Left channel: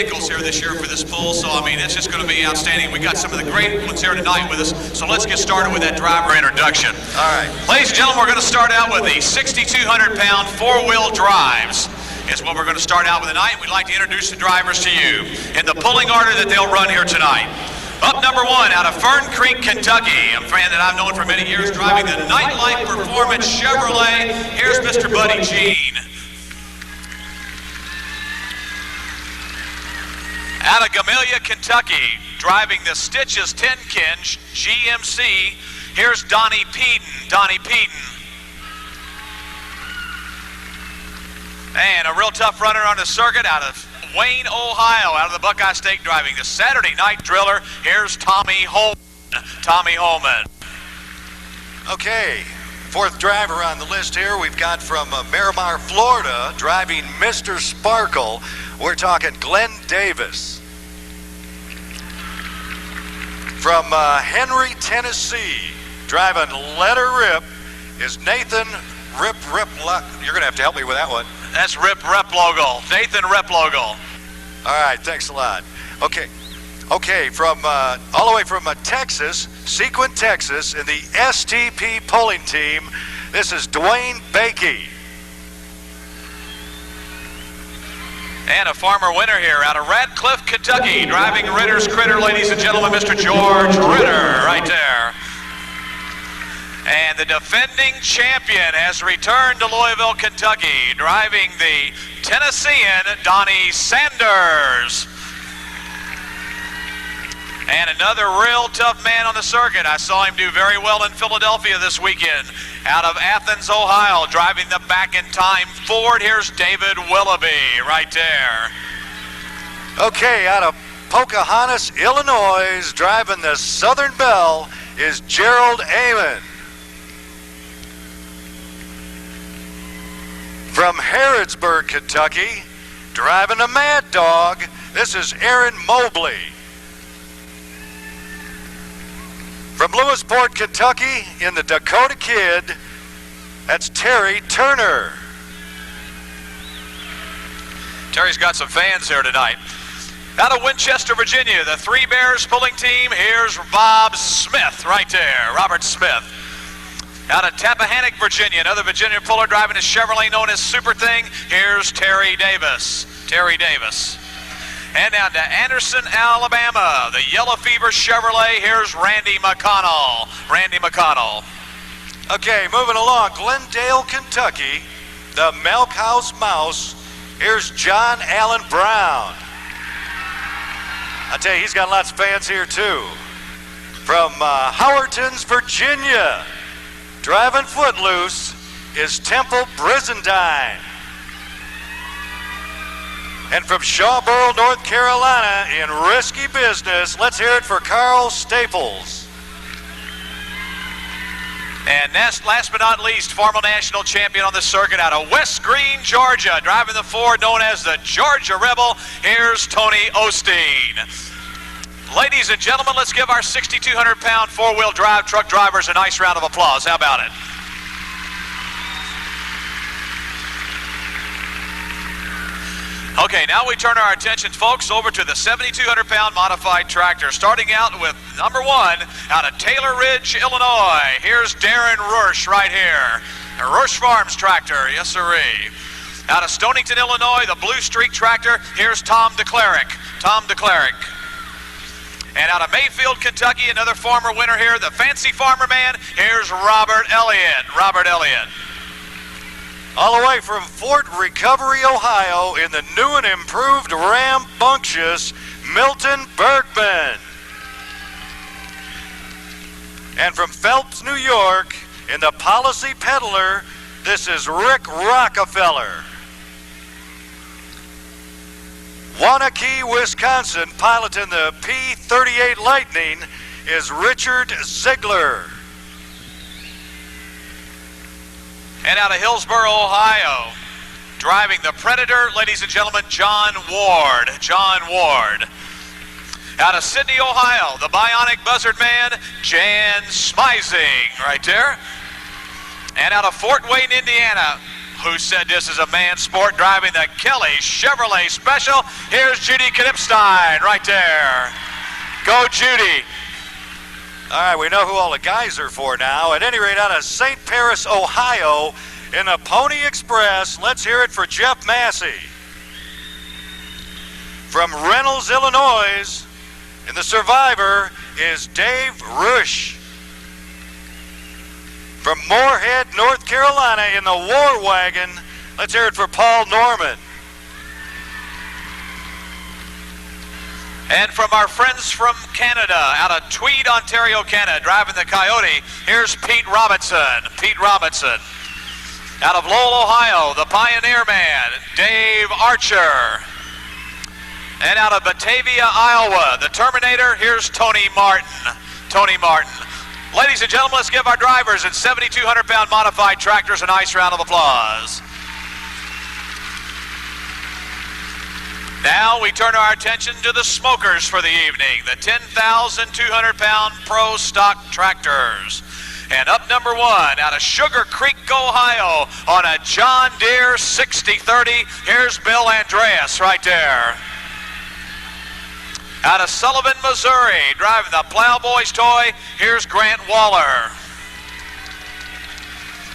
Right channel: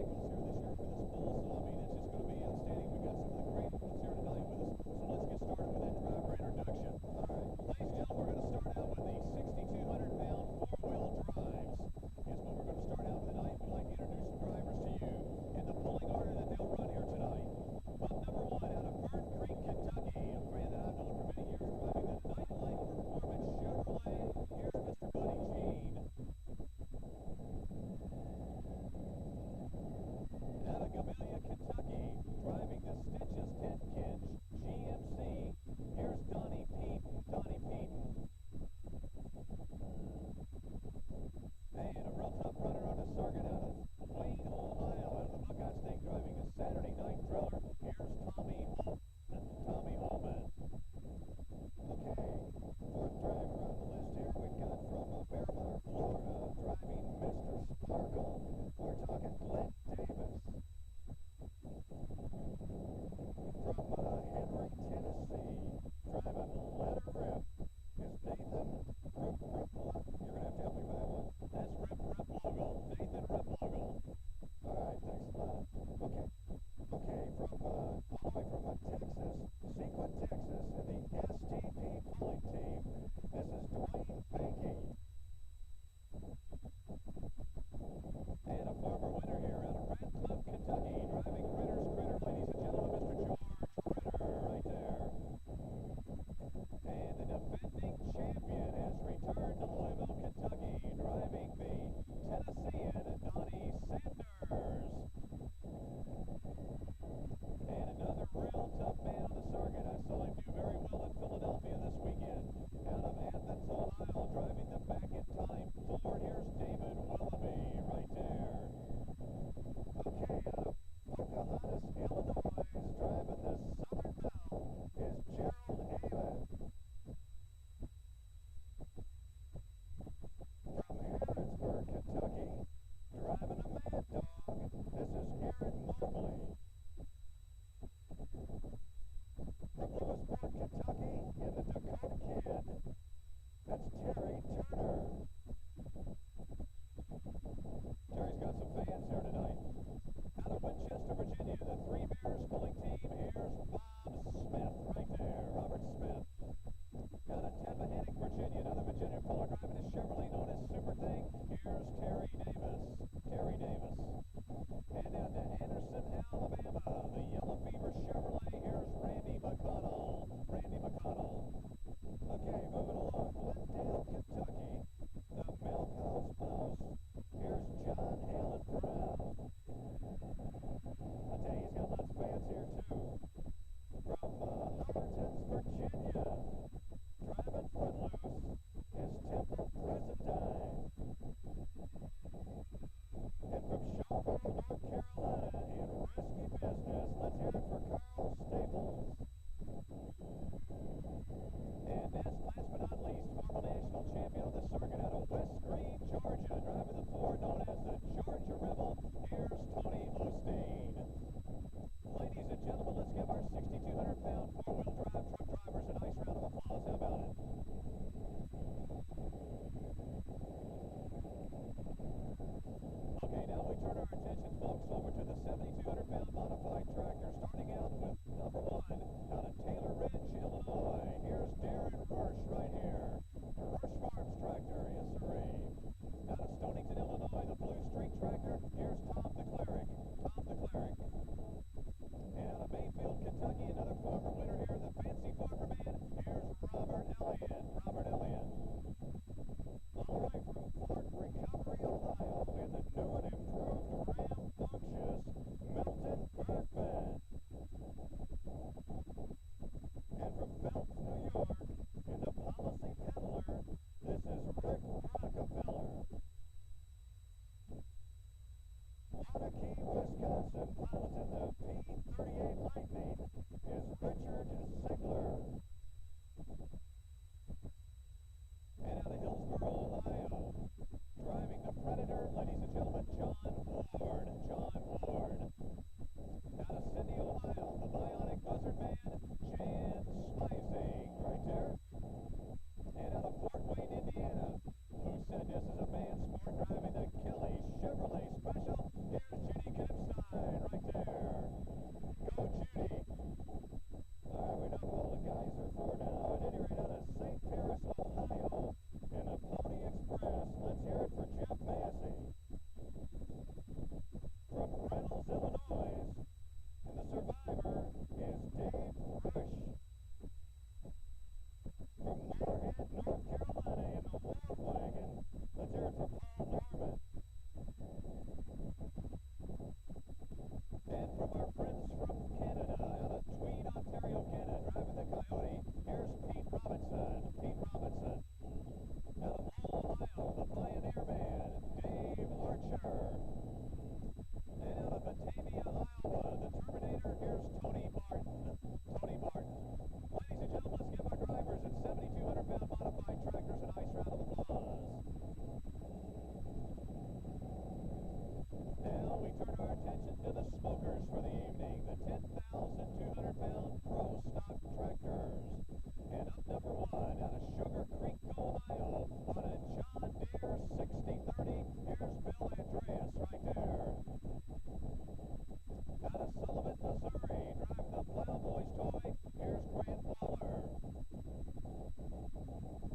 vehicles here this year for this pool, so I mean, it's just going to be outstanding. We got some of the great ones here tonight with us, so let's get started with that driver introduction. All right. Ladies and gentlemen, we're going to start out with the 6,200-pound four-wheel drives. Is what we're going to start out with tonight. We'd like to introduce the drivers to you in the pulling order that they'll run here tonight. Up number one, out of Fern Creek, Kentucky, a fan that I've known for many years, driving the Nightlife Performance Chevrolet. Here's Mr. Buddy Jean. Out of Gamelia, Kentucky, driving the Stitches 10-Kinch GMC. Here's Donnie Peden. Donnie Peden. And a real tough runner on the circuit out of Wayne, Ohio, out of the Buckeye State, driving the Saturday Night Driller. Here's Tommy Holman. Tommy Holman. Okay, fourth driver on the list here, we've got from Miramar, Florida, driving Mr. Sparkle. We're talking Glenn Davis. From Henry, Tennessee, driving Let Her Rip, is Nathan Rip. You're going to have to help me with that one. That's Rip Replogle. Nathan Replogle. All right, thanks a lot. Okay, from all the way from Texas, Sequent, Texas, in the STP polling team, this is Dwayne Bakey. And a farmer winner here out of Radcliffe, Kentucky, driving Ritter's Critter, ladies and gentlemen, Mr. George Ritter, right there. And the defending champion has returned to Louisville, Kentucky, driving the Tennessean Donnie Sanders. And another real tough man on the circuit. I saw him do very well in Philadelphia this weekend. Out of Athens, Ohio, driving the back-in-time Ford. Here's David Willoughby right there. Okay, out of Pocahontas, Illinois, driving the Southern Belle is Gerald Amon. From Harrodsburg, Kentucky, driving a Mad Dog, this is Aaron Mobley. From Lewisport, Kentucky, in the Dakota Kid, that's Terry Turner. Terry's got some fans here tonight. Out of Winchester, Virginia, the Three Bears pulling team, here's Bob Smith right there, Robert Smith. Out of Tappahannock, Virginia, another Virginia puller driving a Chevrolet known as Super Thing. Here's Terry Davis. Terry Davis. And down to Anderson, Alabama, the Yellow Fever Chevrolet. Here's Randy McConnell. Randy McConnell. Okay, moving along, Glendale, Kentucky, the Milk House Mouse. Here's John Allen Brown. I tell you, he's got lots of fans here too. From Howertons, Virginia, driving Footloose is Temple Brizendine. And from Shawboro, North Carolina, in risky business, let's hear it for Carl Staples. And last but not least, former national champion on the circuit out of West Green, Georgia, driving the Ford known as the Georgia Rebel. Here's Tony Osteen. Ladies and gentlemen, let's give our 6,200-pound four-wheel drive truck drivers a nice round of applause. How about it? Okay, now we turn our attention, folks, over to the 7,200-pound modified tractor. Starting out with number one, out of Taylor Ridge, Illinois. Here's Darren Rush right here. A Rush Farms tractor, yes sirree. Out of Stonington, Illinois, the Blue Streak tractor. Here's Tom DeClerick. Tom DeClerick. And out of Mayfield, Kentucky, another former winner here, the Fancy Farmer Man. Here's Robert Elliott. Robert Elliott. All the way from Fort Recovery, Ohio, in the new and improved rambunctious Milton Bergman. And from Phelps, New York, in the Policy Peddler, this is Rick Rockefeller. Waunakee, Wisconsin, piloting the P-38 Lightning is Richard Ziegler. And out of Hillsboro, Ohio, driving the Predator, ladies and gentlemen, John Ward. John Ward. Out of Sydney, Ohio, the Bionic Buzzard Man, Jan Smizing, right there. And out of Fort Wayne, Indiana, Who said this is a man's sport? Driving the Kelly Chevrolet Special. Here's Judy Knipstein right there. Go, Judy. All right, we know who all the guys are for now. At any rate, out of St. Paris, Ohio, in the Pony Express, let's hear it for Jeff Massey. From Reynolds, Illinois, and the survivor is Dave Rush. From Moorhead, North Carolina, in the War Wagon, let's hear it for Paul Norman. And from our friends from Canada, out of Tweed, Ontario, Canada, driving the Coyote, here's Pete Robinson. Pete Robinson. Out of Lowell, Ohio, the Pioneer Man, Dave Archer. And out of Batavia, Iowa, the Terminator, here's Tony Martin. Tony Martin. Ladies and gentlemen, let's give our drivers in 7,200-pound modified tractors a nice round of applause. Now we turn our attention to the smokers for the evening, the 10,200-pound pro stock tractors. And up number one, out of Sugar Creek, Ohio, on a John Deere 6030, here's Bill Andreas right there. Out of Sullivan, Missouri, driving the Plowboys toy, here's Grant Waller.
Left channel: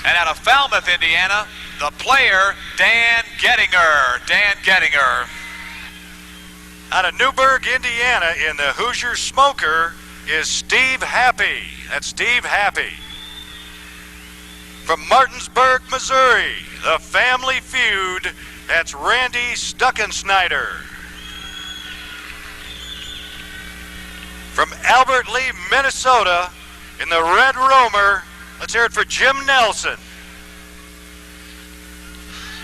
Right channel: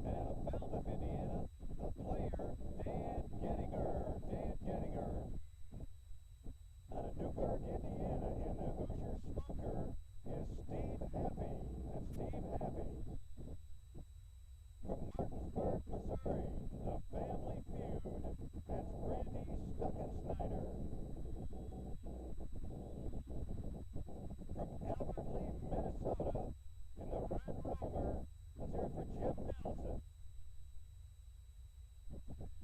And out of Falmouth, Indiana, the player, Dan Gettinger. Dan Gettinger. Out of Newburgh, Indiana, in the Hoosier Smoker, is Steve Happy. That's Steve Happy. From Martinsburg, Missouri, the Family Feud, that's Randy Stuckensnyder. From Albert Lee, Minnesota, in the Red Roamer, let's hear it for Jim Nelson.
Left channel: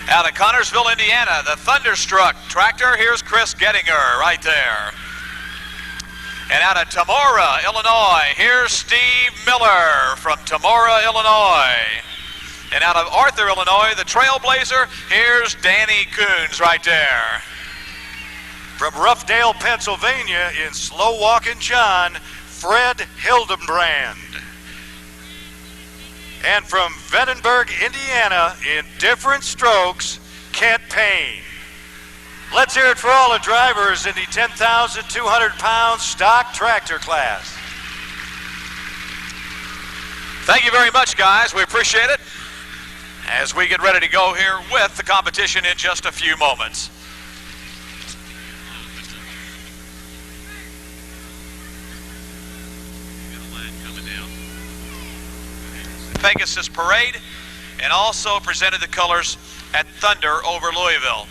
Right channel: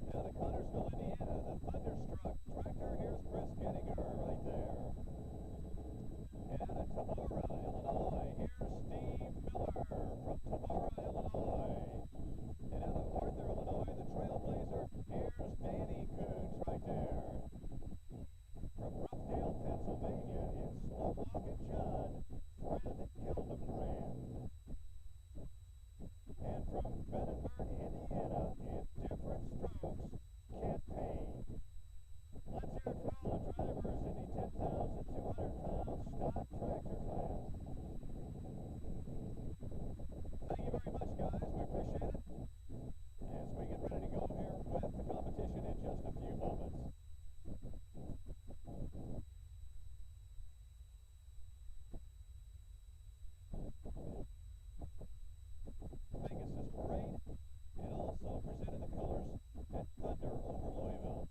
Out of Connorsville, Indiana, the Thunderstruck tractor, here's Chris Gettinger right there. And out of Tamora, Illinois, here's Steve Miller from Tamora, Illinois. And out of Arthur, Illinois, the Trailblazer, here's Danny Coons right there. From Roughdale, Pennsylvania, in Slow Walkin' John, Fred Hildenbrand. And from Vandenberg, Indiana, in different strokes, Kent Payne. Let's hear it for all the drivers in the 10,200-pound stock tractor class. Thank you very much, guys. We appreciate it as we get ready to go here with the competition in just a few moments. Pegasus Parade, and also presented the colors at Thunder over Louisville.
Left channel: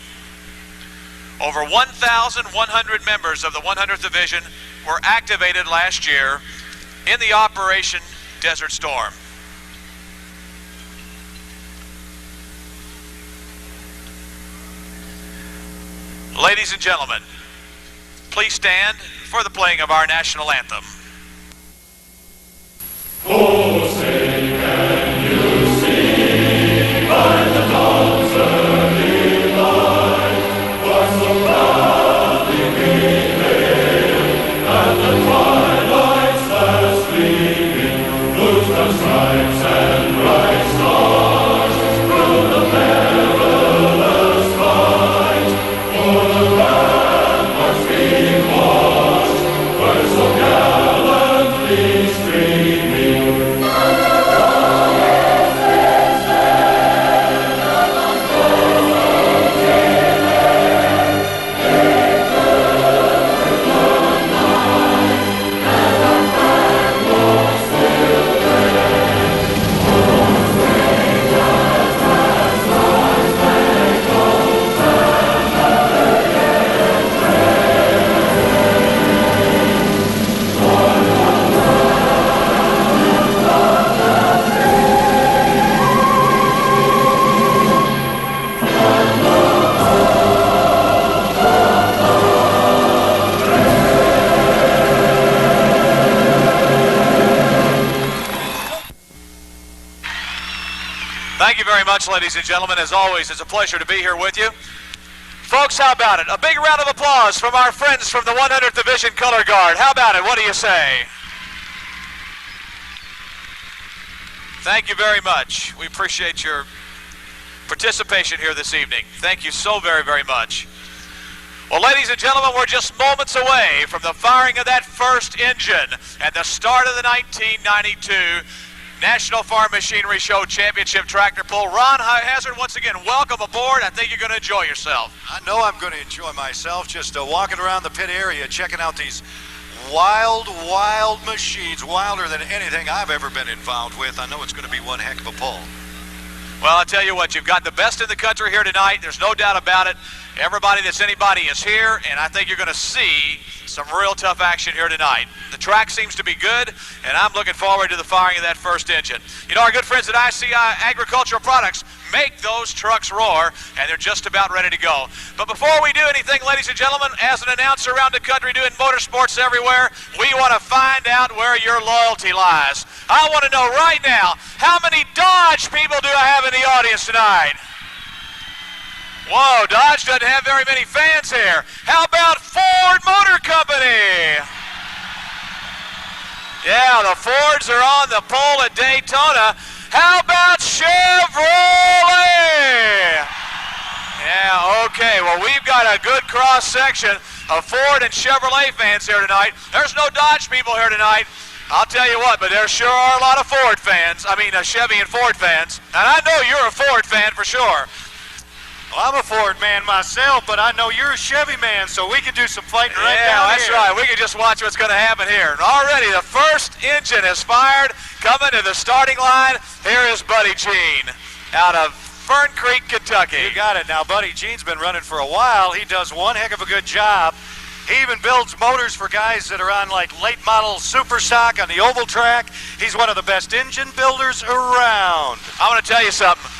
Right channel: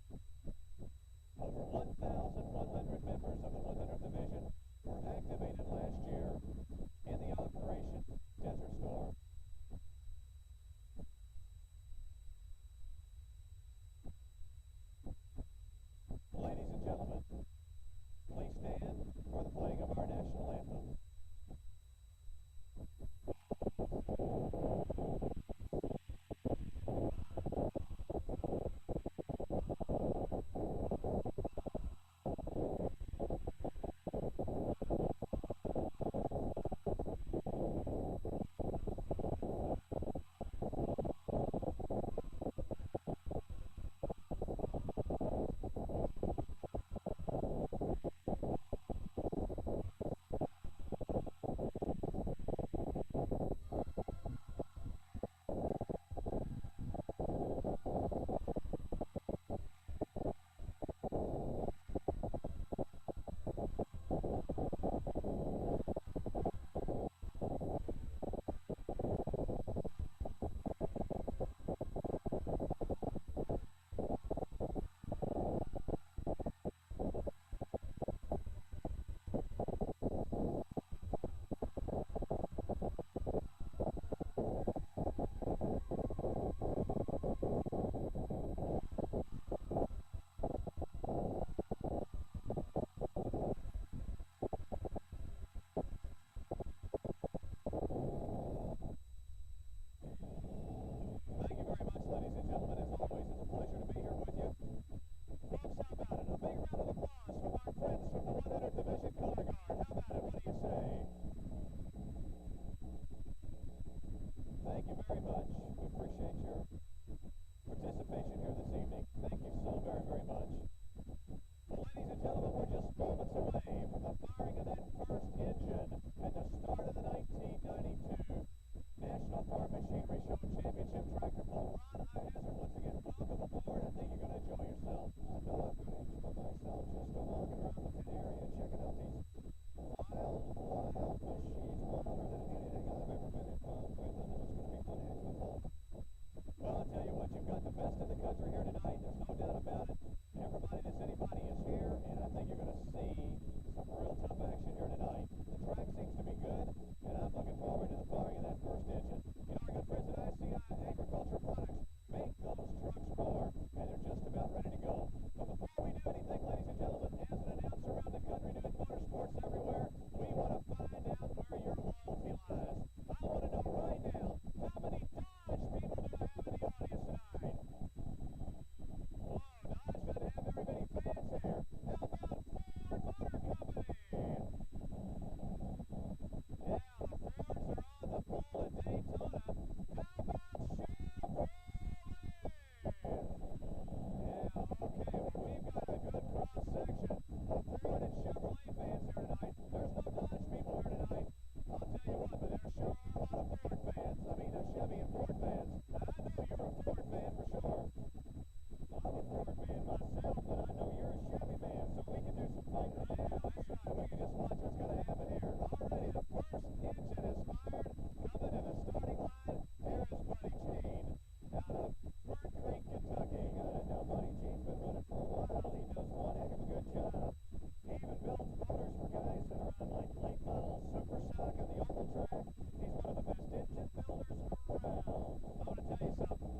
Over 1,100 members of the 100th Division were activated last year in the Operation Desert Storm. Ladies and gentlemen, please stand for the playing of our national anthem. Oh, say can you see by the dawn's early light what so proudly we hailed at the twilight's last gleaming, blue stripes and bright stars through the perilous fight, for the ramparts being washed were so gallantly streaming. Thank you very much, ladies and gentlemen. As always, it's a pleasure to be here with you. Folks, how about it? A big round of applause from our friends from the 100th Division Color Guard. How about it? What do you say? Thank you very much. We appreciate your participation here this evening. Thank you so very, very much. Well, ladies and gentlemen, we're just moments away from the firing of that first engine and the start of the 1992 National Farm Machinery Show Championship Tractor Pull. Ron Hazard, once again, welcome aboard. I think you're going to enjoy yourself. I know I'm going to enjoy myself just walking around the pit area, checking out these wild machines, wilder than anything I've ever been involved with. I know it's going to be one heck of a pull. Well, I'll tell you what, you've got the best in the country here tonight. There's no doubt about it. Everybody that's anybody is here, and I think you're going to see some real tough action here tonight. The track seems to be good, and I'm looking forward to the firing of that first engine. You know, our good friends at ICI Agricultural Products make those trucks roar, and they're just about ready to go. But before we do anything, ladies and gentlemen, as an announcer around the country doing motorsports everywhere, we want to find out where your loyalty lies. I want to know right now, how many Dodge people do I have in the audience tonight? Whoa, Dodge doesn't have very many fans here. How about Ford Motor Company? Yeah, the Fords are on the pole at Daytona. How about Chevrolet? Yeah, okay, well, we've got a good cross-section of Ford and Chevrolet fans here tonight. There's no Dodge people here tonight. I'll tell you what, but there sure are a lot of Ford fans. I mean, Chevy and Ford fans. And I know you're a Ford fan for sure. Well, I'm a Ford man myself, but I know you're a Chevy man, so we can do some fighting right down here. Yeah, that's right. We can just watch what's going to happen here. And already the first engine is fired. Coming to the starting line, here is Buddy Jean out of Fern Creek, Kentucky. You got it. Now, Buddy Jean's been running for a while. He does one heck of a good job. He even builds motors for guys that are on like late model super stock on the oval track. He's one of the best engine builders around. I'm going to tell you something.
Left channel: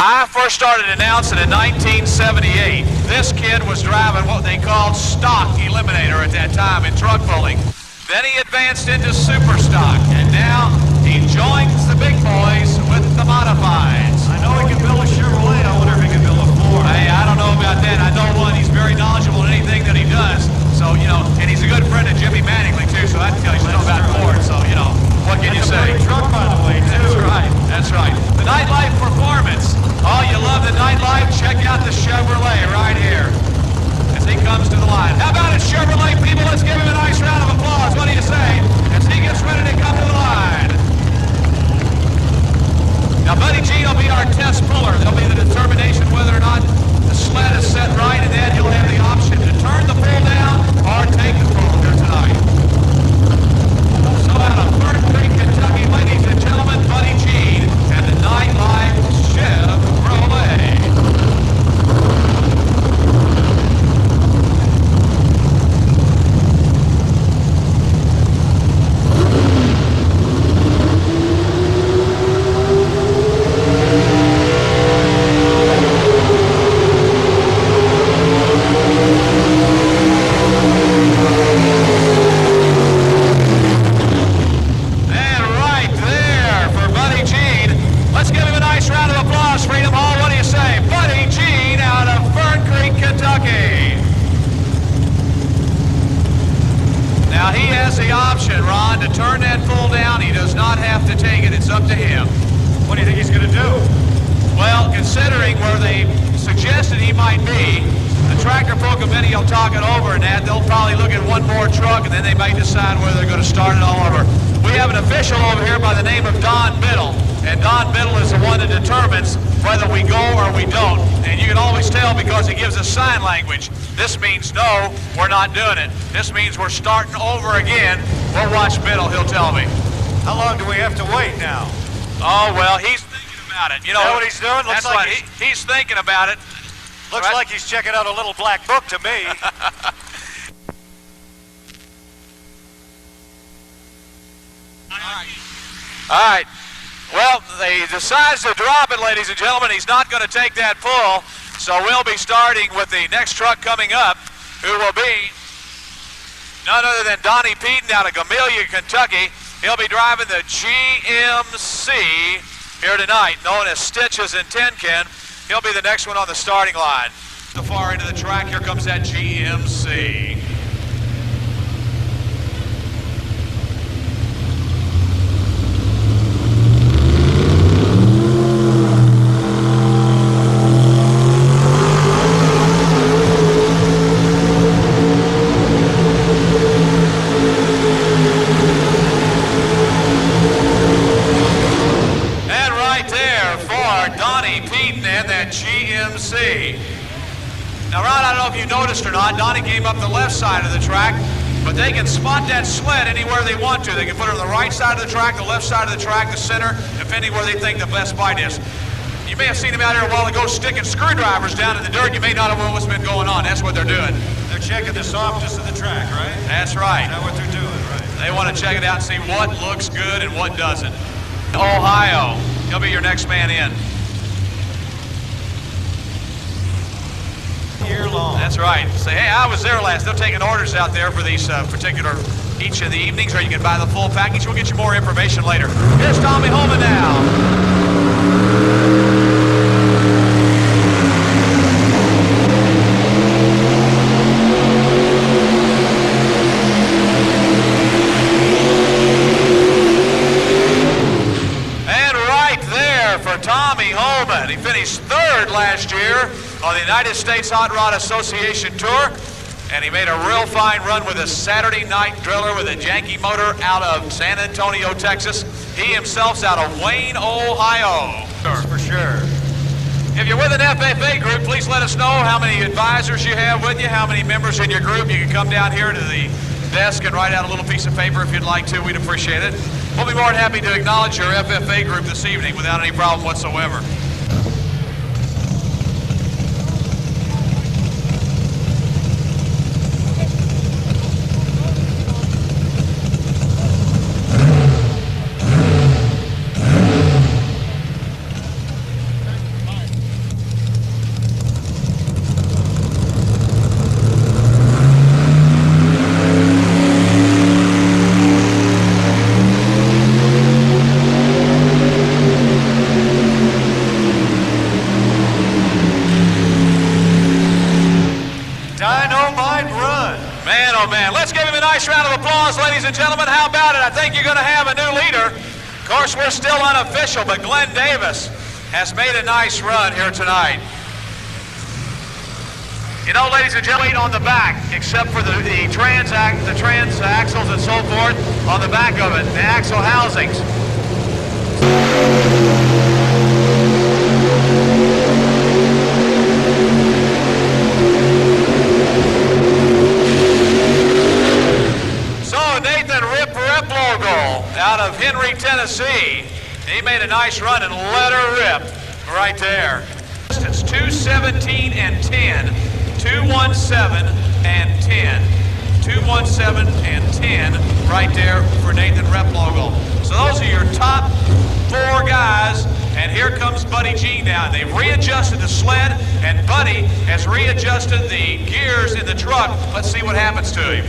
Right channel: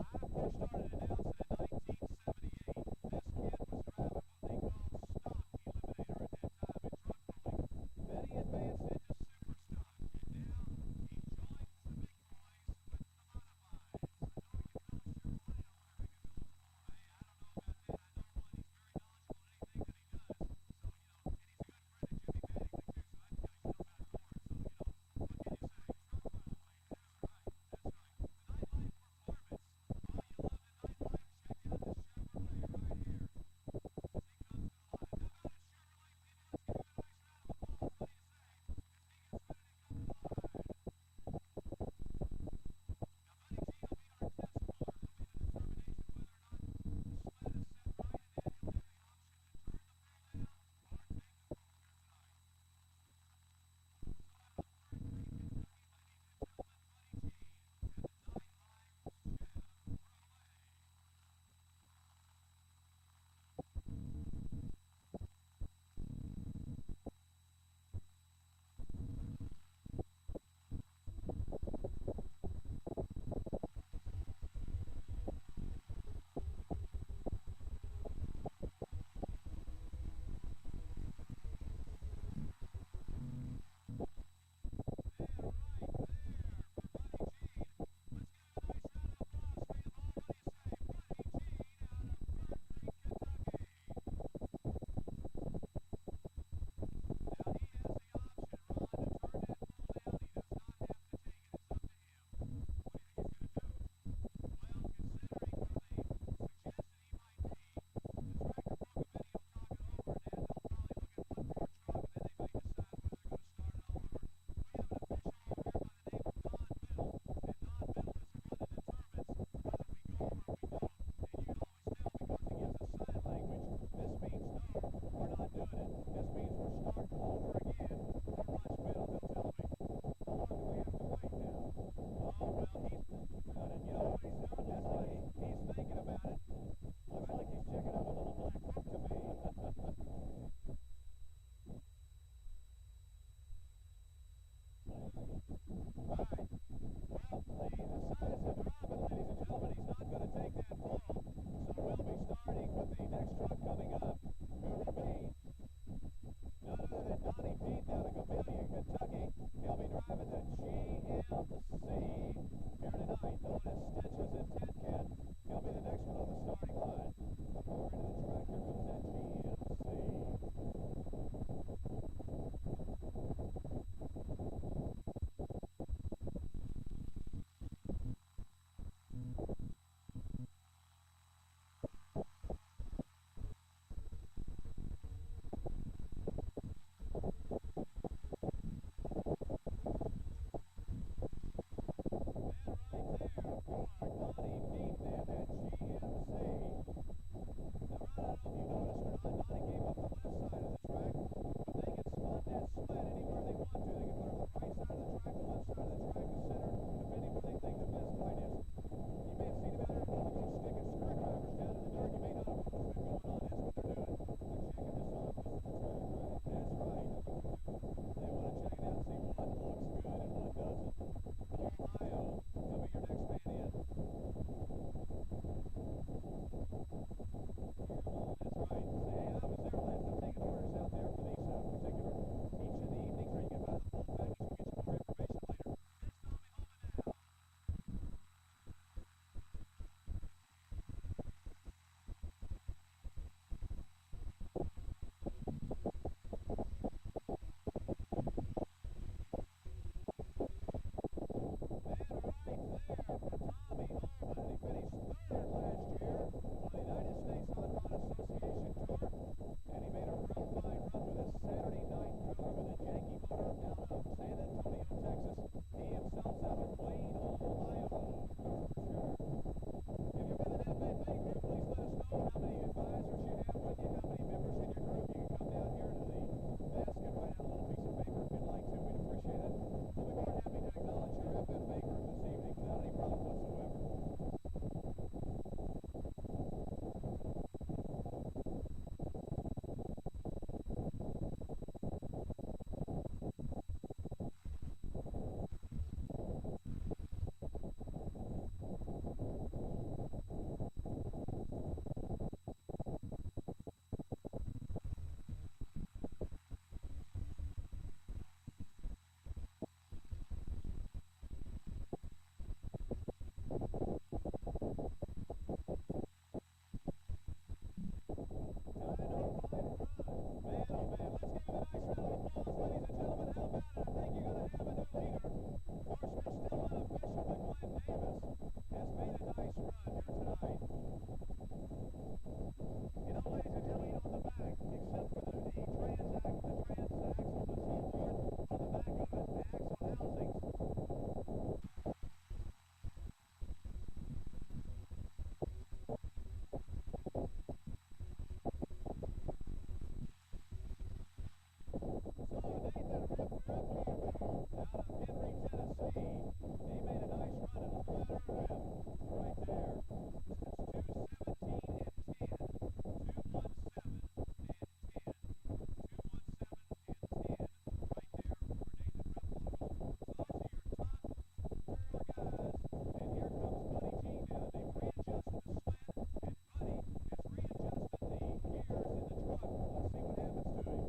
I first started announcing in 1978. This kid was driving what they called stock eliminator at that time in truck pulling. Then he advanced into super stock, and now he joins the big boys with the modifieds. I know he can build a Chevrolet. I wonder if he can build a Ford. Hey, I don't know about that. I know one, he's very knowledgeable in anything that he does. So, you know, and he's a good friend of Jimmy Mattingly, too, so I can tell you something about Ford. So, you know, what can you say? Truck, by the way, too. That's right. That's right. The nightlife performance. Oh, you love the nightlife? Check out the Chevrolet right here as he comes to the line. How about it, Chevrolet people? Let's give him a nice round of applause. What do you say? As he gets ready to come to the line. Now, Buddy G will be our test puller. There'll be the determination whether or not the sled is set right, and then he'll have the option to turn the pull down or take the pull here tonight. So out of Fern Creek, Kentucky, ladies and gentlemen, Buddy G and the nightlife Chevrolet. Now he has the option, Ron, to turn that pull down. He does not have to take it. It's up to him. What do you think he's going to do? Well, considering where they suggested he might be, the tractor pull committee will talk it over and that. They'll probably look at one more truck and then they may decide whether they're going to start it all over. We have an official over here by the name of Don Biddle. And Don Biddle is the one that determines whether we go or we don't. And you can always tell because he gives us sign language. This means no, we're not doing it. This means we're starting over again. We'll watch Biddle, he'll tell me. How long do we have to wait now? Oh, well, he's thinking about it. You know, is that what he's doing? Looks that's like right. He's thinking about it. Looks Right. like he's checking out a little black book to me. All right. Well, he decides to drop it, ladies and gentlemen. He's not going to take that pull. So we'll be starting with the next truck coming up, who will be none other than Donnie Peden out of Gamelia, Kentucky. He'll be driving the GMC here tonight, known as Stitches and Tenkin. He'll be the next one on the starting line. The far end of the track, here comes that GMC. GMC. Now, Ron, I don't know if you noticed or not, Donnie came up the left side of the track, but they can spot that sled anywhere they want to. They can put it on the right side of the track, the left side of the track, the center, depending where they think the best spot is. You may have seen them out here a while ago sticking screwdrivers down in the dirt. You may not have known what's been going on. That's what they're doing. They're checking the softness of the track, right? That's right. Is that what they're doing, right? They want to check it out and see what looks good and what doesn't. Ohio, he'll be your next man in. Year long. That's right. Say, hey, I was there last. They're taking orders out there for these particular, each of the evenings, or you can buy the full package. We'll get you more information later. Here's Tommy Holman now. Tommy Holman. He finished third last year on the United States Hot Rod Association Tour, and he made a real fine run with a Saturday night driller with a janky motor out of San Antonio, Texas. He himself's out of Wayne, Ohio. That's for sure. If you're with an FFA group, please let us know how many advisors you have with you, how many members in your group. You can come down here to the desk and write out a little piece of paper if you'd like to. We'd appreciate it. We'll be more than happy to acknowledge your FFA group this evening without any problem whatsoever. Let's give him a nice round of applause, ladies and gentlemen. How about it? I think you're going to have a new leader. Of course, we're still unofficial, but Glenn Davis has made a nice run here tonight. You know, ladies and gentlemen, on the back, except for the trans axles and so forth, on the back of it, the axle housings. Out of Henry, Tennessee. He made a nice run and let her rip right there. It's 2:17 and 10, 2:17 and 10, 2:17 and 10 right there for Nathan Replogle. So those are your top four guys, and here comes Buddy G now. They've readjusted the sled, and Buddy has readjusted the gears in the truck. Let's see what happens to him.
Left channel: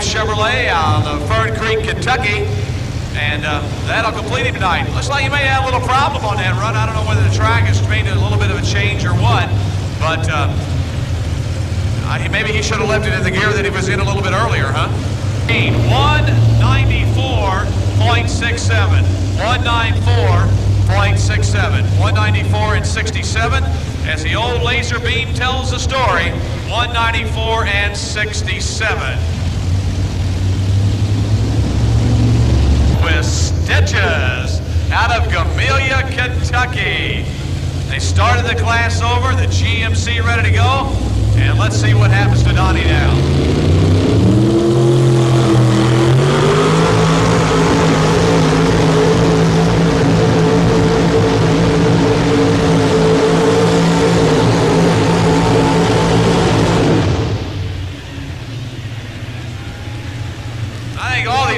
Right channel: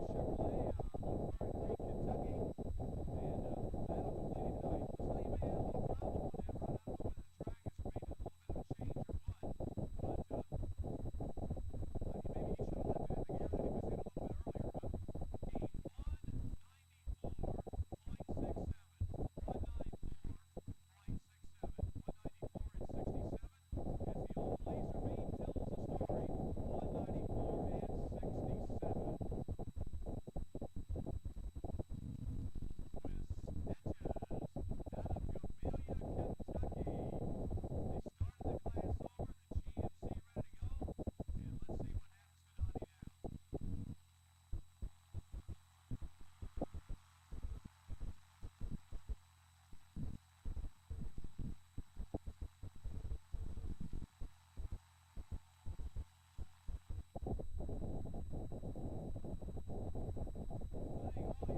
Chevrolet out of Fern Creek, Kentucky, and that'll complete him tonight. Looks like you may have a little problem on that run. I don't know whether the track has made a little bit of a change or what, but maybe he should have left it in the gear that he was in a little bit earlier, huh? 194.67, 194.67, 194 and 67. As the old laser beam tells the story, 194 and 67. With Stitches out of Gamelia, Kentucky. They started the class over, the GMC ready to go, and let's see what happens to Donnie now.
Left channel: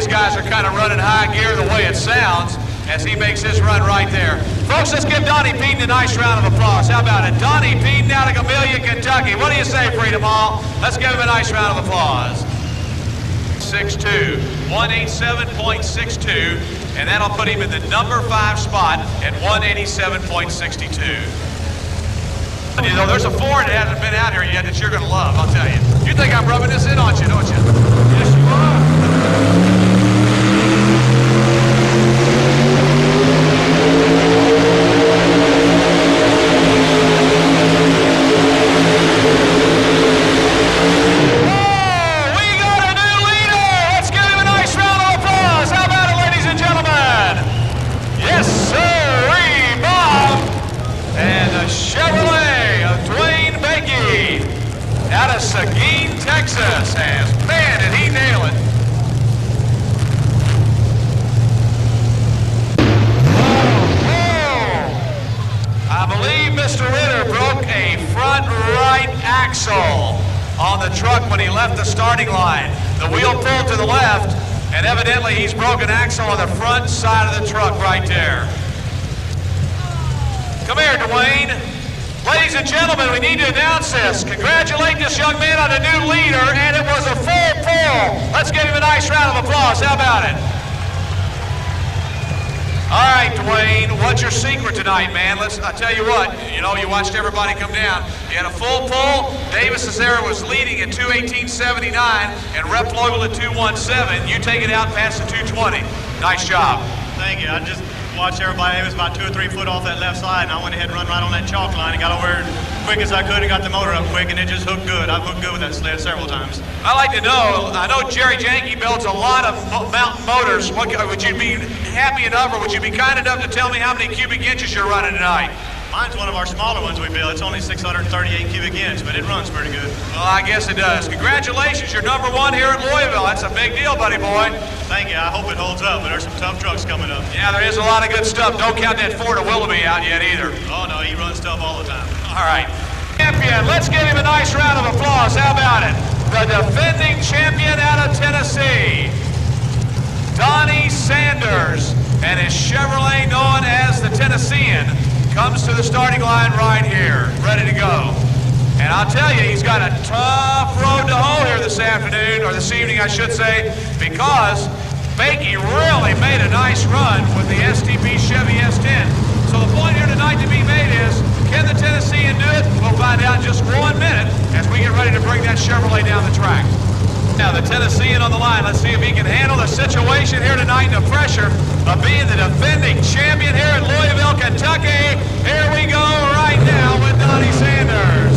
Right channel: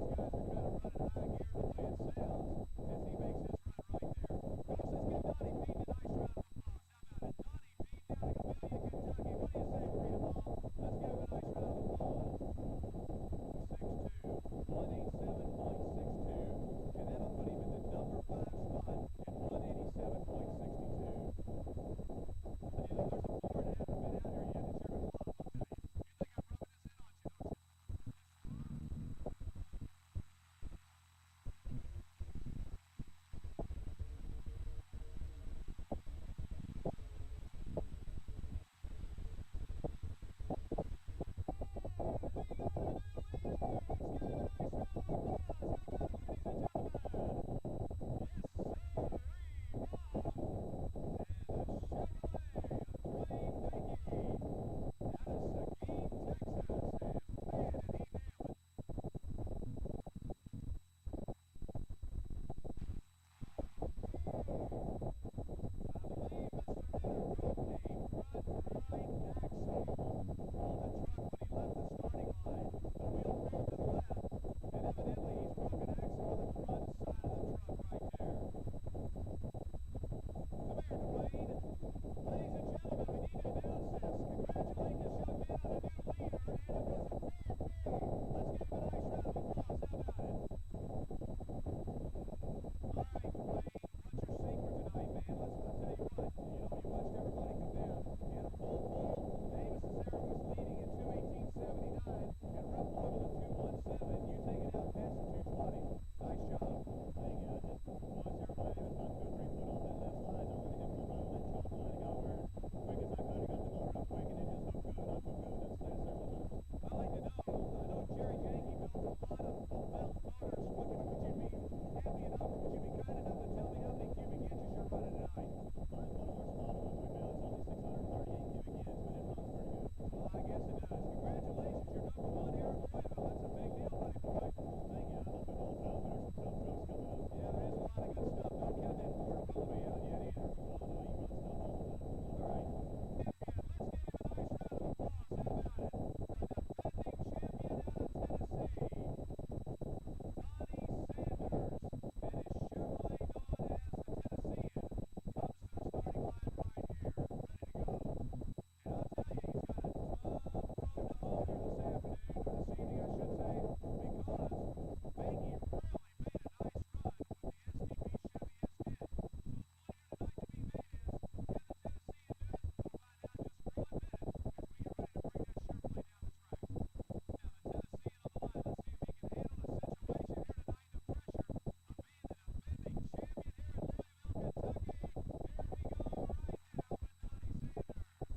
Guys are kind of running high gear the way it sounds as he makes his run right there. Folks, let's give Donnie Peden a nice round of applause. How about it? Donnie Peden out of Gamelia, Kentucky. What do you say, Freedom Hall? Let's give him a nice round of applause. 187.62. 187.62, and that'll put him in the number 5 spot at 187.62. You know, there's a Ford that hasn't been out here yet that you're going to love, I'll tell you. You think I'm rubbing this in on you, don't you? Yes, you are. Texas has, man, did he nail it. I believe Mr. Ritter broke a front right axle on the truck when he left the starting line. The wheel pulled to the left, and evidently he's broken axle on the front side of the truck right there. Come here, Dwayne. Ladies and gentlemen, we need to announce this. Congratulate this young man on a new leader, and it was a full pull. Let's give him a nice round of applause. How about it? All right, Dwayne, what's your secret tonight, man? I tell you what, you know, you watched everybody come down. You had a full pull. Davis Cesare was leading at 2:18.79, and Rep Logal at 2:17. You take it out past the 2:20. Nice job. Thank you. I just watched everybody. It was about 2 or 3 foot off that left side, and I went ahead and run right on that chalk line and got over as quick as I could and got the motor up quick, and it just hooked good. I've hooked good with that sled several times. I'd like to know, I know Jerry Janke builds a lot of mountain motors. Would you be happy enough, or would you be kind enough to tell me how many cubic inches you're running tonight? Mine's one of our smaller ones we build. It's only 638 cubic inch, but it runs pretty good. Well, I guess it does. Congratulations, you're number 1 here at Louisville. That's a big deal, buddy boy. Thank you. I hope it holds up, but there's some tough trucks coming up. Yeah, there is a lot of good stuff. Don't count that Ford of Willoughby out yet either. Oh, no, he runs tough all the time. All right. Champion, let's give him a nice round of applause. How about it? The defending champion out of Tennessee, Donnie Sanders, and his Chevrolet known as the Tennessean comes to the starting line right here, ready to go. And I'll tell you, he's got a tough road to hoe here this afternoon, or this evening, I should say, because Bakey really made a nice run with the STP Chevy S10. So the point here tonight to be made is, can the Tennessean do it? We'll find out in just 1 minute as we get ready to bring that Chevrolet down the track. Now the Tennessean on the line. Let's see if he can handle the situation here tonight and the pressure of being the defending champion here at Louisville, Kentucky. Here we go right now with Donnie Sanders.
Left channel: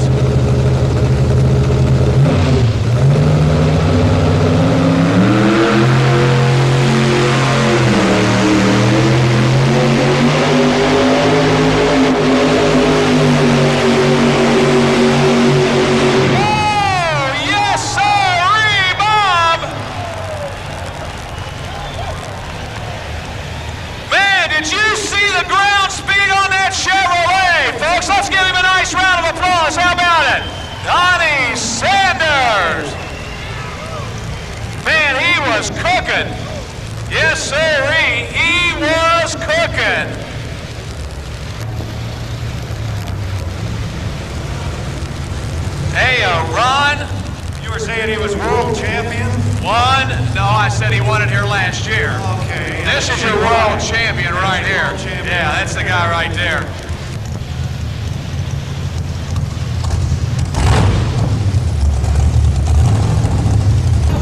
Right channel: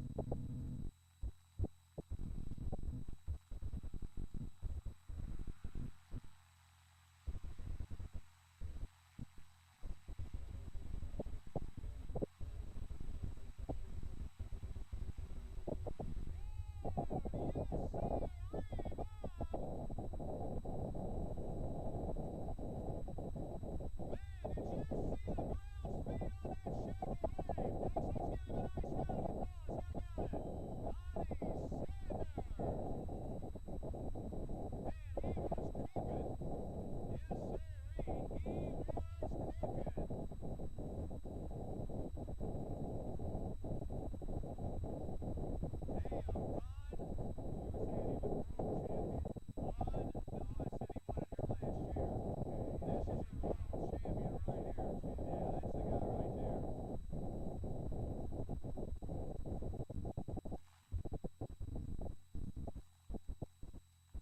Did you see the ground speed on that Chevrolet, folks? Let's give him a nice round of applause. How about it? Donnie Sanders. Man, he was cooking. Yes, sirree, he was cooking. Hey, Ron. You were saying he was world champion? No, I said he won it here last year. Okay. This is your world champion right here. Yeah, that's the guy right there.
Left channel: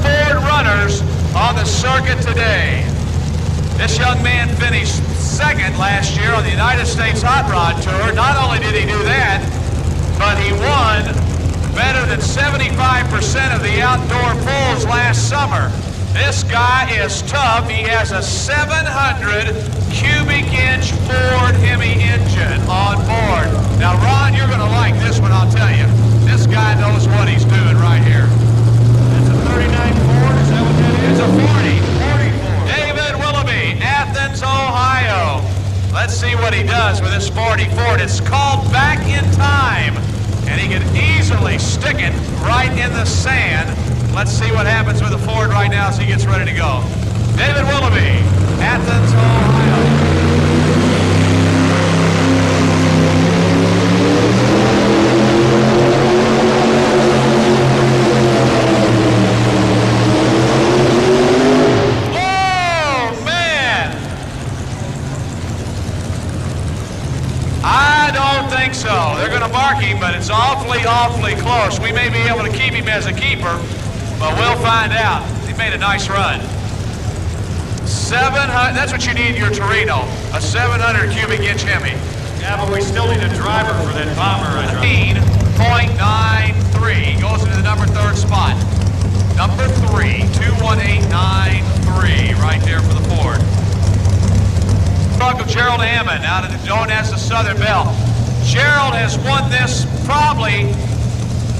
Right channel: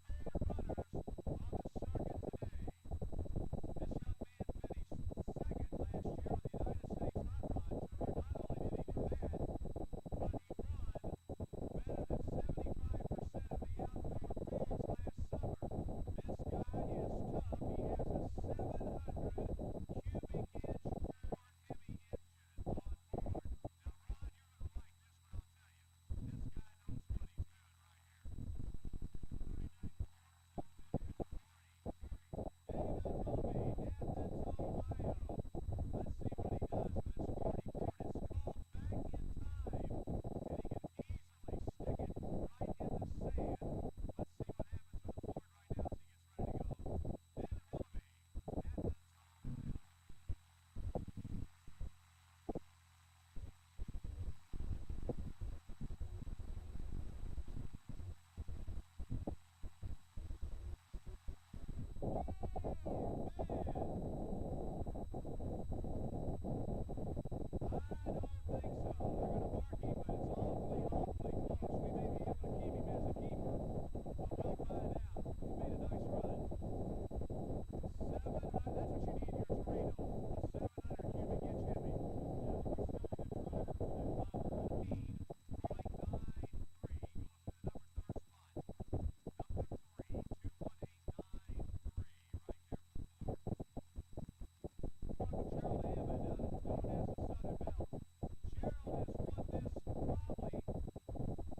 Ford runners on the circuit today. This young man finished second last year on the United States Hot Rod Tour. Not only did he do that, but he won better than 75% of the outdoor pulls last summer. This guy is tough. He has a 700 cubic inch Ford Hemi engine on board. Now, Ron, you're going to like this one, I'll tell you. This guy knows what he's doing right here. That's a 39 Ford, is that what that is? It's a 40. David Willoughby, Athens, Ohio. Let's see what he does with this 40 Ford. It's called Back in Time, and he can easily stick it right in the sand. Let's see what happens with the Ford right now as he gets ready to go. David Willoughby, Athens, Ohio. mark him, but it's awfully, awfully close. We may be able to keep him as a keeper, but we'll find out. He made a nice run. 700, that's what you need in your Torino, a 700 cubic inch Hemi. Yeah, but we still need a driver for that bomber I drive. 15.93 goes into the number 3rd spot. Number 3, 218.93, right there for the Ford. Truck of Gerald Hammond, out of the known as the Southern Belle. Gerald has won this probably,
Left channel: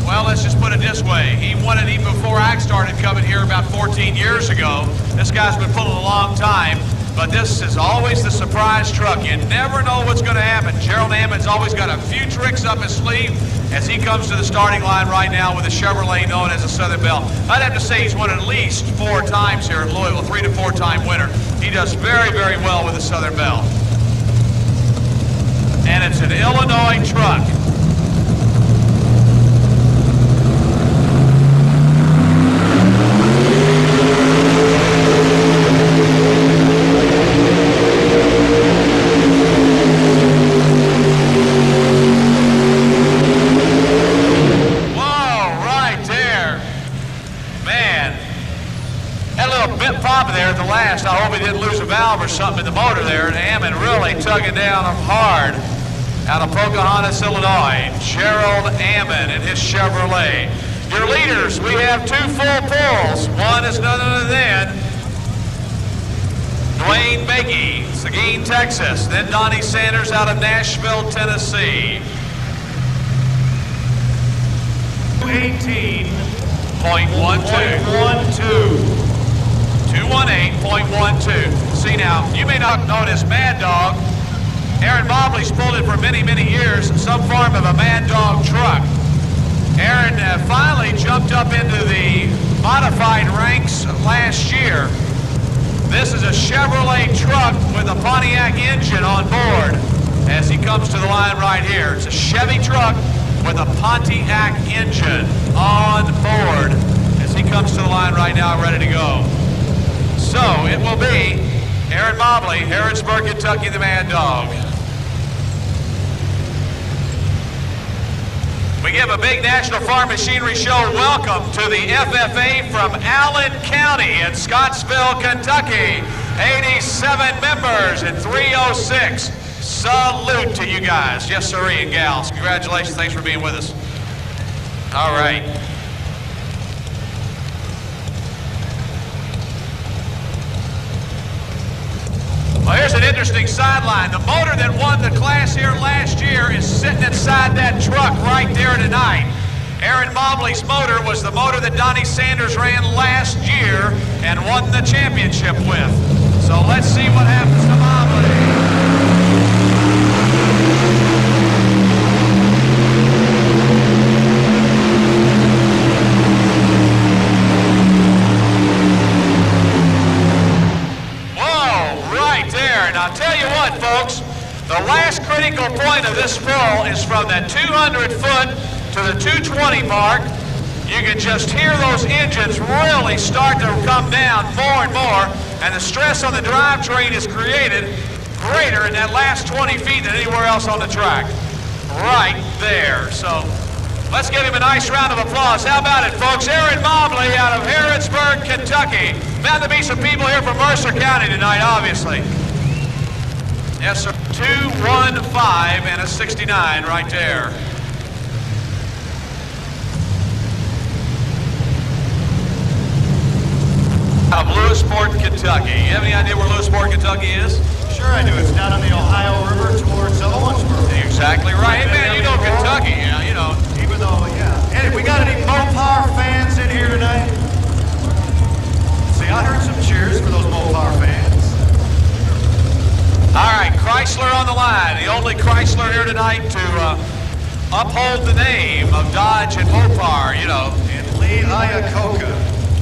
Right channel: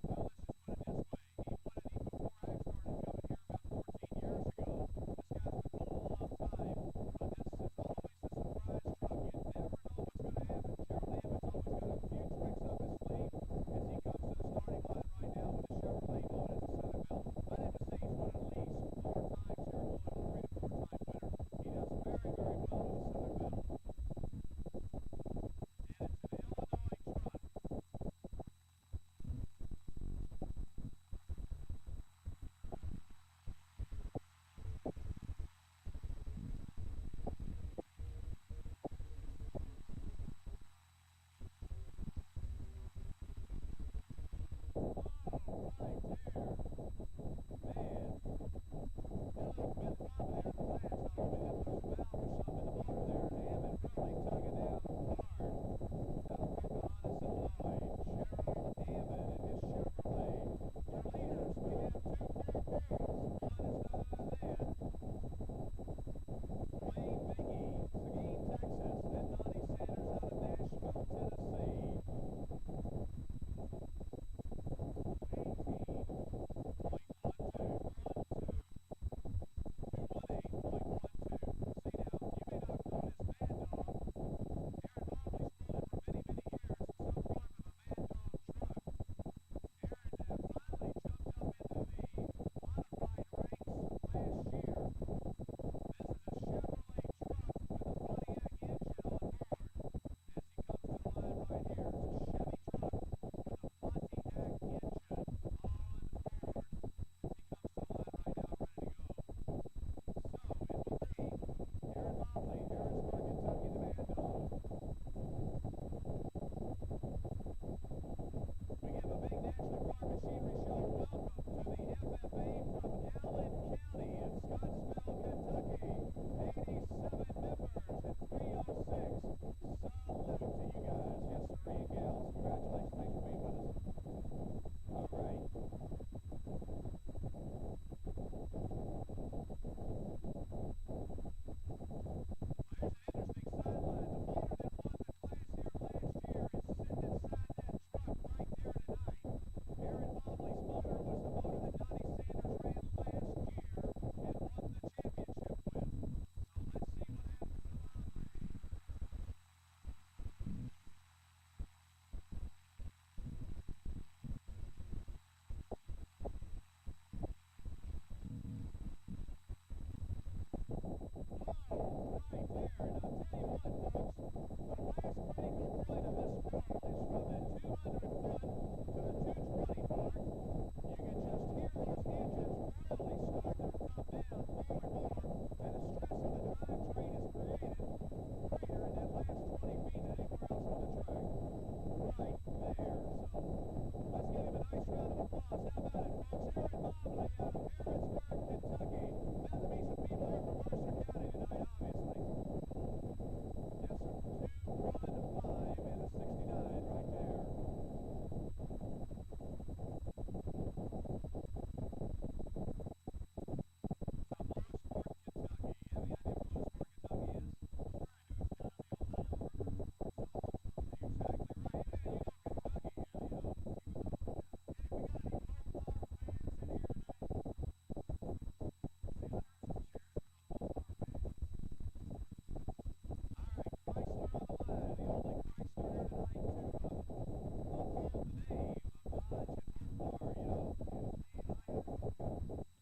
well, let's just put it this way. He won it even before I started coming here about 14 years ago. This guy's been pulling a long time, but this is always the surprise truck. You never know what's going to happen. Gerald Hammond's always got a few tricks up his sleeve as he comes to the starting line right now with a Chevrolet known as the Southern Belle. I'd have to say he's won at least 4 times here at Louisville, 3 to 4 time winner. He does very, very well with the Southern Belle. And it's an Illinois truck. I hope he didn't lose a valve or something in the motor there. And Hammond really tugging down hard out of Pocahontas, Illinois. Gerald Hammond and his Chevrolet. Your leaders, we have 2 full pulls. One is none other than Dwayne Bakey, Seguin, Texas. Then Donnie Sanders out of Nashville, Tennessee. 18.12. 218.12. See now, you may not know this Mad Dog. Aaron Mobley's pulled it for many, many years in some form of a Mad Dog truck. Aaron finally jumped up into the modified ranks last year. This is a Chevrolet truck with a Pontiac engine on board as he comes to the line right here. It's a Chevy truck with a Pontiac engine on board as he comes to the line right now, ready to go. So it will be Aaron Mobley, Harrodsburg, Kentucky, the Mad Dog. We give a big National Farm Machinery Show welcome to the FFA from Allen County in Scottsville, Kentucky. 87 members in 306. Salute to you guys. Yes, sir, and gals. Congratulations. Thanks for being with us. All right. Well, here's an interesting sideline. The motor that won the class here last year is sitting inside that truck right there tonight. Aaron Mobley's motor was the motor that Donnie Sanders ran last year and won the championship with. So let's see what happens to Mobley. I'll tell you what, folks, the last critical point of this pull is from that 200 foot to the 220 mark. You can just hear those engines really start to come down more and more, and the stress on the drivetrain is created greater in that last 20 feet than anywhere else on the track. Right there. So let's give him a nice round of applause. How about it, folks? Aaron Mobley out of Harrodsburg, Kentucky. Bound to be some people here from Mercer County tonight, obviously. Yes, sir. 215 and a 69 right there. Out of Lewisport, Kentucky. You have any idea where Lewisport, Kentucky is? Sure I do. It's down on the Ohio River towards Owensboro. Exactly right. Hey, man, you know Kentucky, yeah, you know. Even though, yeah. Hey, we got any Mopar fans in here tonight? See, I heard some cheers for those Mopar fans. All right, Chrysler on the line. The only Chrysler here tonight to uphold the name of Dodge and Mopar, you know. And Lee Iacocca.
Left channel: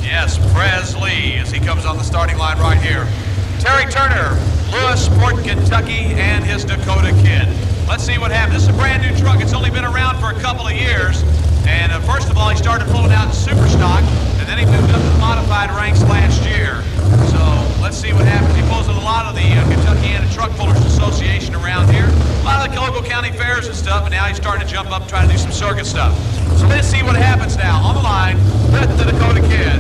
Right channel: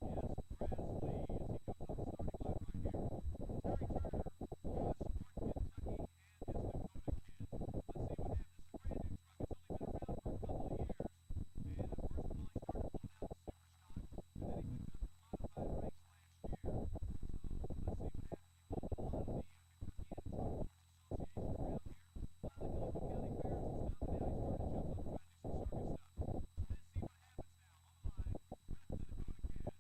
Yes, Prez Lee, as he comes on the starting line right here. Terry Turner, Lewisport, Kentucky, and his Dakota Kid. Let's see what happens. This is a brand new truck. It's only been around for a couple of years. And first of all, he started pulling out in super stock, and then he moved up to the modified ranks last year. So let's see what happens. He pulls in a lot of the Kentuckiana Truck Pullers Association around here. a lot of the local county fairs and stuff, and now he's starting to jump up, trying to do some circuit stuff. So let's see what happens now. On the line with the Dakota Kid.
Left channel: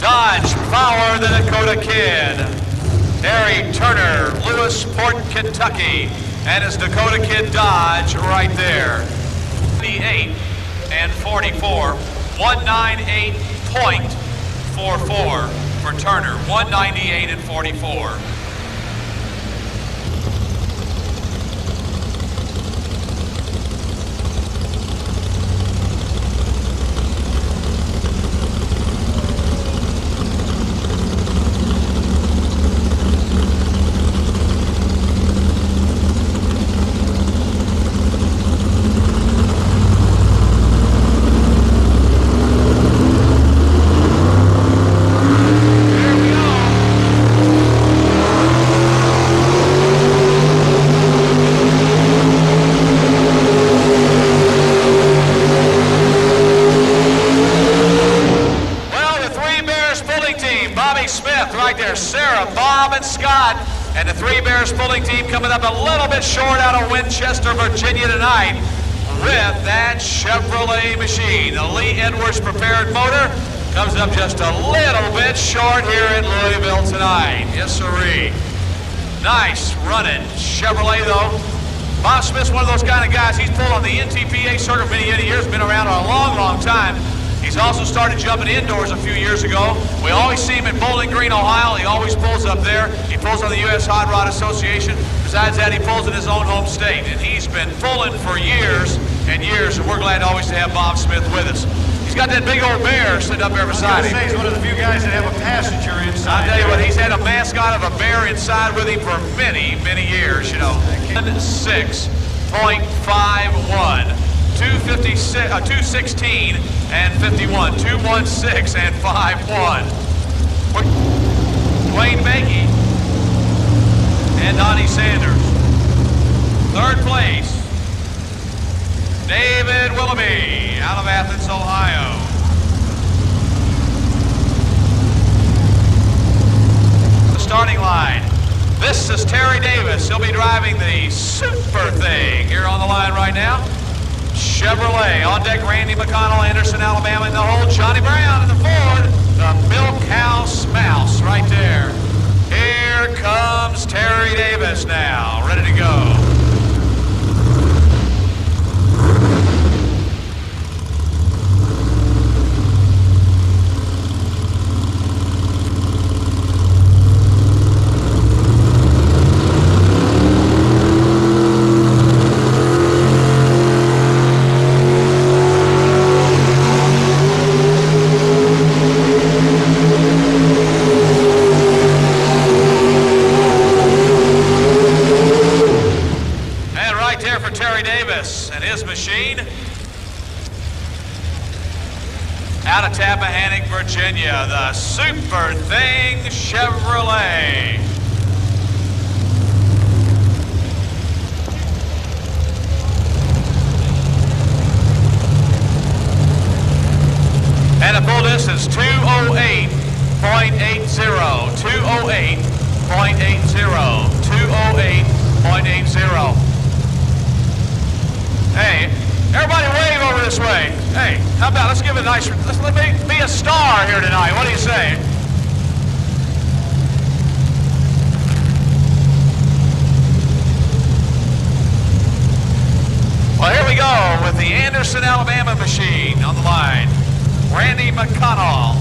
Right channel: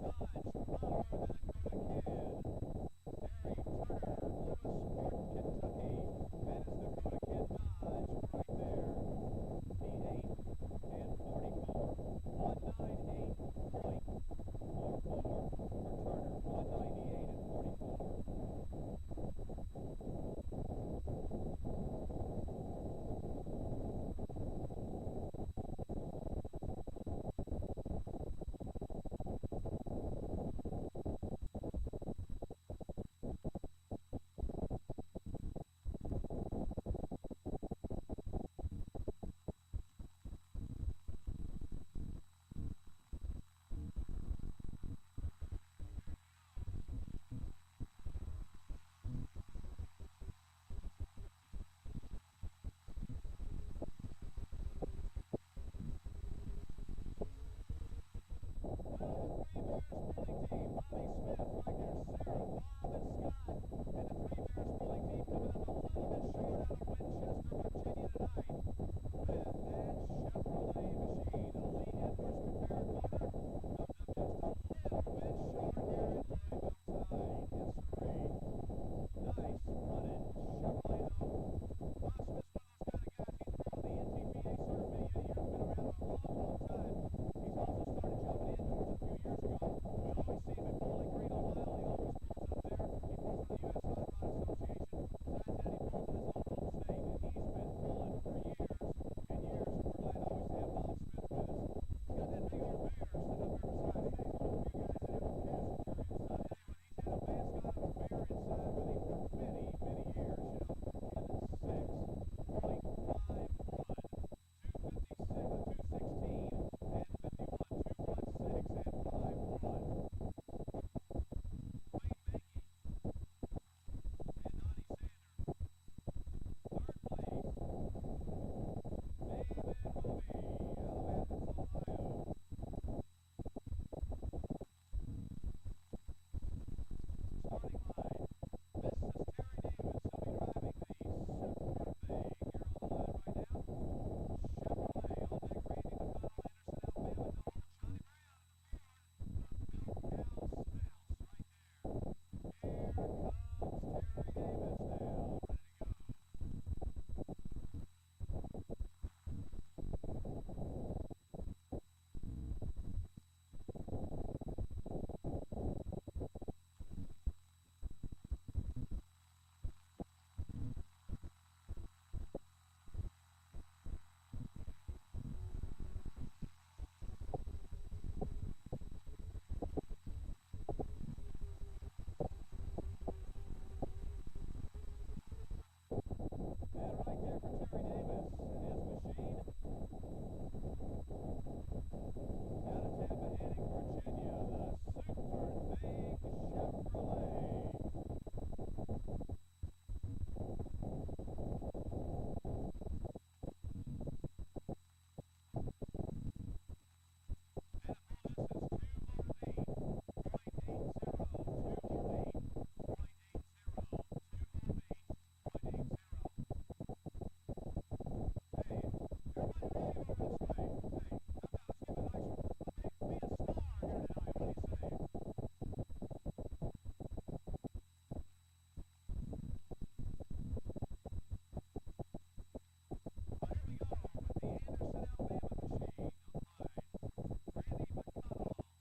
Dodge Power, the Dakota Kid. Harry Turner, Lewisport, Kentucky. And his Dakota Kid Dodge right there. 98 and 44. 198.44 for Turner. 198 and 44. Sarah, Bob, and Scott, and the Three Bears pulling team coming up a little bit short out of Winchester, Virginia tonight with that Chevrolet machine. The Lee Edwards prepared motor comes up just a little bit short here in Louisville tonight. Yes, sirree. Nice running Chevrolet, though. Bob Smith's one of those kind of guys. He's pulled on the NTPA circuit many years, been around a long, long time. He's also started jumping indoors a few years ago. We always see him in Bowling Green, Ohio. He always pulls up there. He pulls on the U.S. Hot Rod Association. Besides that, he pulls in his own home state. And he's been pulling for years and years, and we're glad always to have Bob Smith with us. He's got that big old bear sitting up there beside him. He's one of the few guys that have a passenger inside. I'll tell you what, he's had a mascot of a bear inside with him for many, many years, you know. 6.51. 216 and 51, 216 and 51. Dwayne Bakey and Donnie Sanders. Third place, David Willoughby out of Athens, Ohio. The starting line. This is Terry Davis. He'll be driving the Super Thing here on the line right now. Chevrolet on deck, Randy McConnell, Anderson, Alabama in the hole. Johnny Brown in the Ford. The Milk House Mouse right there. Here comes Terry Davis now, ready to go. And his machine out of Tappahannock, Virginia, the Super Thing Chevrolet. And the full distance 208.80, 208.80, 208.80. Hey, everybody wave over this way. Hey, how about, let's give it a nice, let me be a star here tonight. What do you say? Well, here we go with the Anderson, Alabama machine on the line. Randy McConnell.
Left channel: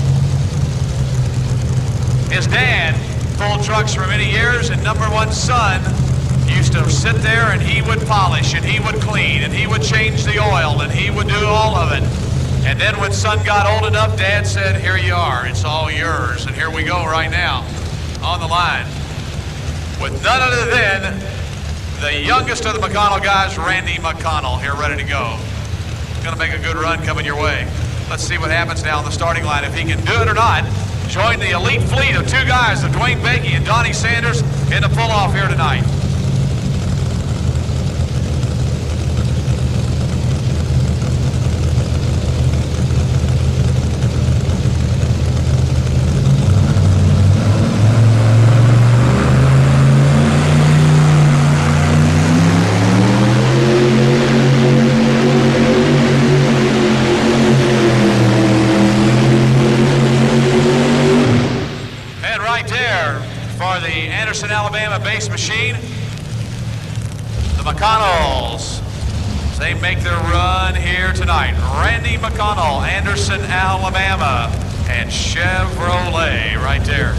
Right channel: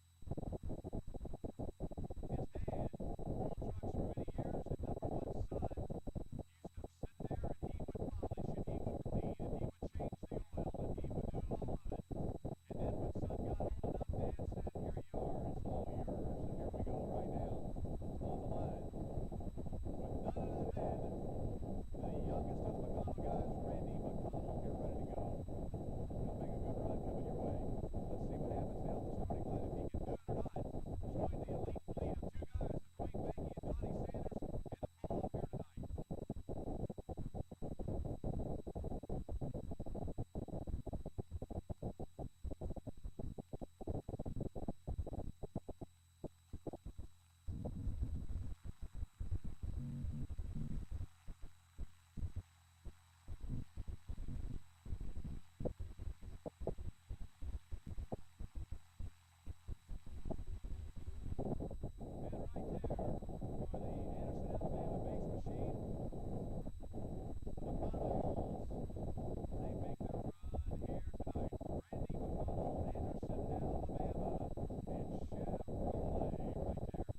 His dad pulled trucks for many years, and #1 son used to sit there and he would polish and he would clean and he would change the oil and he would do all of it. And then when son got old enough, Dad said, here you are, it's all yours. And here we go right now on the line with none other than the youngest of the McConnell guys, Randy McConnell, here ready to go. Gonna make a good run coming your way. Let's see what happens now on the starting line, if he can do it or not. Join the elite fleet of two guys, of Dwayne Bakey and Donnie Sanders, in the pull-off here tonight. Alabama base machine, the McConnells. They make their run here tonight. Randy McConnell, Anderson, Alabama, and Chevrolet right there.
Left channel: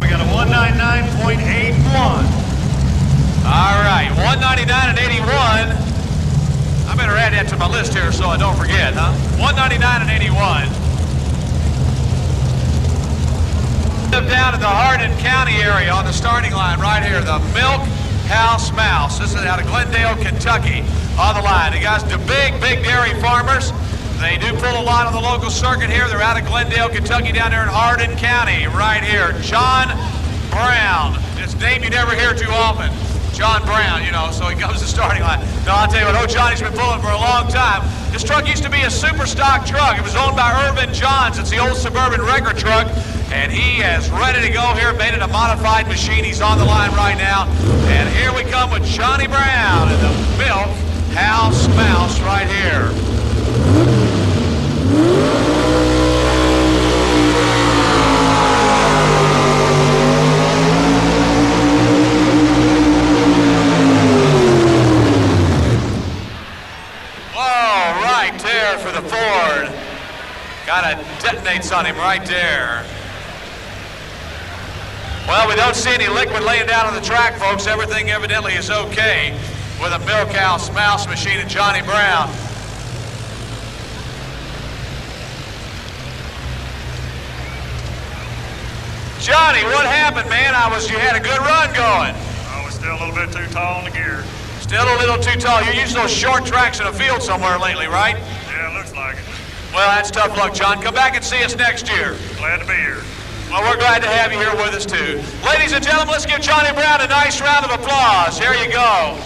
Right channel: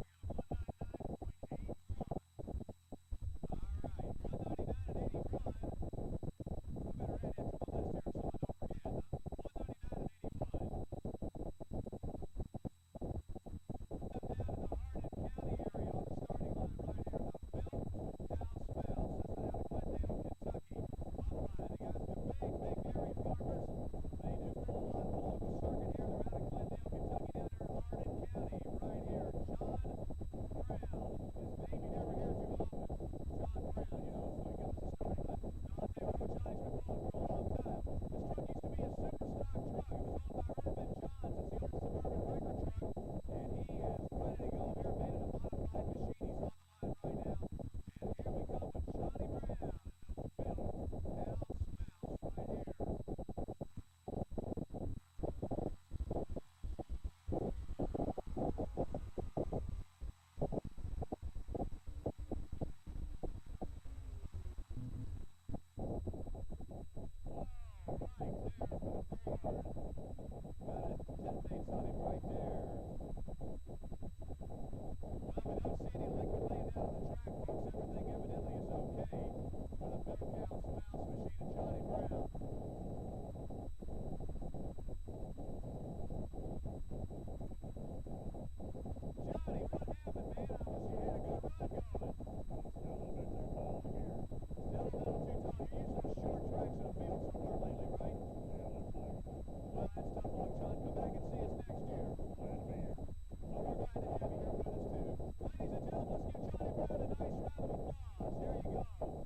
We got a 199.81. All right, 199 and 81. I better add that to my list here so I don't forget, huh? 199 and 81. Down in the Hardin County area on the starting line right here, the Milk House Mouse. This is out of Glendale, Kentucky on the line. The guys, the big dairy farmers. They do pull a lot on the local circuit here. They're out of Glendale, Kentucky, down there in Hardin County right here. John Brown. It's a name you never hear too often. John Brown, you know, so he comes to the starting line. No, I'll tell you what, old Johnny's been pulling for a long time. This truck used to be a super stock truck. It was owned by Irvin Johns. It's the old Suburban record truck. And he is ready to go here, made it a modified machine. He's on the line right now. And here we come with Johnny Brown and the Milk House Mouse right here. Whoa, right there for the Ford. Kind of detonates on him right there. Well, we don't see any liquid laying down on the track, folks. Everything evidently is okay with a Milk House Mouse machine and Johnny Brown. Johnny, what happened, man? You had a good run going. I was still a little bit too tall in the gear. Still a little too tall. You're using those short tracks in a field somewhere lately, right? Yeah, it looks like it. Well, that's tough luck, John. Come back and see us next year. Glad to be here. Well, we're glad to have you here with us, too. Ladies and gentlemen, let's give Johnny Brown a nice round of applause. Here you go.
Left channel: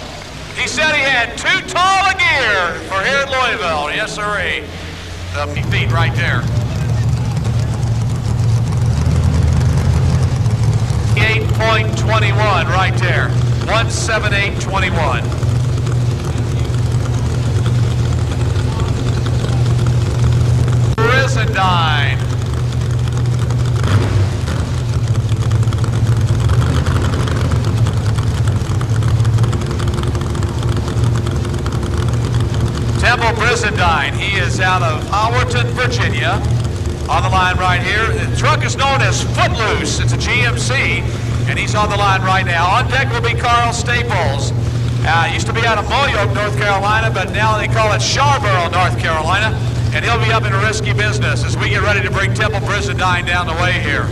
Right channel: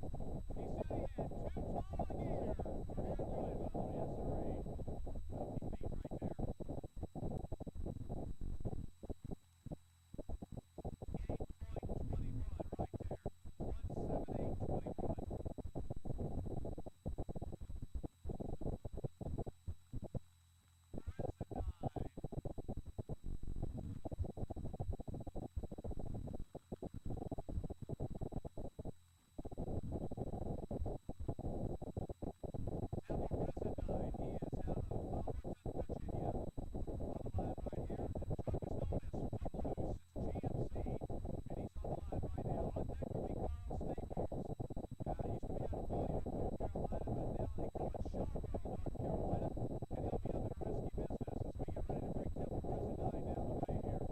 He said he had too tall a gear for here at Louisville. Yes, sirree. The feet right there. 8.21 right there. 178.21. Brizendine. Temple Brizendine, he is out of Howerton, Virginia, on the line right here. The truck is known as Footloose. It's a GMC, and he's on the line right now. On deck will be Carl Staples. Used to be out of Moyoke, North Carolina, but now they call it Sharborough, North Carolina, and he'll be up in a risky business as we get ready to bring Temple Brizendine down the way here.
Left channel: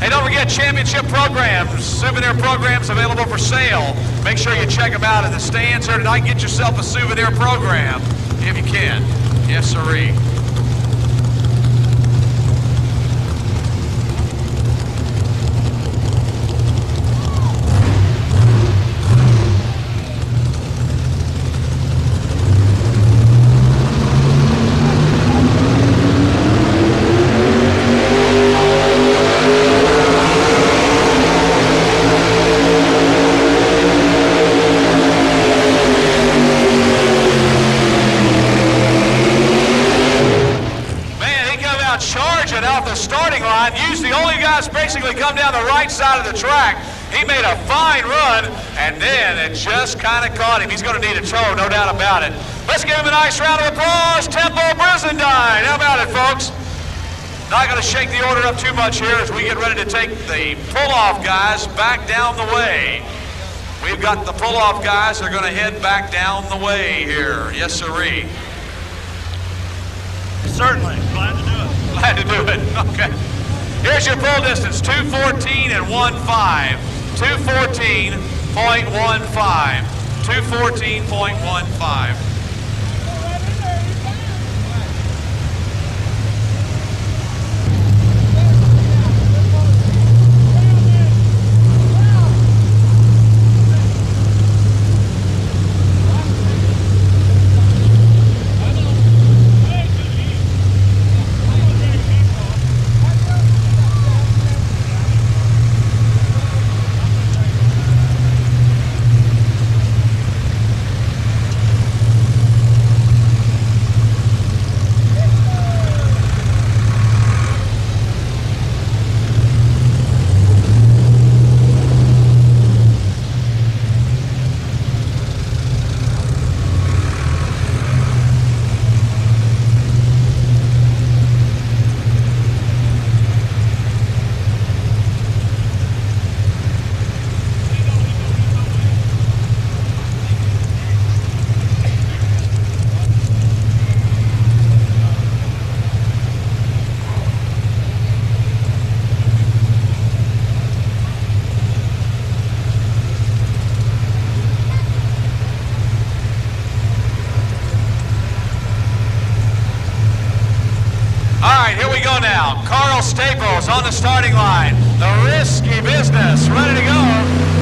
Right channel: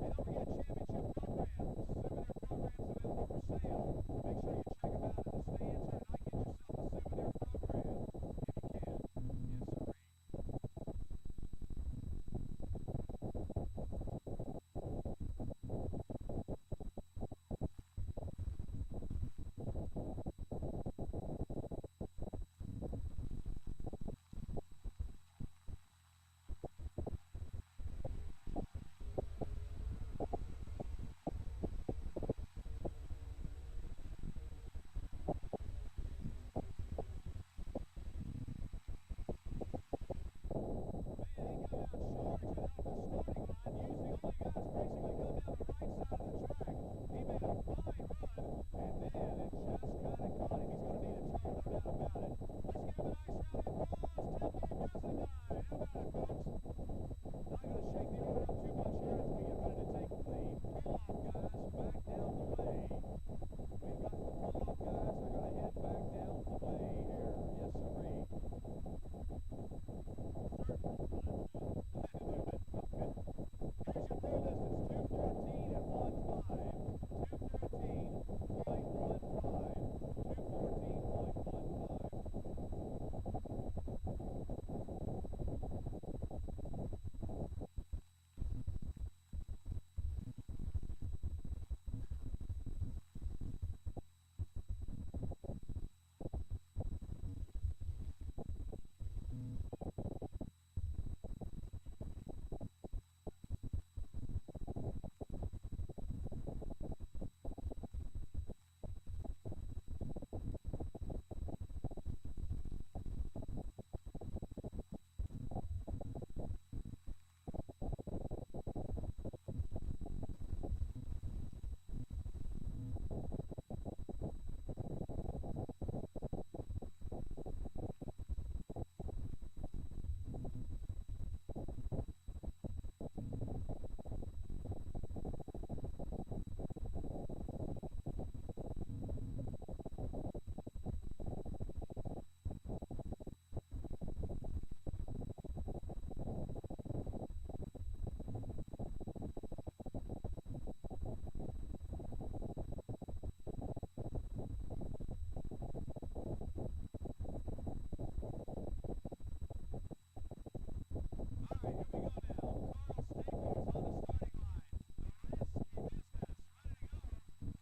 Hey, don't forget championship programs, souvenir programs available for sale. Make sure you check them out in the stands here tonight. Get yourself a souvenir program if you can. Yes, sirree. Basically come down the right side of the track. He made a fine run, and then it just kind of caught him. He's going to need a tow, no doubt about it. Let's give him a nice round of applause. Temple Brizendine. How about it, folks? Not going to shake the order up too much here as we get ready to take the pull-off guys back down the way. We've got the pull-off guys that are going to head back down the way here. Yes, sirree. Certainly. Glad to do it. Glad to do it. Okay. Here's your pull distance, 214 and 1.5. 214.15. 214.15. All right, here we go now. Carl Staples on the starting line. The Risky Business, ready to go.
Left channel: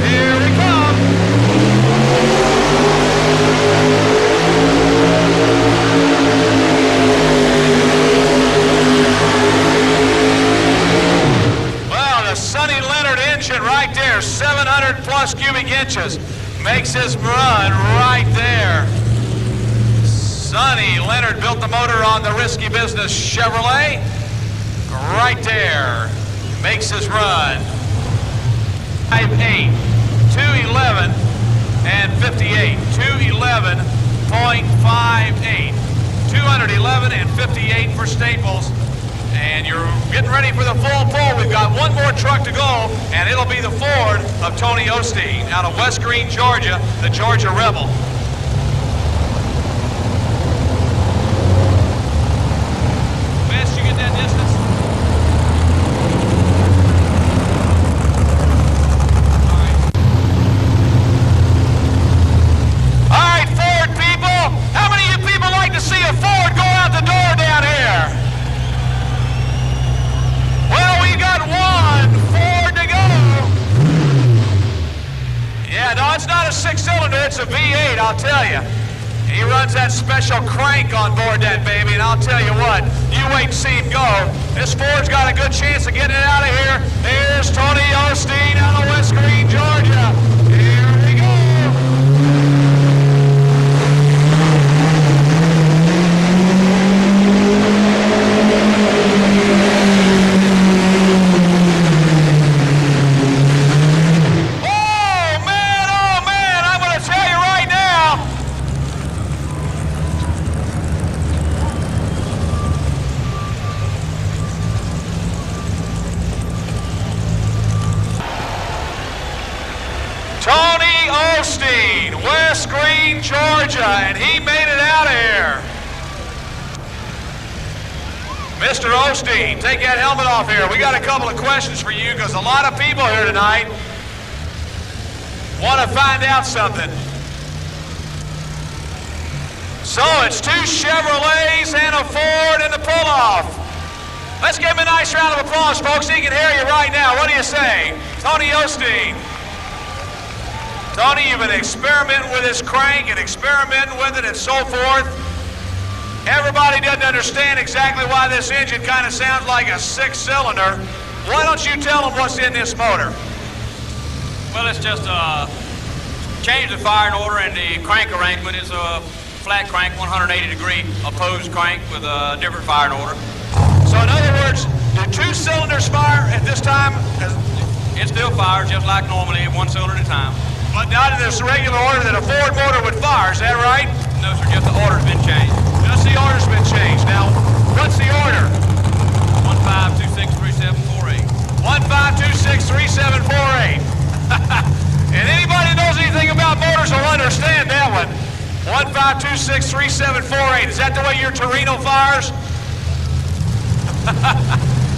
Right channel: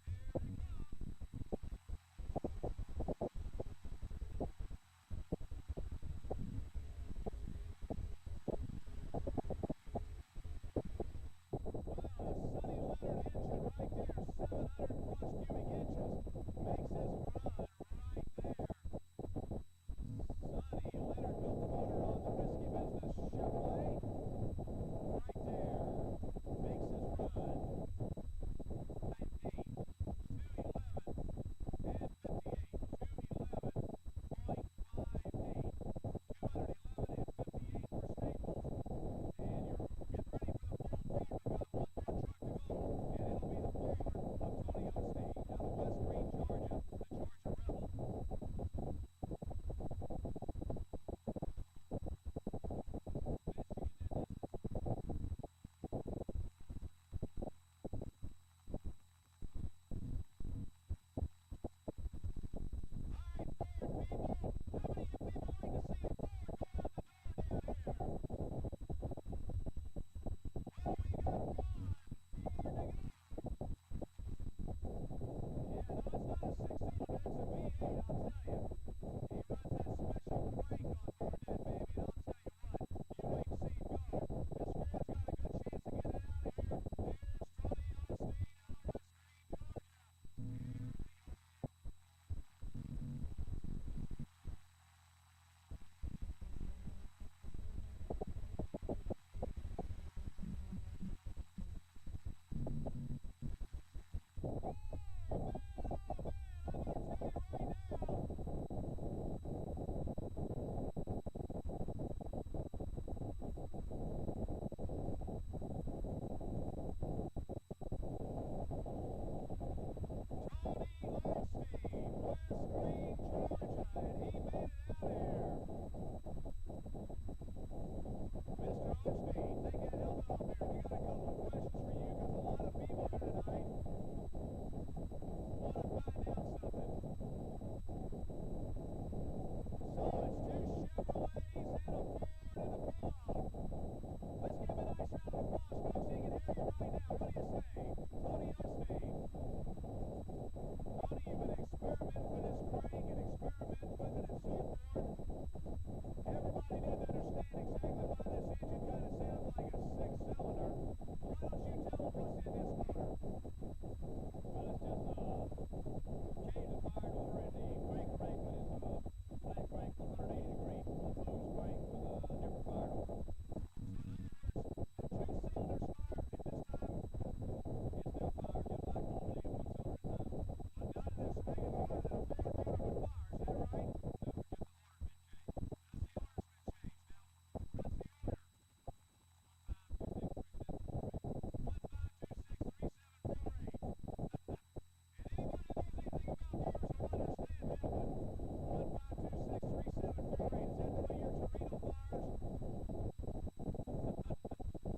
Here we come. Well, the Sonny Leonard engine right there, 700 plus cubic inches, makes his run right there. Sonny Leonard built the motor on the Risky Business Chevrolet. Right there. Makes his run. 5.8, 211 and 58. 211.58. 211 and 58 for Staples. And you're getting ready for the full pull. We've got one more truck to go, and it'll be the Ford of Tony Osteen out of West Green, Georgia, the Georgia Rebel. Best you get that distance? All right, Ford people. How many of you people like to see a Ford go out the door down here? Well, we got one Ford to go. Yeah, no, it's not a six-cylinder, it's a V8, I'll tell you. He runs that special crank on board that baby, and I'll tell you what, you wait and see him go. This Ford's got a good chance of getting it out of here. Here's Tony Osteen out of West Green, Georgia. Here we go. Oh, man, I'm going to tell you right now, Tony Osteen, West Green, Georgia, and he made it out of here. Mr. Osteen, take that helmet off here. We got a couple of questions for you because a lot of people here tonight want to find out something. So it's two Chevrolets and a Ford in the pull-off. Let's give him a nice round of applause, folks. He can hear you right now. What do you say? Tony Osteen. Tony, you've been experimenting with this crank and experimenting with it and so forth. Everybody doesn't understand exactly why this engine kind of sounds like a six-cylinder. Why don't you tell them what's in this motor? Well, it's just change the firing order, and the crank arrangement is a flat crank, 180-degree opposed crank with a different firing order. So in other words, do two cylinders fire at this time? It still fires just like normally, one cylinder at a time. But not in this regular order that a Ford motor would fire, is that right? No, sir, just the order's been changed. Just the order's been changed. Now, what's the order? 15263748. 15263748. And anybody that knows anything about motors will understand that one. 15263748. Is that the way your Torino fires?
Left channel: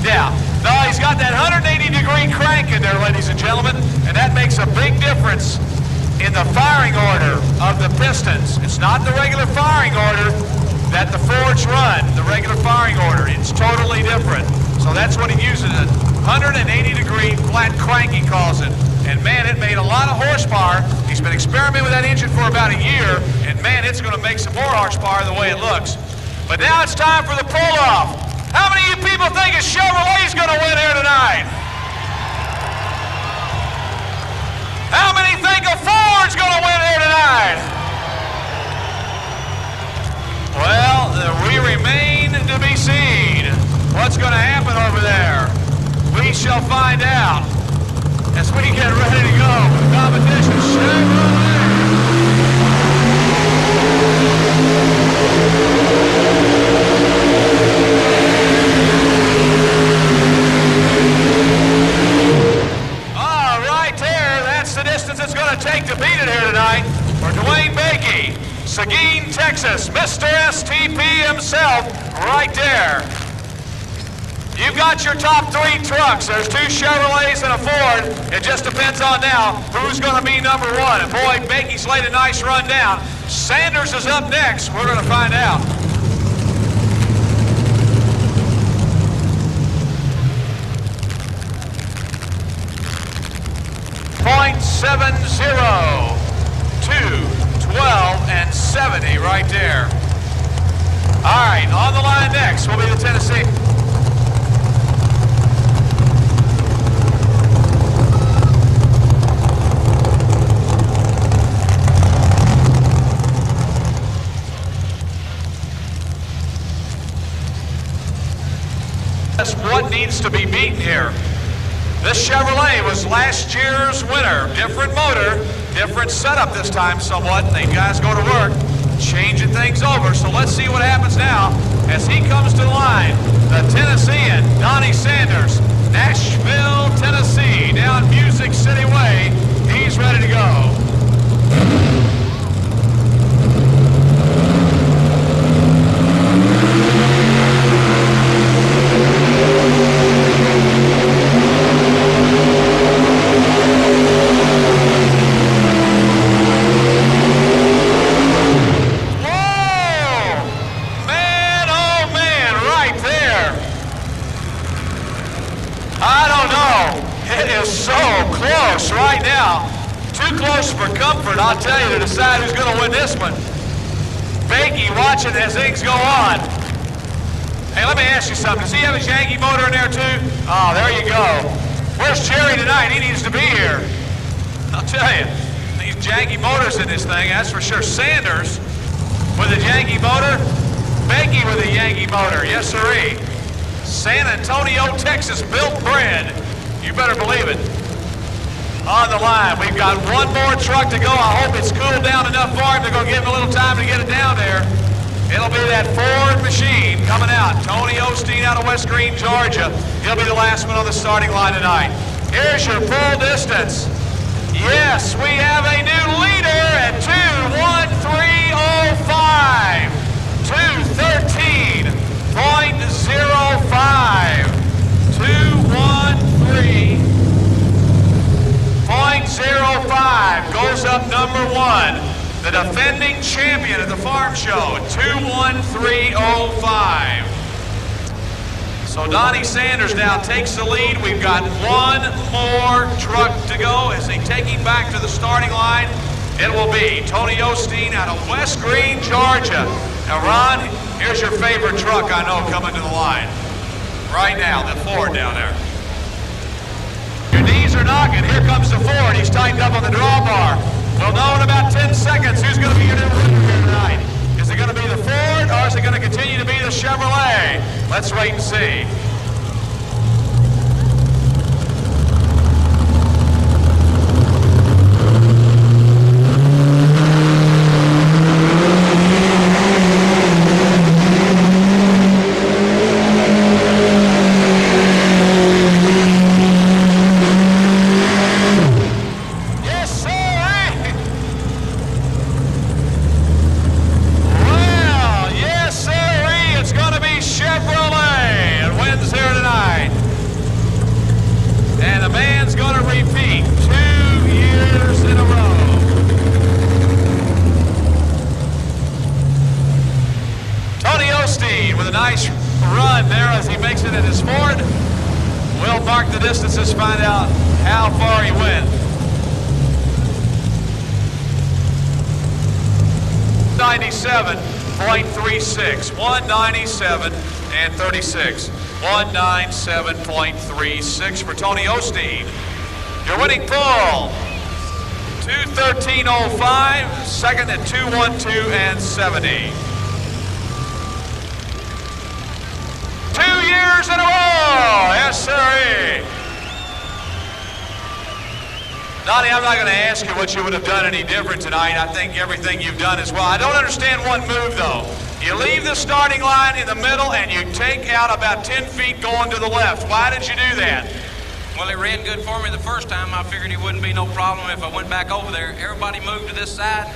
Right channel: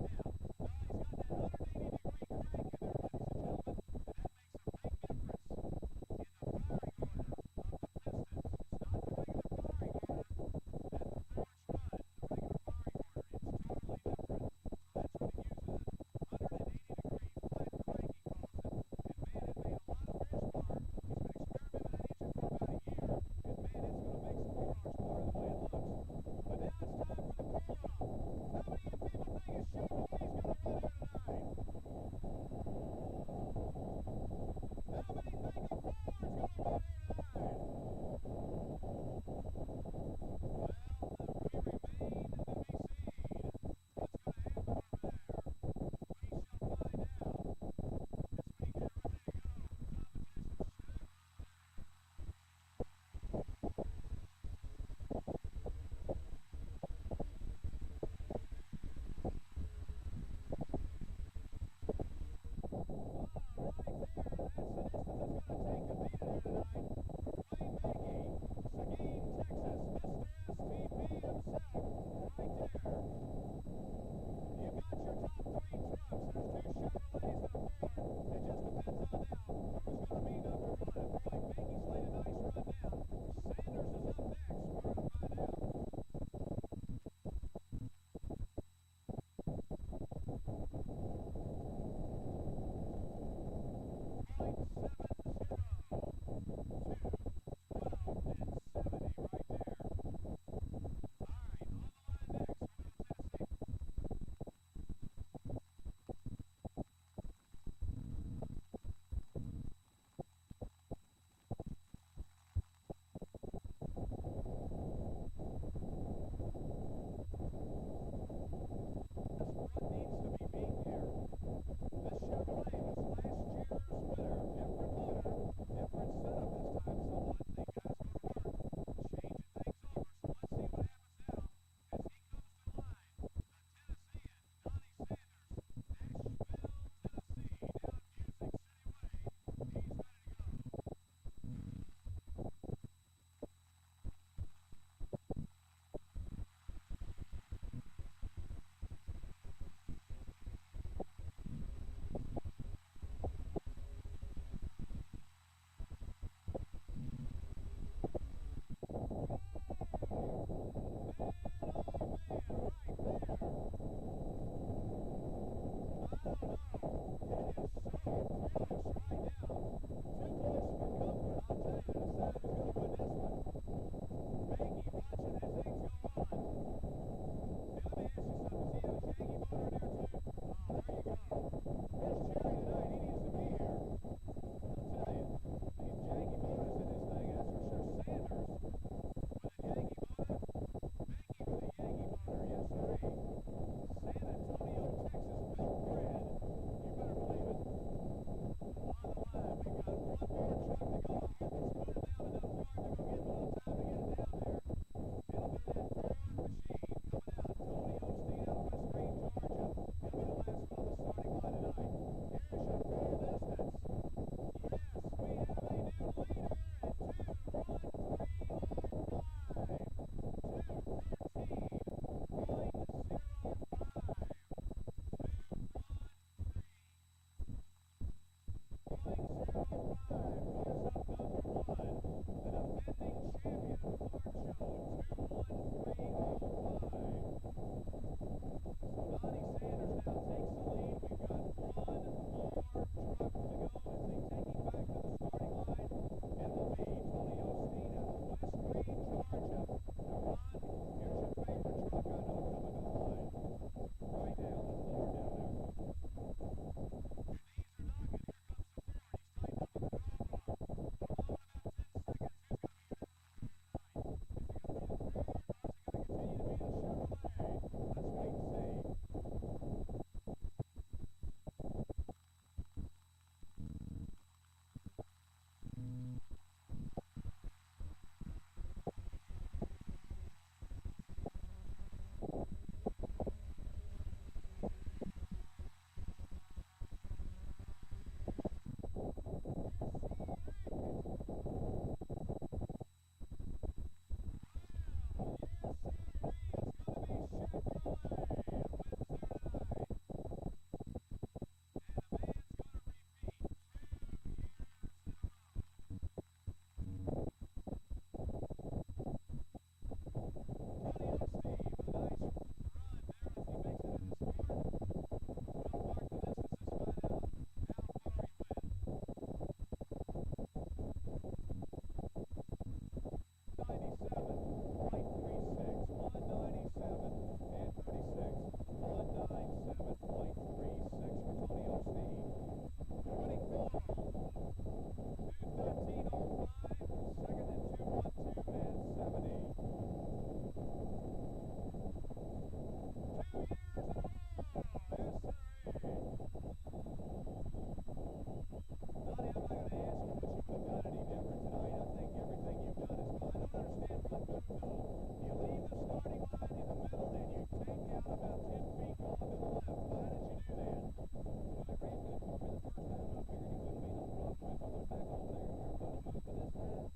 Yeah. No, he's got that 180-degree crank in there, ladies and gentlemen, and that makes a big difference in the firing order of the pistons. It's not the regular firing order that the Fords run, the regular firing order. It's totally different. So that's what he uses, a 180-degree flat crank, he calls it. And man, it made a lot of horsepower. He's been experimenting with that engine for about a year, and man, it's going to make some more horsepower the way it looks. But now it's time for the pull-off. How many of you people think a Chevrolet's going to win here tonight? How many think a Ford's going to win here tonight? Well, we remain to be seen. What's going to happen over there? We shall find out as we get ready to go for the competition. Chevrolet. The distance it's going to take to beat it here tonight for Dwayne Bakey, Seguin, Texas, Mr. STP himself right there. You've got your top three trucks. There's two Chevrolets and a Ford. It just depends on now who's going to be number one. And boy, Bakey's laid a nice run down. Sanders is up next. We're going to find out. 70 right there. All right, on the line next will be the Tennessee. That's what needs to be beaten here. This Chevrolet was last year's winner. Different motor, different setup this time somewhat. The guys go to work, changing things over. So let's see what happens now as he comes to the line. The Tennessean, Donnie Sanders, Nashville, Tennessee, down Music City Way. He's ready to go. Right now, too close for comfort, I'll tell you, to decide who's going to win this one. Bakey watching as things go on. Hey, let me ask you something. Does he have his Yankee motor in there too? Oh, there you go. Where's Jerry tonight? He needs to be here. I'll tell you, these Yankee motors in this thing, that's for sure. Sanders with a Yankee motor. Bakey with a Yankee motor. Yes, sirree. San Antonio, Texas, built bred. You better believe it. On the line, we've got one more truck to go. I hope it's cooled down enough for him to go give him a little time to get it down there. It'll be that Ford machine coming out. Tony Osteen out of West Green, Georgia. He'll be the last one on the starting line tonight. Here's your full distance. Yes, we have a new leader at 2:13:05. 2:13.05. 2:13.05 goes up number one. The defending champion of the farm show, 2:13:05. So Donnie Sanders now takes the lead. We've got one more truck to go. As they take him back to the starting line, it will be Tony Osteen out of West Green, Georgia. Now, Ron, here's your favorite truck I know coming to the line. Right now, the Ford down there. Your knees are knocking. Here comes the Ford. He's tightened up on the drawbar. We'll know in about 10 seconds who's going to be your new winner here tonight. Is it going to be the Ford, or is it going to continue to be the Chevrolet? Let's wait and see. Distances, find out how far he went. 197.36, 197 and 36, 197.36 for Tony Osteen. Your winning pull, 2:13:05, second at 2:12 and 70. 2 years in a row, yes sir. Donnie, I'm not going to ask you what you would have done any different tonight. I think everything you've done is well. I don't understand one move, though. You leave the starting line in the middle and you take out about 10 feet going to the left. Why did you do that? Well, it ran good for me the first time. I figured it wouldn't be no problem if I went back over there. Everybody moved to this side.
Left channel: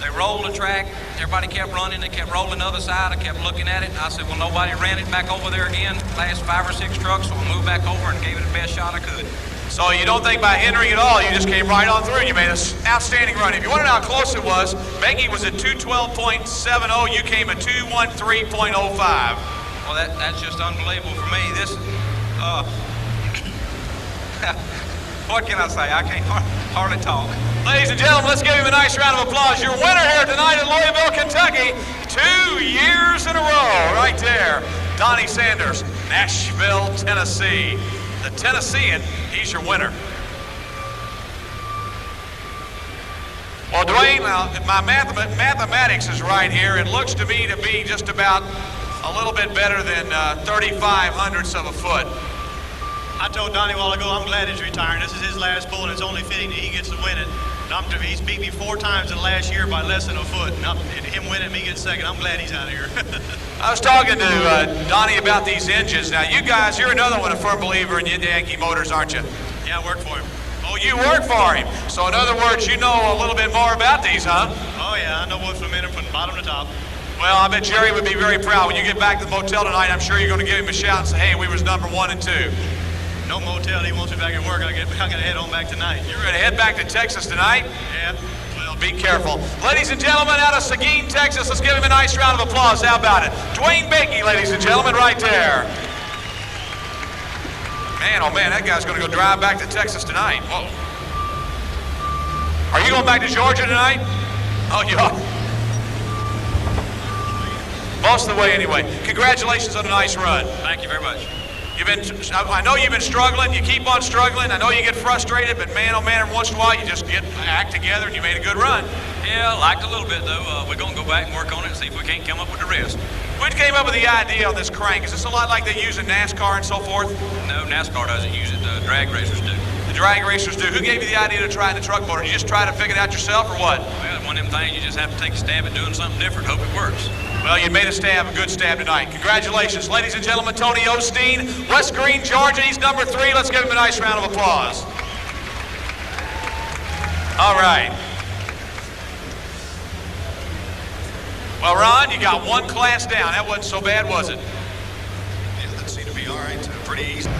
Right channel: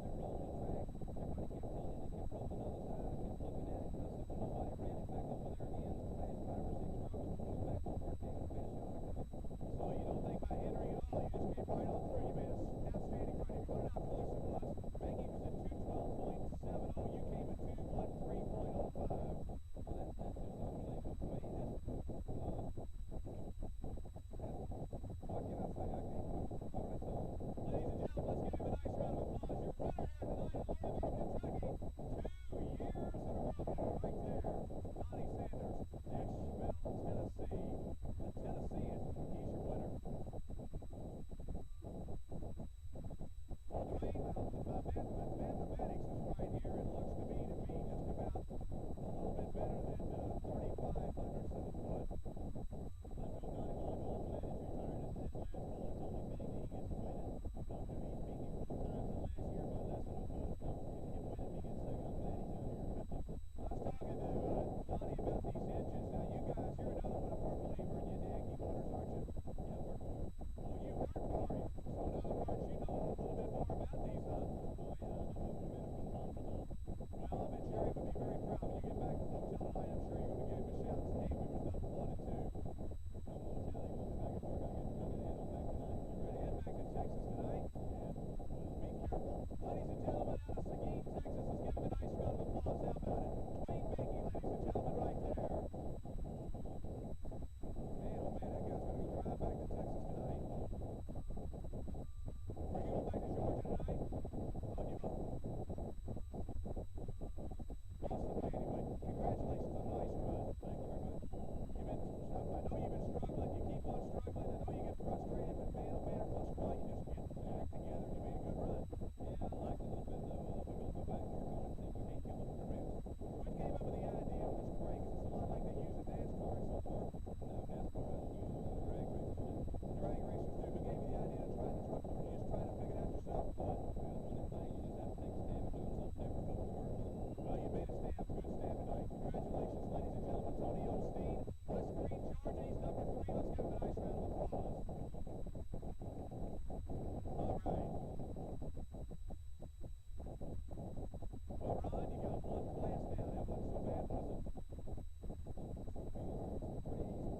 They rolled the track. Everybody kept running. They kept rolling the other side. I kept looking at it. I said, well, nobody ran it back over there again. Last 5 or 6 trucks, so I moved back over and gave it the best shot I could. So you don't think by hindering at all, you just came right on through and you made an outstanding run. If you want to know how close it was, Bakey was at 2:12.70. You came at 2:13.05. Well, that's just unbelievable for me. This, What can I say? I can't hardly talk. Ladies and gentlemen, let's give him a nice round of applause. Your winner here tonight in Louisville, Kentucky, 2 years in a row, right there. Donnie Sanders, Nashville, Tennessee. The Tennessean, he's your winner. Well, Dwayne, my mathematics is right here. It looks to me to be just about a little bit better than 35 hundredths of a foot. I told Donnie a while ago, I'm glad he's retiring. This is his last pull, and it's only fitting that he gets to win it. He's beat me 4 times in the last year by less than a foot. And him winning, me getting second. I'm glad he's out of here. I was talking to Donnie about these engines. Now, you guys, you're another one, a firm believer in Yankee Motors, aren't you? Yeah, I work for him. Oh, you work for him. So, in other words, you know a little bit more about these, huh? Oh, yeah, I know what's from in them from bottom to top. Well, I bet Jerry would be very proud. When you get back to the motel tonight, I'm sure you're going to give him a shout and say, hey, we was number 1 and 2. No motel, he wants me back at work. I gotta head on back tonight. You're going to head back to Texas tonight? Yeah. Well, be careful. Ladies and gentlemen, out of Seguin, Texas, let's give him a nice round of applause. How about it? Dwayne Bakey, ladies and gentlemen, right there. Man, oh man, that guy's going to go drive back to Texas tonight. Whoa. Are you going back to Georgia tonight? Oh, you are. Most of the way anyway. Congratulations on a nice run. Thank you very much. I know you've been struggling. You keep on struggling. I know you get frustrated, but man, oh man, every once in a while you just act together and you made a good run. Yeah, I liked a little bit though. We're gonna go back and work on it and see if we can't come up with the rest. When came up with the idea on this crank? Is this a lot like they use in NASCAR and so forth? No, NASCAR doesn't use it. Drag racers do. The drag racers do. Who gave you the idea to try the truck motor? Did you just try to figure it out yourself or what? Well, it's one of them things you just have to take a stab at doing something different. Hope it works. Well, you made a stab, a good stab tonight. Congratulations. Ladies and gentlemen, Tony Osteen, West Green, Georgia. He's number 3. Let's give him a nice round of applause. All right. Well, Ron, you got 1 class down. That wasn't so bad, was it? Yeah, that seemed to be all right. Pretty easy.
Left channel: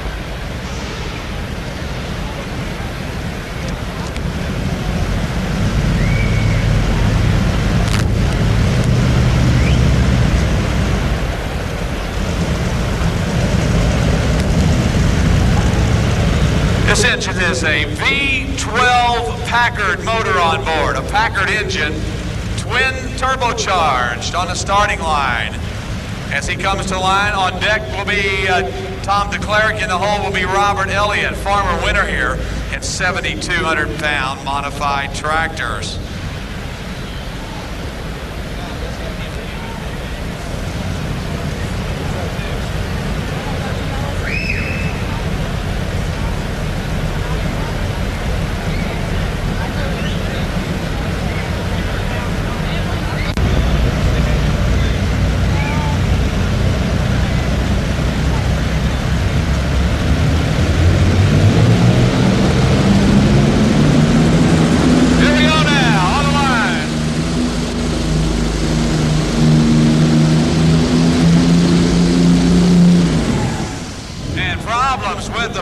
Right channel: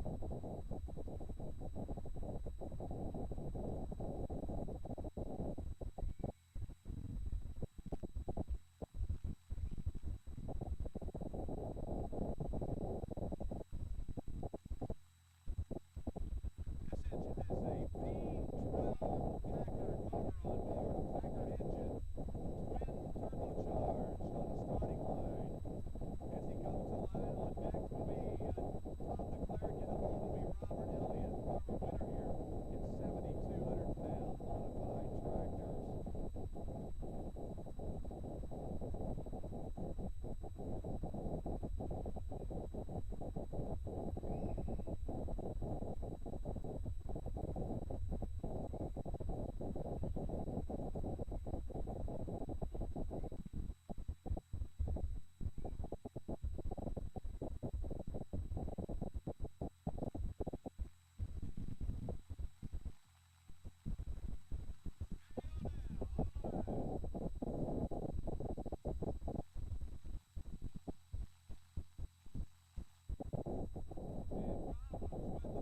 This engine is a V12 Packard motor on board, a Packard engine, twin turbocharged on the starting line. As he comes to the line, on deck will be Tom DeClerc, in the hole will be Robert Elliott, former winner here in 7,200-pound modified tractors.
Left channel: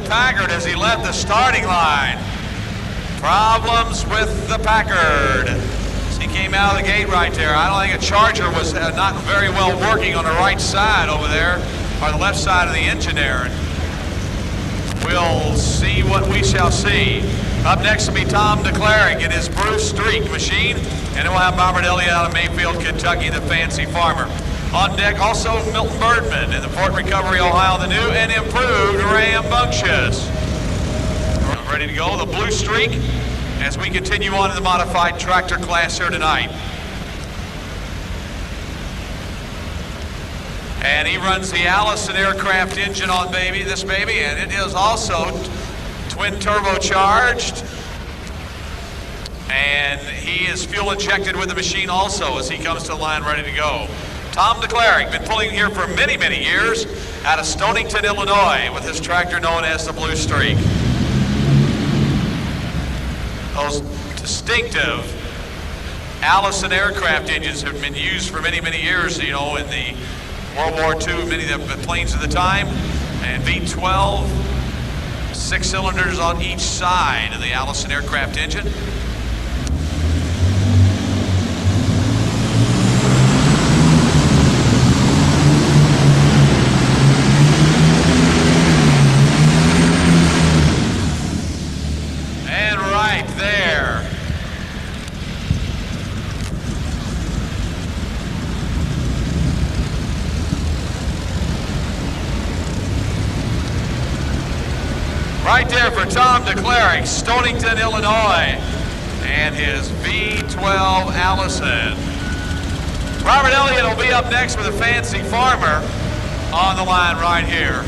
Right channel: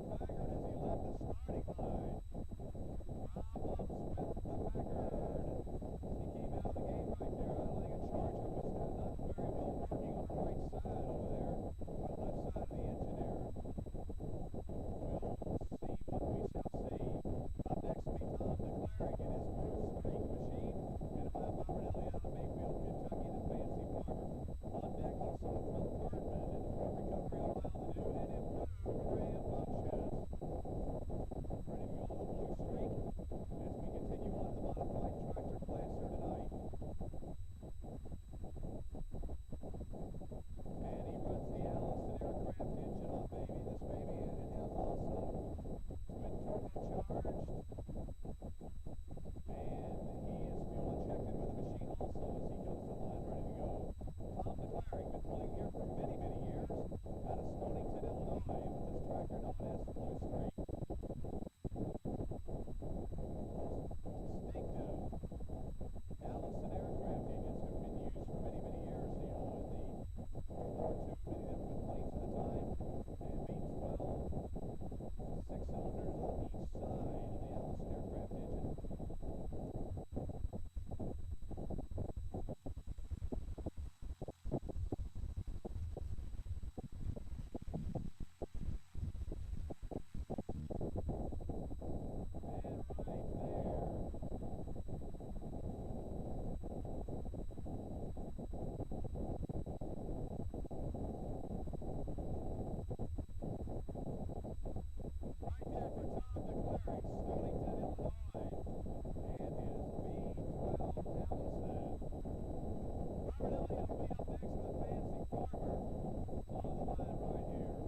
Packard as he left the starting line. Problems with the Packard. As he came out of the gate right there. I don't think a Charger was not very well working on the right side over there, or the left side of the engine there. We'll see what we shall see. Up next will be Tom DeClerc in his Bruce Streak machine, and then we'll have Robert Elliott out of Mayfield, Kentucky, the fancy farmer. On deck also Milton Birdman in the Port Recovery, Ohio, the new and improved Rambunctious. Ready to go, the Blue Streak, as we continue on in the modified tractor class here tonight. And he runs the Allison aircraft engine on this baby, and it is also twin turbocharged. And he is fuel injected with the machine also as he comes to the line ready to go. Tom DeClerc, been pulling here for many, many years out of Stonington, Illinois, with his tractor known as the Blue Streak. Those distinctive Allison aircraft engines have been used for many, many years, you know, in the World War II, many of the planes of the time, and V12, 6 cylinders on each side of the Allison aircraft engine. Right there for Tom DeCleric, Stonington, Illinois, and his V12 Allison. Robert Elliott will be up next with a Fancy Farmer on the line right here.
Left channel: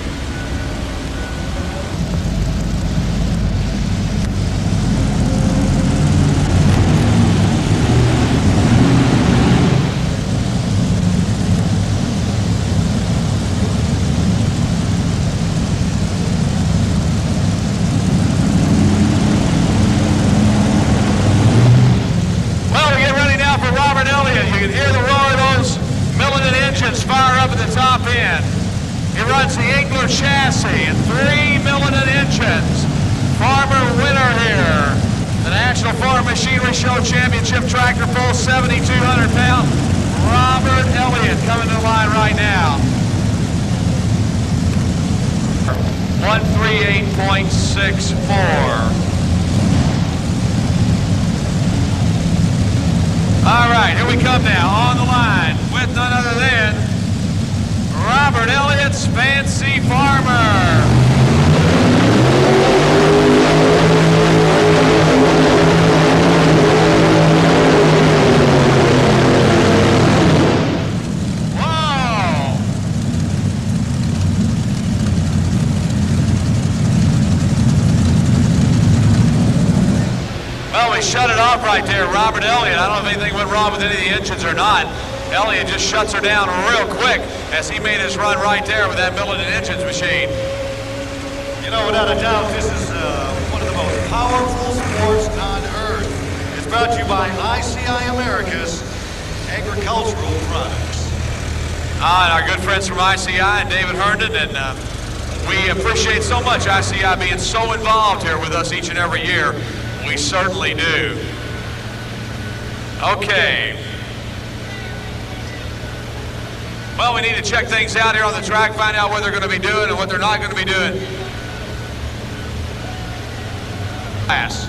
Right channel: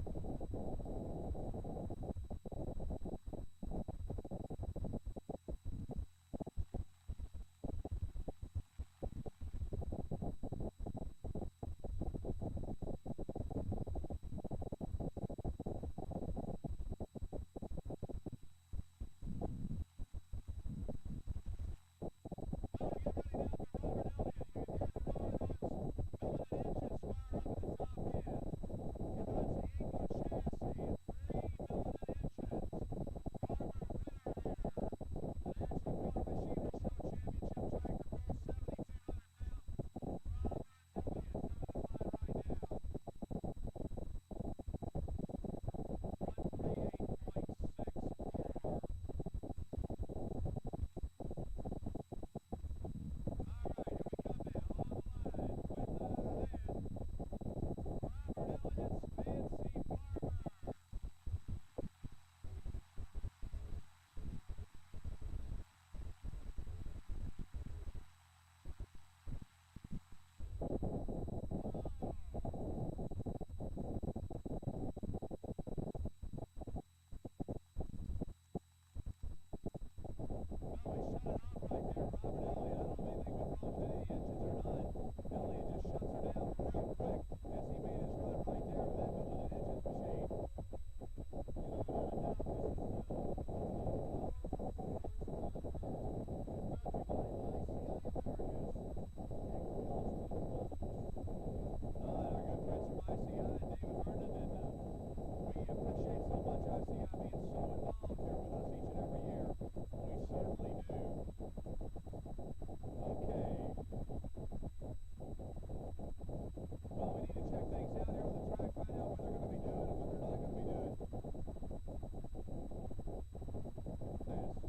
Chassis and 3 Millinen engines. Farmer winner here. The National Farm Machinery Show Championship Tractor Pull, 7,200 pound. Robert Elliott coming to the line right now. 138.64. All right, here we come now on the line with none other than Robert Elliott's Fancy Farmer. Whoa! Well, we shut it off right there, Robert Elliott. I don't know if anything went wrong with any of the engines or not. Elliott just shuts her down real quick as he made his run right there with that Millinen Engines machine. You know, without a doubt, this is one of the most powerful sports on earth. It's brought to you by ICI Americas Agricultural Products. And our good friends from ICI and David Herndon, and we appreciate so much ICI being so involved here with us each and every year. We certainly do. Okay. Well, we need to check things out here on the track, find out what they're going to be doing and what they're not going to be doing. Pass.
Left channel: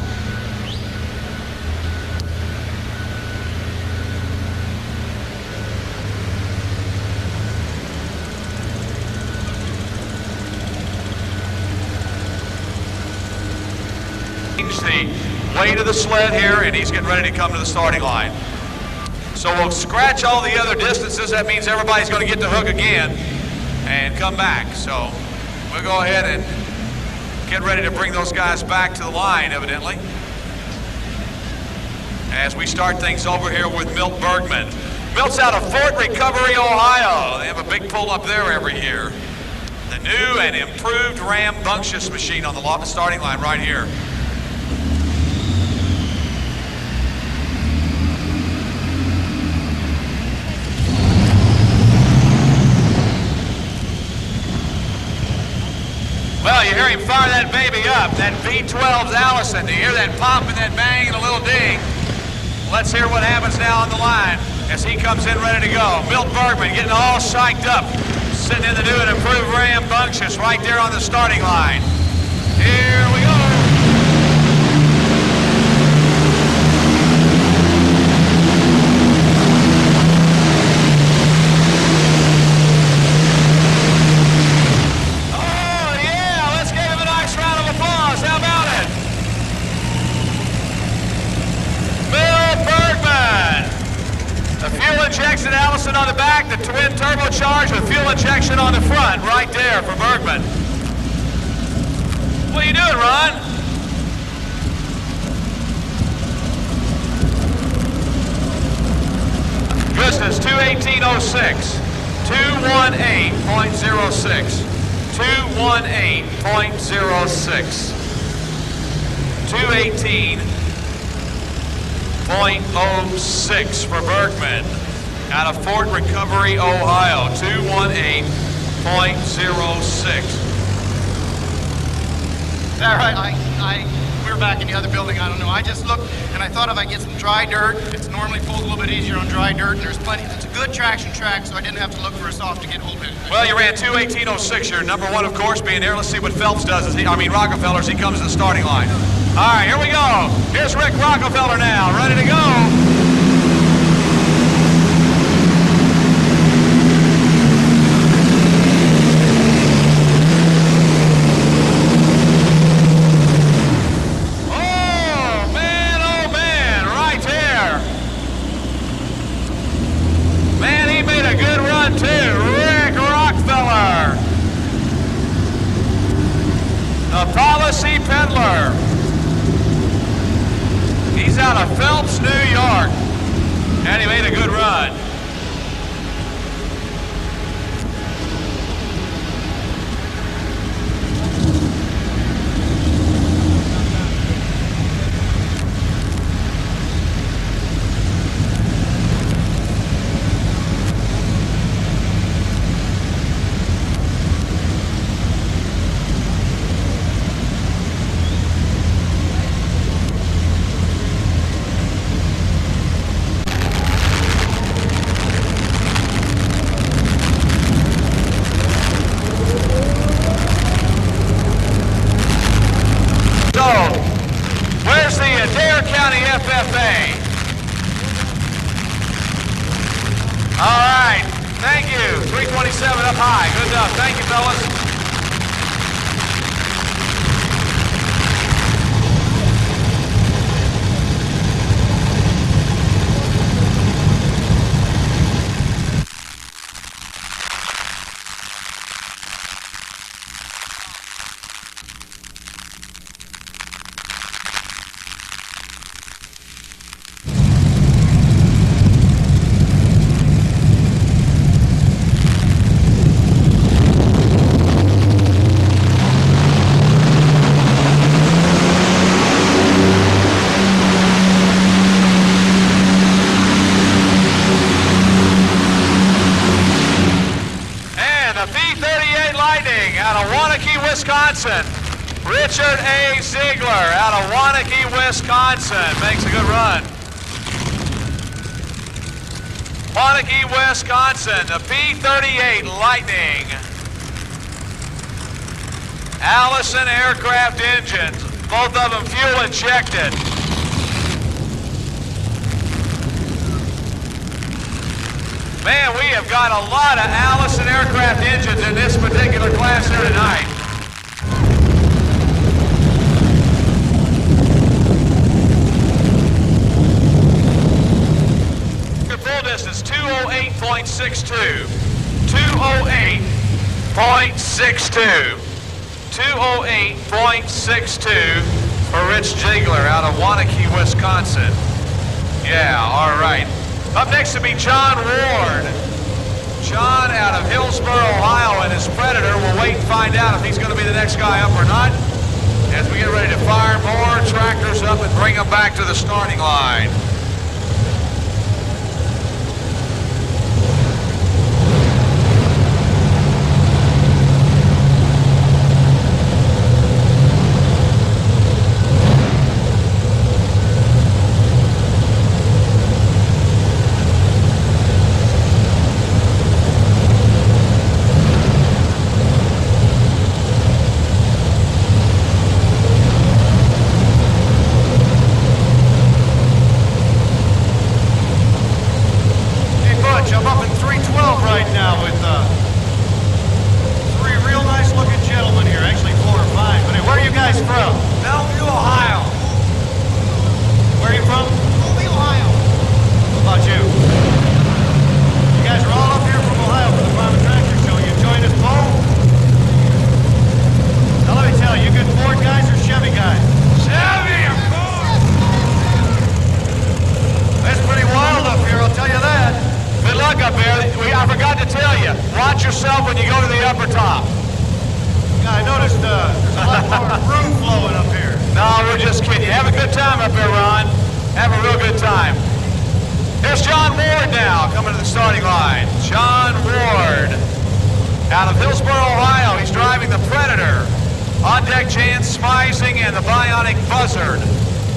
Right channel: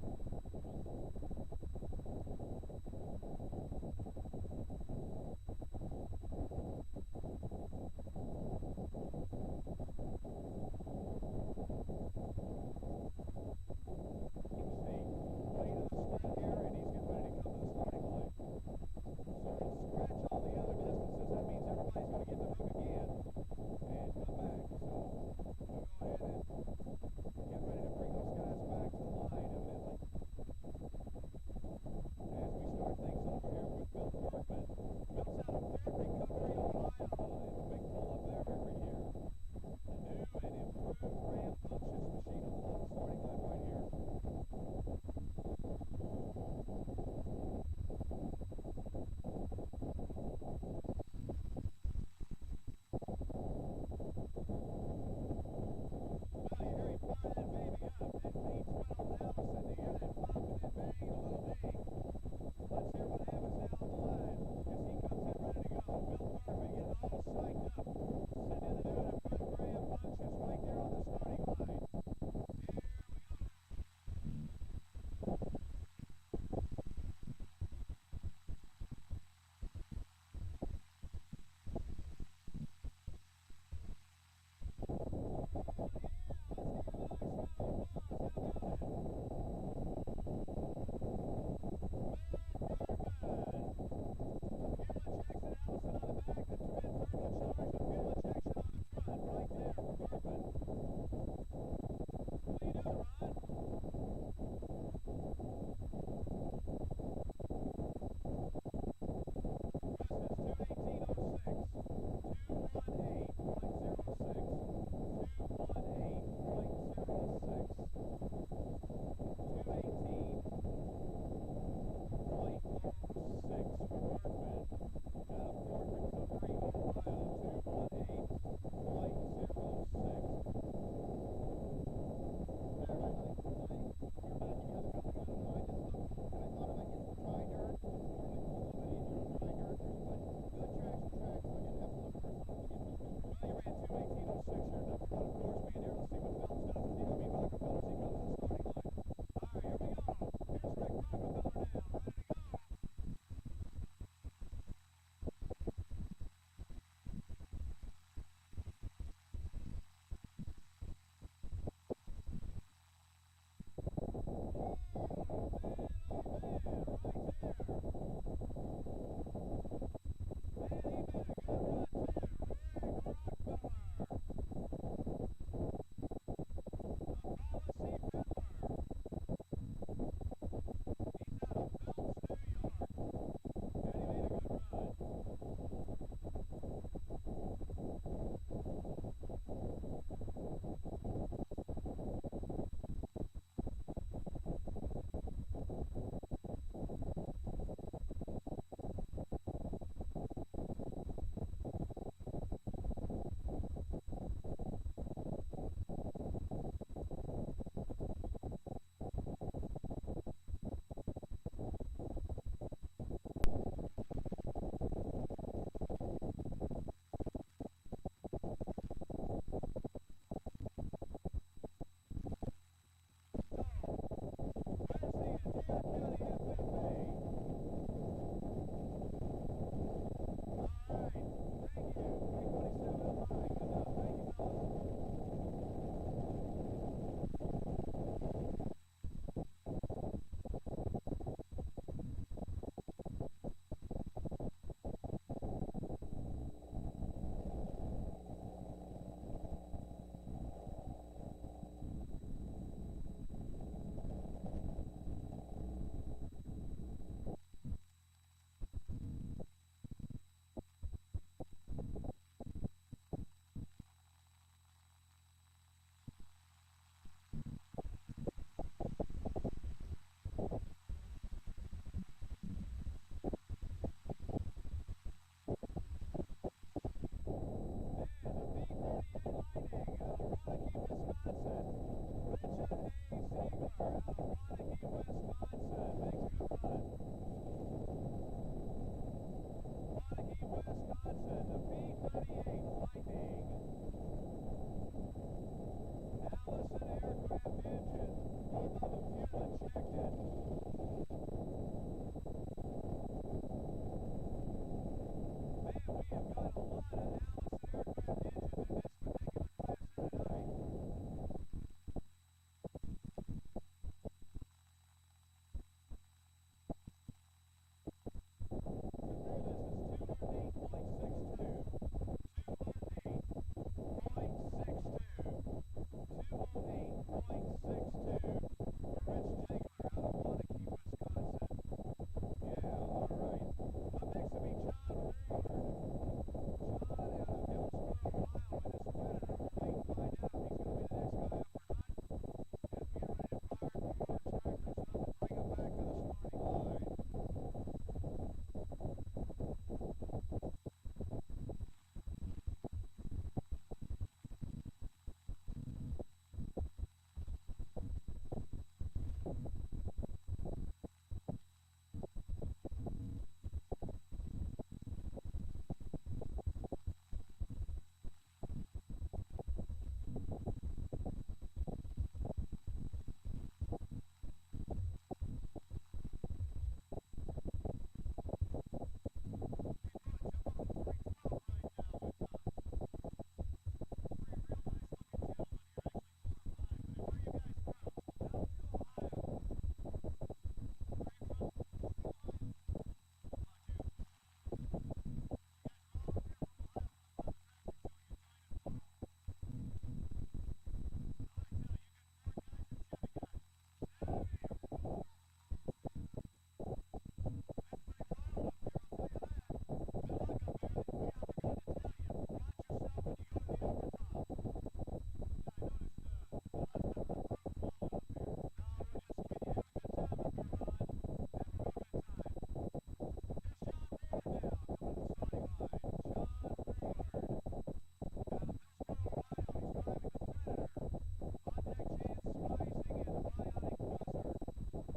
Change the weight of the sled here, and he's getting ready to come to the starting line. So we'll scratch all the other distances. That means everybody's going to get the hook again and come back. So we'll go ahead and get ready to bring those guys back to the line, evidently, as we start things over here with Milt Bergman. Milt's out of Fort Recovery, Ohio. They have a big pull up there every year. The new and improved rambunctious machine on the starting line right here. Well, you hear him fire that baby up, that V12's Allison. You hear that pop and that bang and a little ding. Let's hear what happens now on the line as he comes in ready to go. Milt Bergman getting all psyched up, sitting in the new and improved rambunctious right there on the starting line. Here we go. Injection Allison on the back, the twin turbocharged with fuel injection on the front, right there for Bergman. What are you doing, Ron? Distance 218.06, 218.06, 218.06, 218.06 for Bergman. Out of Fort Recovery, Ohio, 218.06. Is that right? We were back in the other building, I don't know. I just looked and I thought if I get some dry dirt, it's normally pulls a little bit easier on dry dirt, and there's plenty. It's a good traction track, so I didn't have to look for a soft to get a little bit. Well, you ran 218.06. Your number one, of course, being there. Let's see what Phelps does Rockefeller as he comes to the starting line. All right, here we go. Here's Rick Rockefeller now, ready to go. up high. Good enough. Thank you, fellas. Wisconsin. Richard A. Ziegler out of Waunakee, Wisconsin. Makes a good run. Waunakee, Wisconsin, the P-38 Lightning. Allison aircraft engines, both of them fuel injected. Man, we have got a lot of Allison aircraft engines in this particular class here tonight. Your full distance, 208.62. 208.62. 208.62 for Rich Ziegler out of Waunakee, Wisconsin. Yeah, all right. Up next to be John Ward. John out of Hillsboro, Ohio, and his Predator. We'll wait and find out if he's going to be the next guy up or not as we get ready to fire more tractors up and bring them back to the starting line.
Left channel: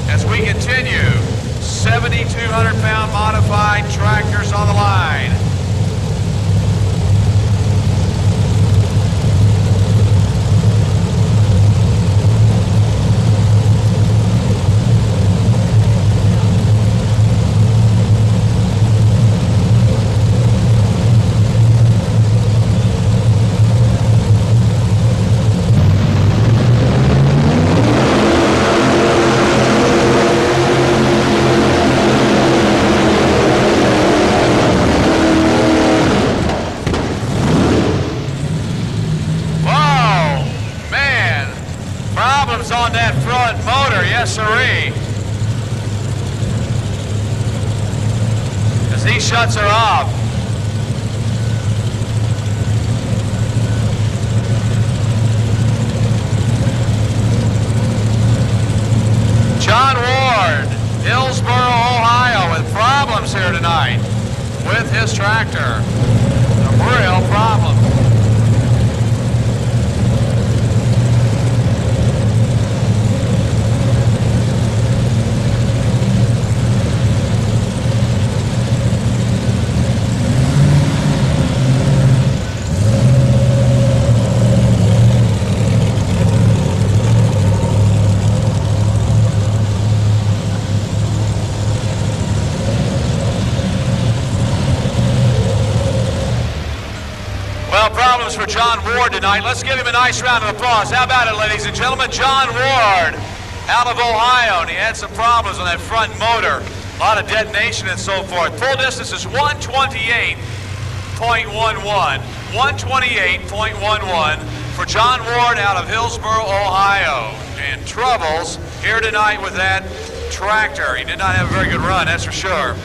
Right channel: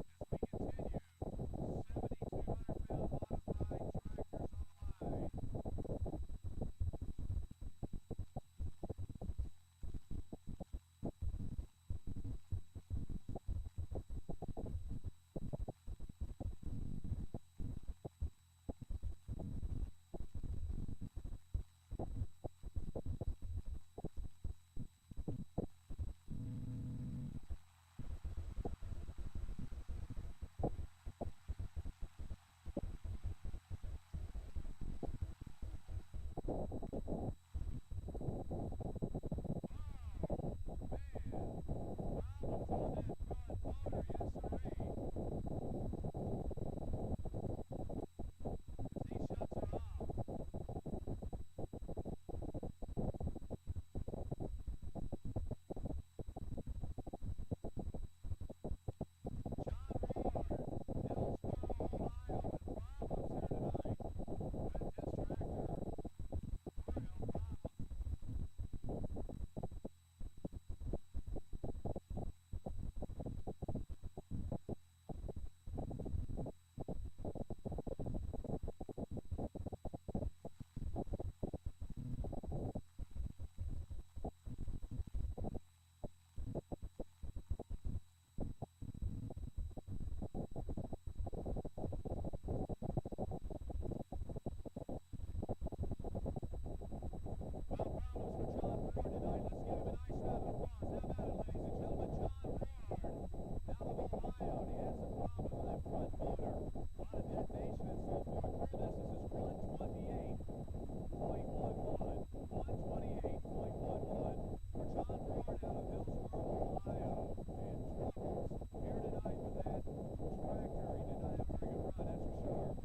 As we continue, 7,200-pound modified tractors on the line. On that front motor, yes sirree. As he shuts her off. John Ward, Hillsboro, Ohio, with problems here tonight with his tractor. Some real problems. Well, problems for John Ward tonight. Let's give him a nice round of applause. How about it, ladies and gentlemen? John Ward out of Ohio, and he had some problems on that front motor. A lot of detonation and so forth. Full distance is 128.11. 128.11 for John Ward out of Hillsboro, Ohio. And troubles here tonight with that tractor. He did not have a very good run, that's for sure.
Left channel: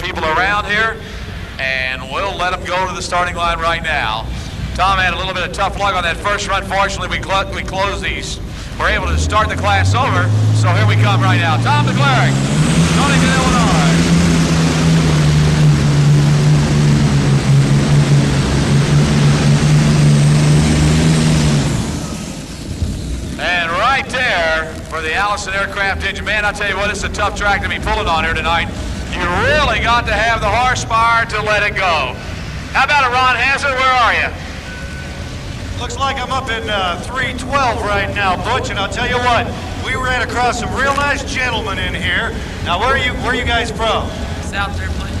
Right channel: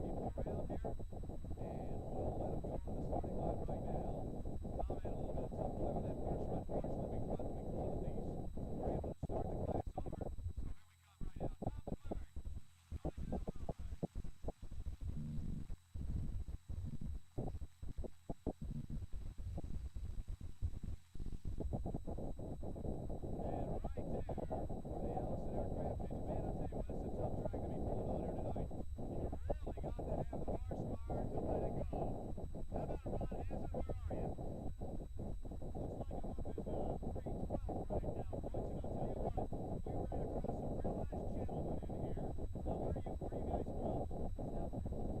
People around here, and we'll let him go to the starting line right now. Tom had a little bit of tough luck on that first run. Fortunately, we closed these. We're able to start the class over, so here we come right now. Tom DeCleric, Stonington, Illinois. And right there for the Allison aircraft engine. Man, I tell you what, it's a tough track to be pulling on here tonight. You really got to have the horsepower to let it go. How about it, Ron Hazard? Where are you? Looks like I'm up in 312 right now, Butch, and I'll tell you what, we ran across some real nice gentlemen in here. Now, where are you guys from? South there, please.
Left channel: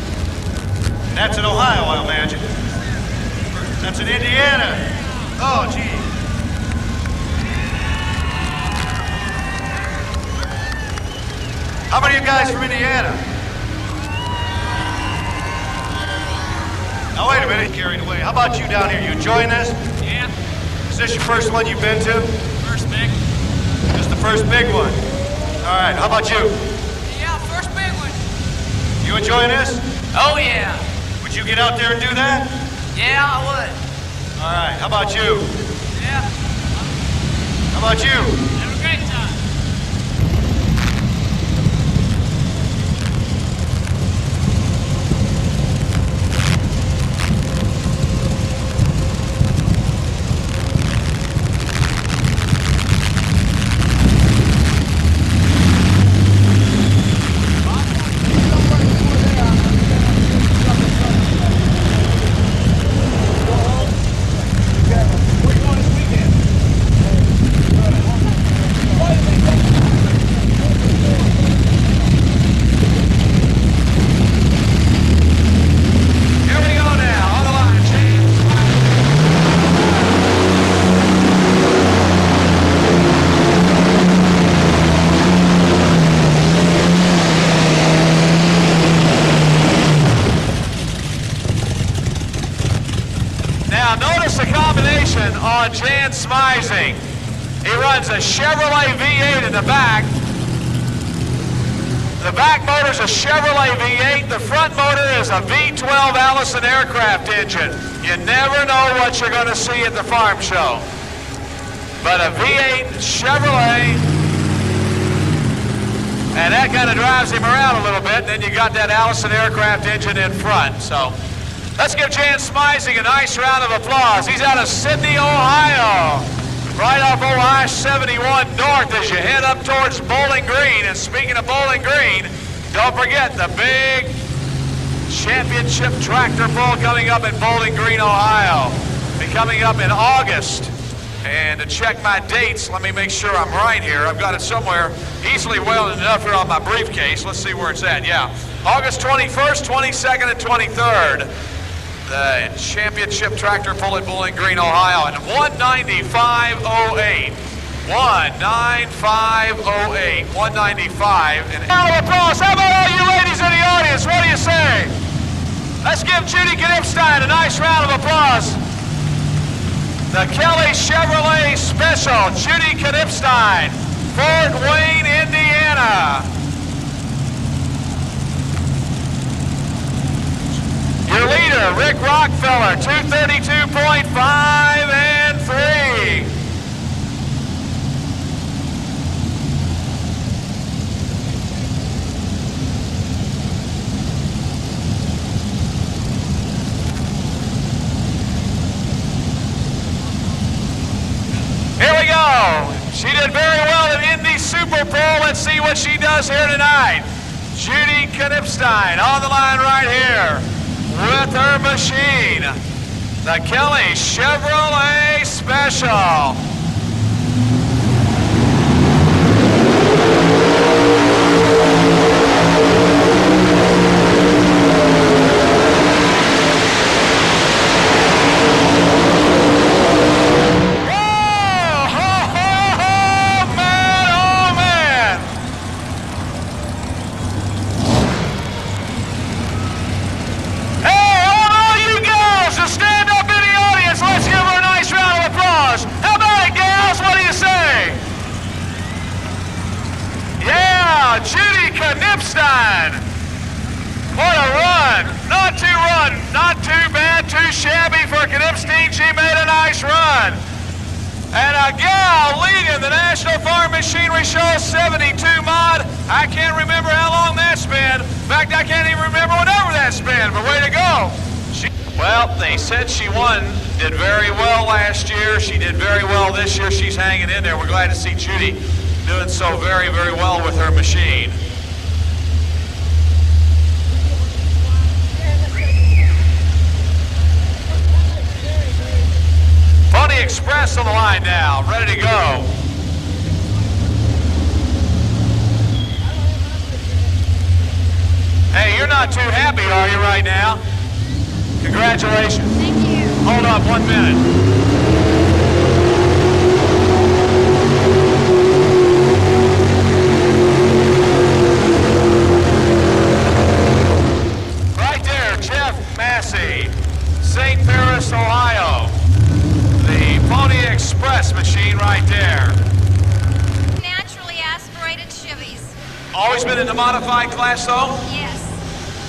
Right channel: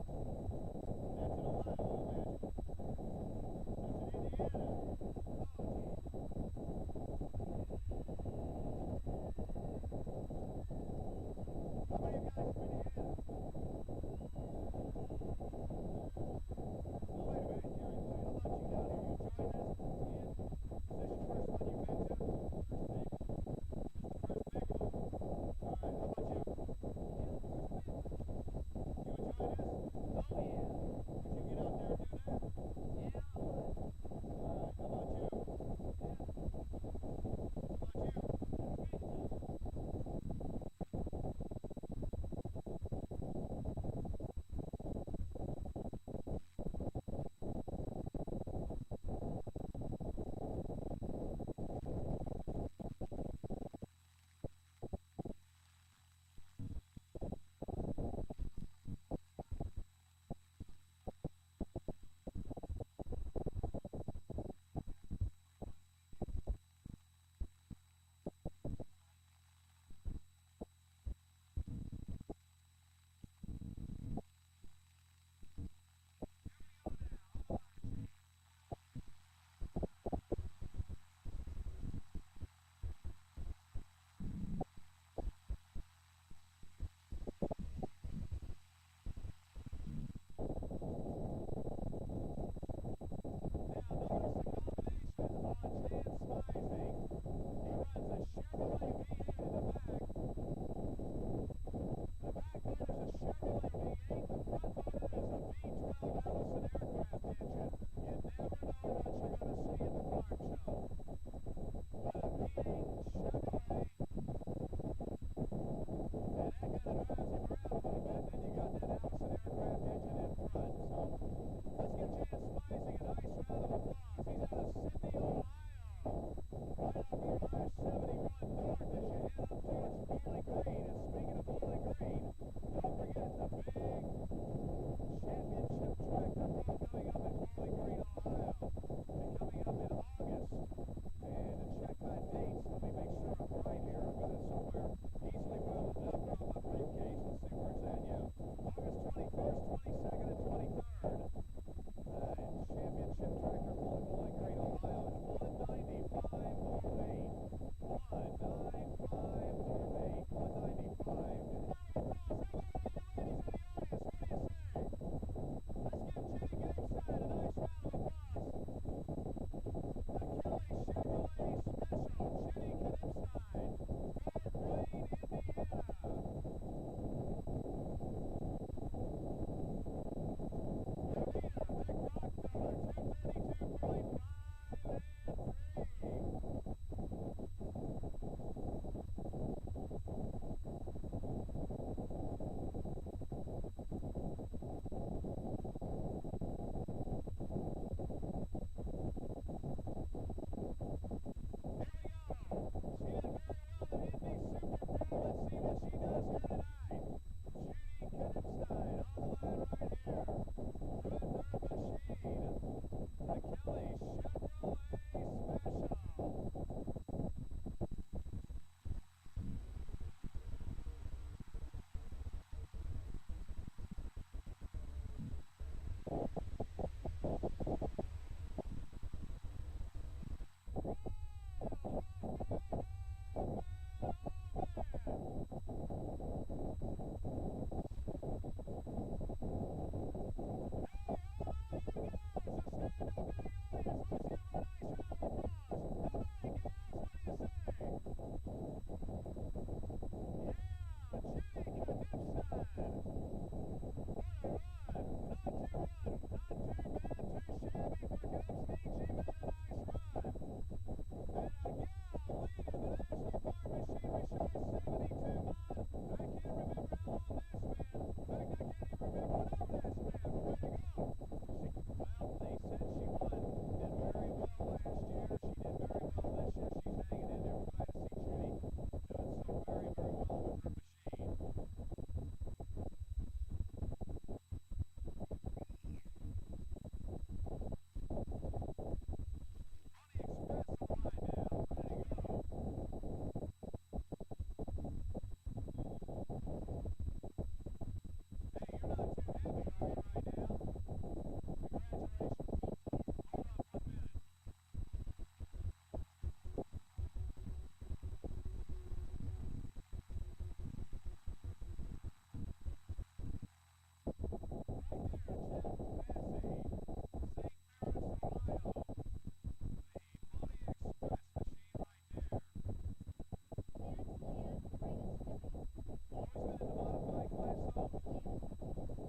And that's in Ohio, I imagine. That's in Indiana. Oh, gee. How many of you guys from Indiana? Now, wait a minute, carried away. How about you down here? You enjoying this? Yeah. Is this your first one you've been to? First big. Just the first big one. All right, how about you? Yeah, first big one. You enjoying this? Oh, yeah. Would you get out there and do that? Yeah, I would. All right, how about you? Yeah. How about you? Have a great time. Now notice the combination on Jan Smizing. He runs a Chevrolet V8 in the back. The back motor's a Chevrolet V8. The front motor is a V12 Allison aircraft engine. You never know what you're going to see at the farm show. But a V8 Chevrolet, and that kind of drives him around a little bit. Then you got that Allison aircraft engine in front. So let's give Jan Smizing a nice round of applause. He's out of Sydney, Ohio, right off Ohio 71 North as you head up towards Bowling Green. And speaking of Bowling Green, don't forget the big championship tractor pull coming up in Bowling Green, Ohio. Be coming up in August. And to check my dates, let me make sure I'm right here. I've got it somewhere easily well enough here on my briefcase. Let's see where it's at. Yeah, August 21st, 22nd, and 23rd. The championship tractor pull at Bowling Green, Ohio, and 195.08. 195.08. 195. And round of applause. How about all you ladies in the audience? What do you say? Let's give Judy Knipstein a nice round of applause. The Kelly Chevrolet Special, Judy Knipstein, Fort Wayne, Indiana. Your leader, Rick Rockefeller, 232.5 and 3. Here we go. She did very well in Indy Super Bowl. Let's see what she does here tonight. Judy Knipstein on the line right here with her machine. The Kelly Chevrolet Special. And a gal leading the National Farm Machinery Show 72 mod. I can't remember how long that's been. In fact, I can't even remember whatever that's been, but way to go. Well, they said she won, did very well last year. She did very well this year. She's hanging in there. We're glad to see Judy doing so very, very well with her machine. Pony Express on the line now, ready to go. Hey, you're not too happy, are you, right now? Congratulations. Thank you. Hold up 1 minute. Right there, Jeff Massey, St. Paris, Ohio. The Pony Express machine right there. Naturally aspirated Chevys. Always been in the modified class, though? Yes.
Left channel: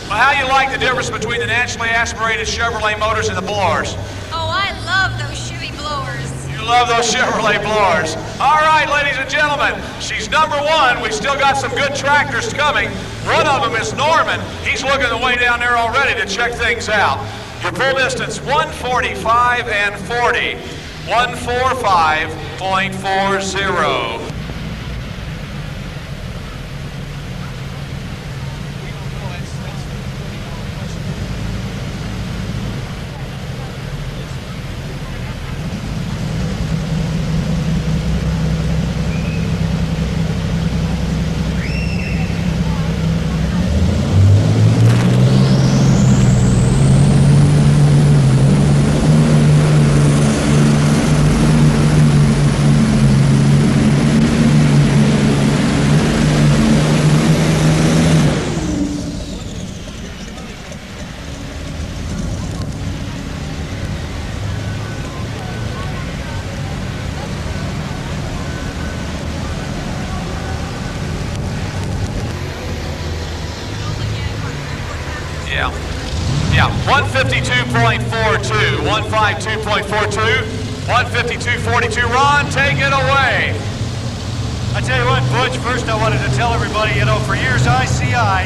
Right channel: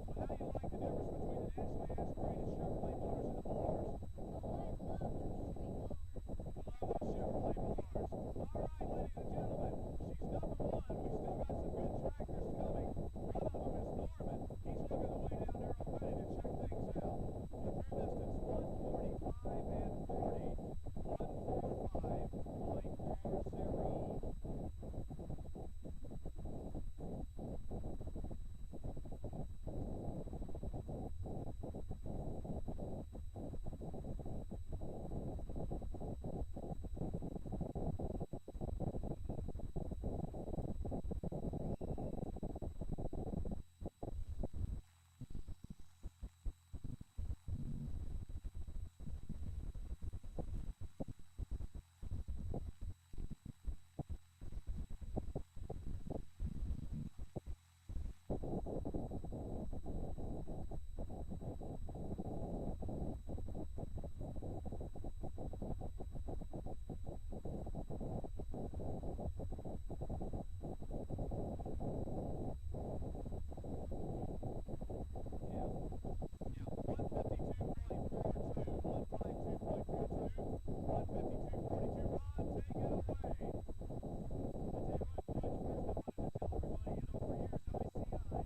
Well, how do you like the difference between the naturally aspirated Chevrolet motors and the blowers? Oh, I love those Chevy blowers. You love those Chevrolet blowers. All right, ladies and gentlemen, she's number one. We've still got some good tractors coming. One of them is Norman. He's looking the way down there already to check things out. Your pull distance, 145 and 40. 145.40. Yeah, 152.42, 152.42, 152.42. Ron, take it away. I tell you what, Butch, first I wanted to tell everybody, you know, for years ICI,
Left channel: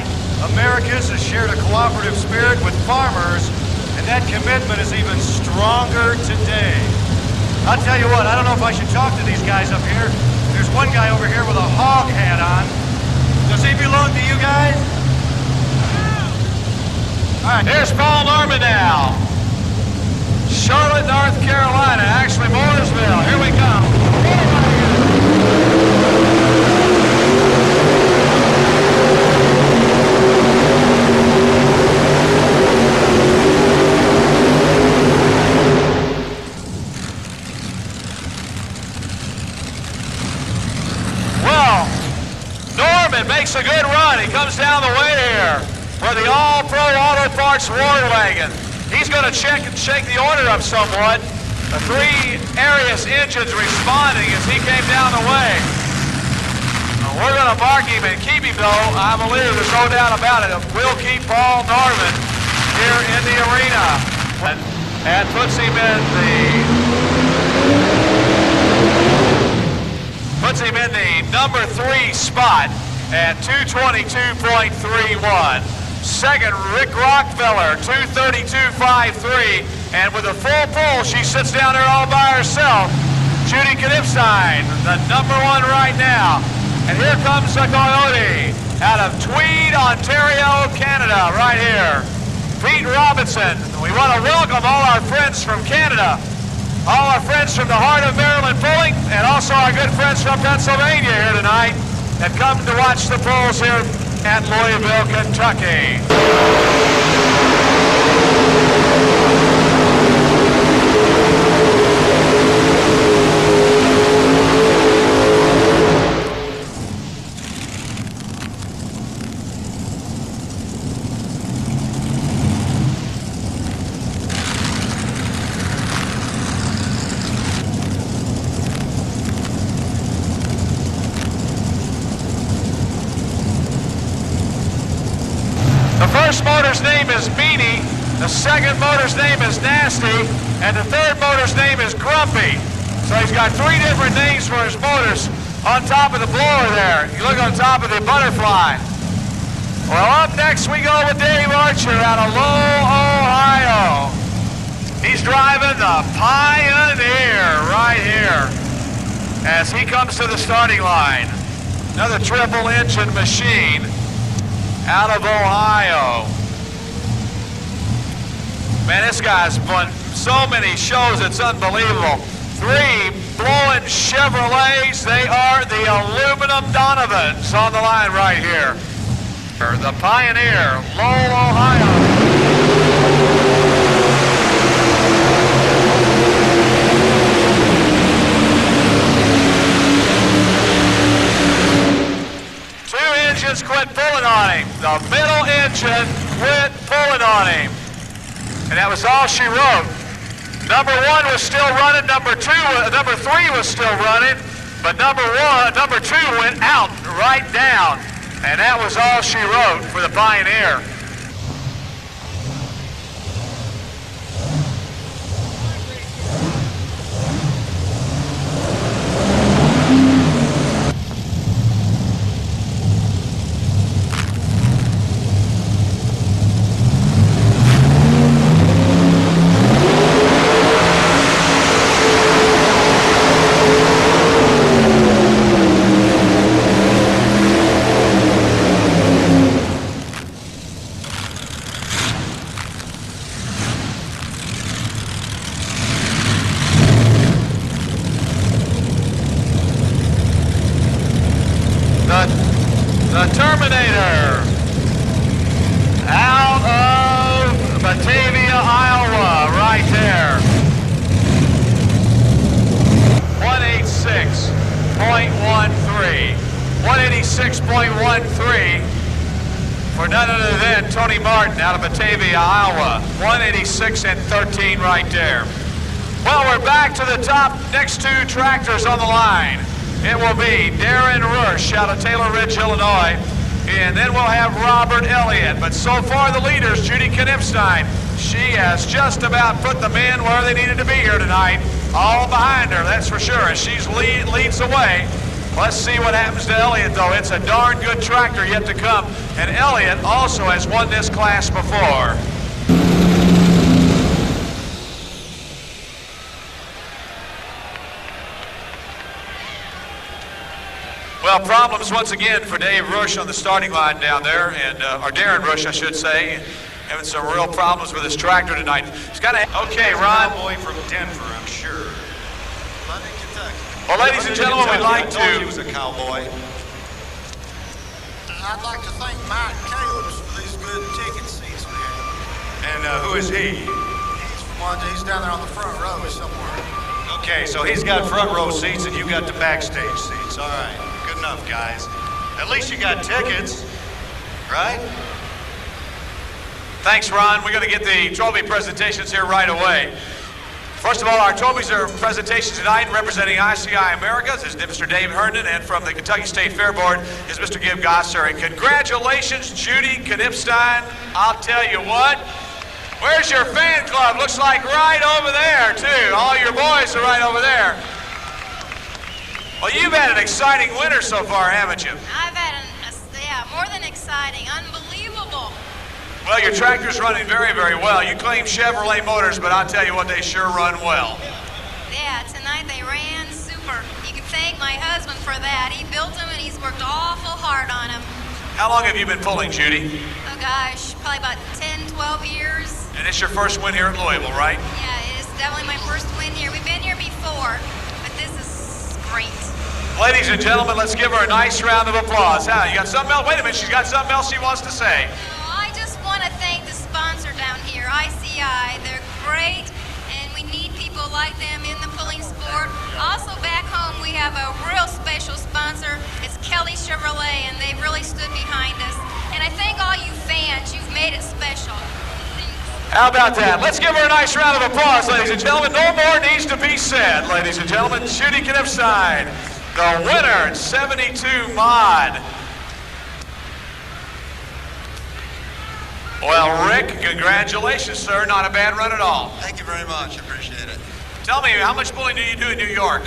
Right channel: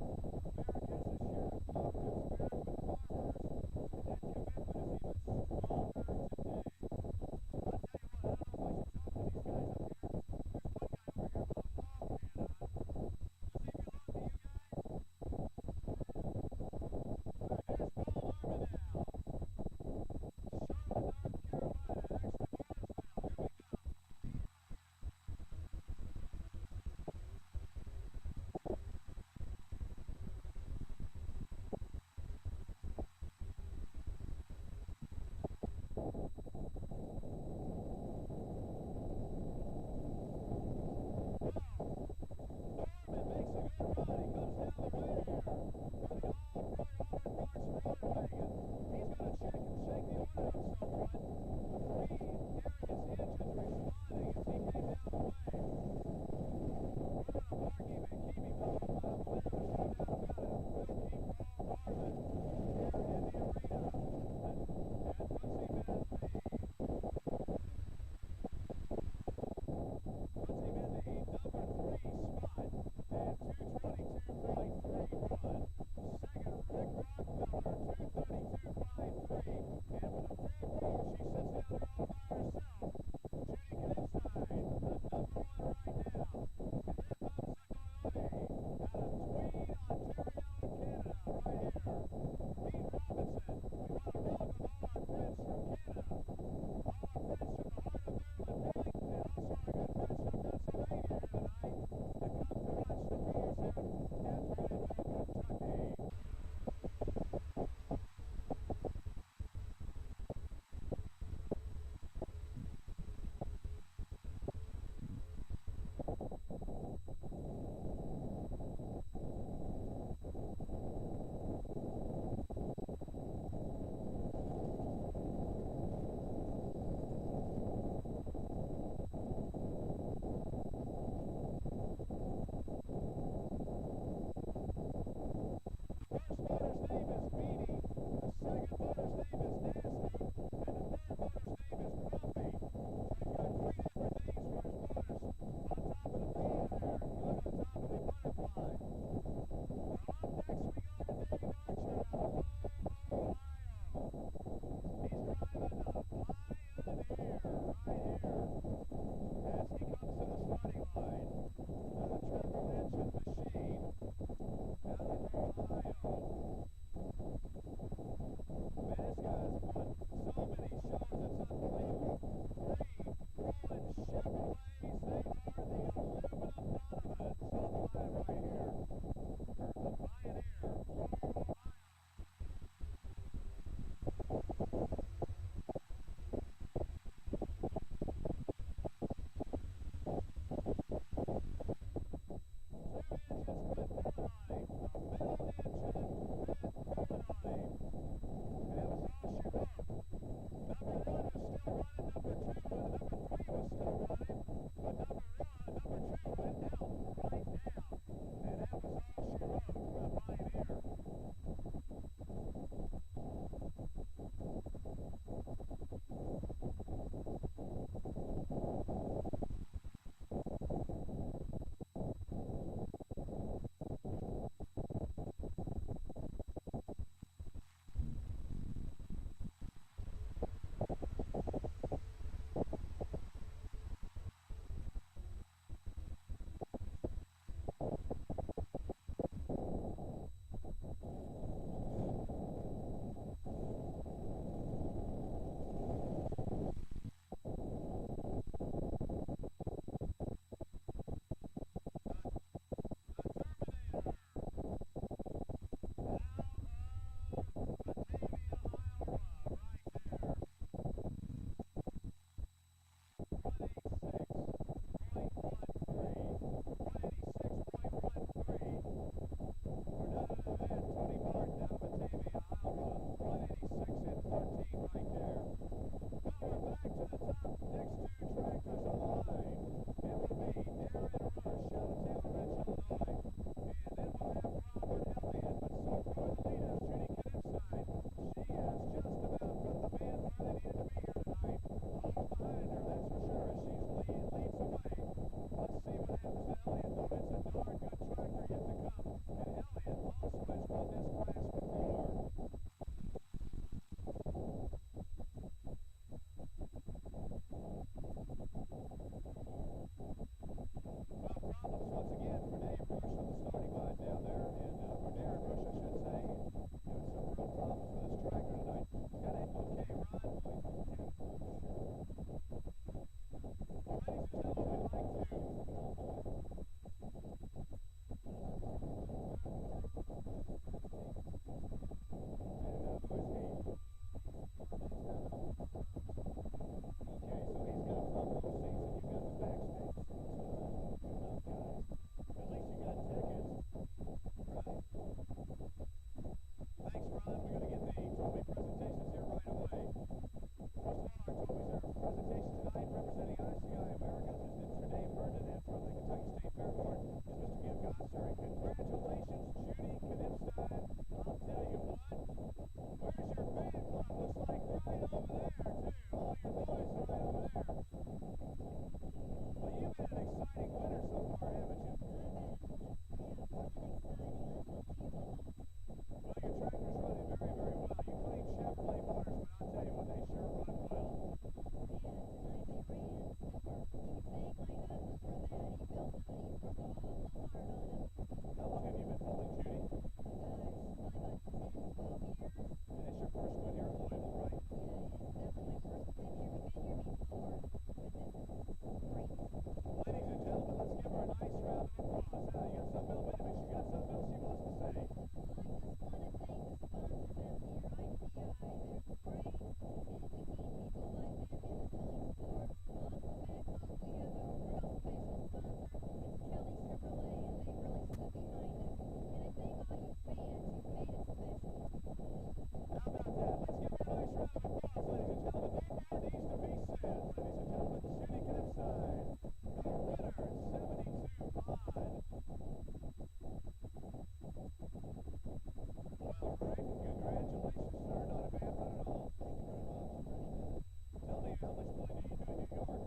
Americans has shared a cooperative spirit with farmers, and that commitment is even stronger today. I'll tell you what, I don't know if I should talk to these guys up here. There's one guy over here with a hog hat on. Does he belong to you guys? All right, here's Paul Norman now. Charlotte, North Carolina, actually Mooresville. Here we come. Well, Norman makes a good run. He comes down the way here for the All-Pro Auto Parts War Wagon. He's going to check and shake the order up somewhat. The three Arius engines responding as he came down the way. We're going to mark him and keep him, though. I believe there's no doubt about it. We'll keep Paul Norman here in the arena and puts him in the number 3 spot at 222.31. Second, Rick Rockefeller, 232.53. And with a full pull, she sits down there all by herself. Judy Knipstein, the number 1 right now. And here comes the Coyote out of Tweed, Ontario, Canada, right here. Pete Robinson. We want to welcome all our friends from Canada, all our friends from the heart of Maryland pulling, and also our good friends from Pennsylvania here tonight that come to watch the pulls here at Louisville, Kentucky. The first motor's name is Beanie, the second motor's name is Nasty, and the third motor's name is Grumpy. So he's got 3 different names for his motors on top of the blower there. You look on top of the butterfly. Well, up next we go with Dave Archer out of Lowell, Ohio. He's driving the Pioneer right here as he comes to the starting line. Another triple engine machine out of Ohio. Man, this guy's won so many shows, it's unbelievable. 3 blowing Chevrolets. They are the aluminum Donovans on the line right here. The Pioneer, Lowell, Ohio. Engines quit pulling on him. The middle engine quit pulling on him. And that was all she wrote. Number 1 was still running, number 3 was still running, but number 2 went out right down. And that was all she wrote for the Pioneer. The Terminator out of Batavia, Iowa, right there. 186.13. 186.13 for none other than Tony Martin out of Batavia, Iowa. 186.13 right there. Well, we're back to the top next 2 tractors on the line. It will be Darren Rush out of Taylor Ridge, Illinois, and then we'll have Robert Elliott. But so far the leaders, Judy Knipstein, she has just about put the men where they needed to be here tonight. All behind her, that's for sure, as she leads the way. Let's see what happens to Elliott, though. It's a darn good tractor yet to come, and Elliott also has won this class before. Well, problems once again for Dave Rush on the starting line down there, and or Darren Rush, I should say, having some real problems with his tractor tonight. He's got to. Okay, Ron. Cowboy from Denver, I'm sure. London, Kentucky. Well, ladies and gentlemen, we'd like I told you to. he was a cowboy. I'd like to thank Mike Caleb's for these good ticket seats we have. And who is he? He's down there on the front row somewhere. Okay, so he's got front row seats and you got the backstage seats. All right, good enough, guys. At least you got tickets, right? Thanks, Ron. We're going to get the trophy presentations here right away. First of all, our trophies are presentations tonight representing ICI Americas is Mr. Dave Herndon, and from the Kentucky State Fair Board is Mr. Gib Gosser. And congratulations, Judy Knipstein. I'll tell you what. Where's your fan club? Looks like right over there, too. All your boys are right over there. Well, you've had an exciting winter so far, haven't you? I've had more than exciting, unbelievable. Well, your tractor's running very, very well. You claim Chevrolet motors, but I'll tell you what, they sure run well. Yeah, tonight they ran super. You can thank my husband for that. He built them and he's worked awful hard on them. How long have you been pulling, Judy? Oh gosh, probably about 10, 12 years. And it's your first win here at Louisville, right? Yeah, it is definitely my first win here. We've been here before, but this is great. Ladies and gentlemen, let's give her a nice round of applause. How, you got something else? Wait a minute, she's got something else she wants to say. I just want to thank the sponsor down here, ICI. They're great, and we need people like them in the pulling sport. Also back home, we have a real special sponsor. It's Kelly Chevrolet, and they really stood behind us. And I thank all you fans. You've made it special. How about that? Let's give her a nice round of applause, ladies and gentlemen. No more needs to be said, ladies and gentlemen. Judy Knipstein, the winner in 72 mod. Well, Rick, congratulations, sir. Not a bad run at all. Thank you very much. Appreciate it. Tell me, how much pulling do you do in New York?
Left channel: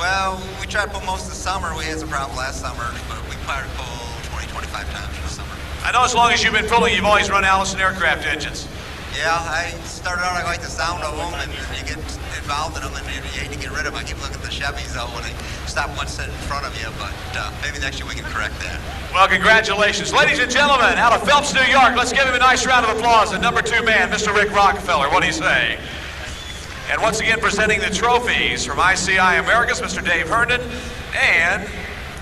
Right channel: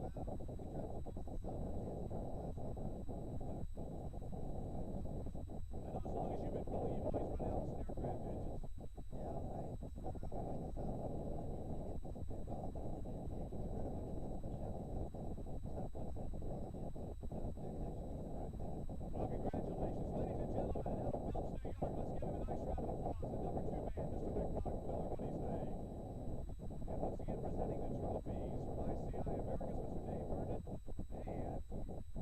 Well, we tried to pull most of the summer. We had some problem last summer, but we probably pull 20, 25 times for the summer. I know as long as you've been pulling, you've always run Allison aircraft engines. Yeah, I started out, I like the sound of them, and you get involved in them, and you hate to get rid of them. I keep looking at the Chevys, though, when they stop one set in front of you, but maybe next year we can correct that. Well, congratulations. Ladies and gentlemen, out of Phelps, New York, let's give him a nice round of applause. The number 2 man, Mr. Rick Rockefeller. What do you say? And once again, presenting the trophies from ICI Americas, Mr. Dave Herndon, and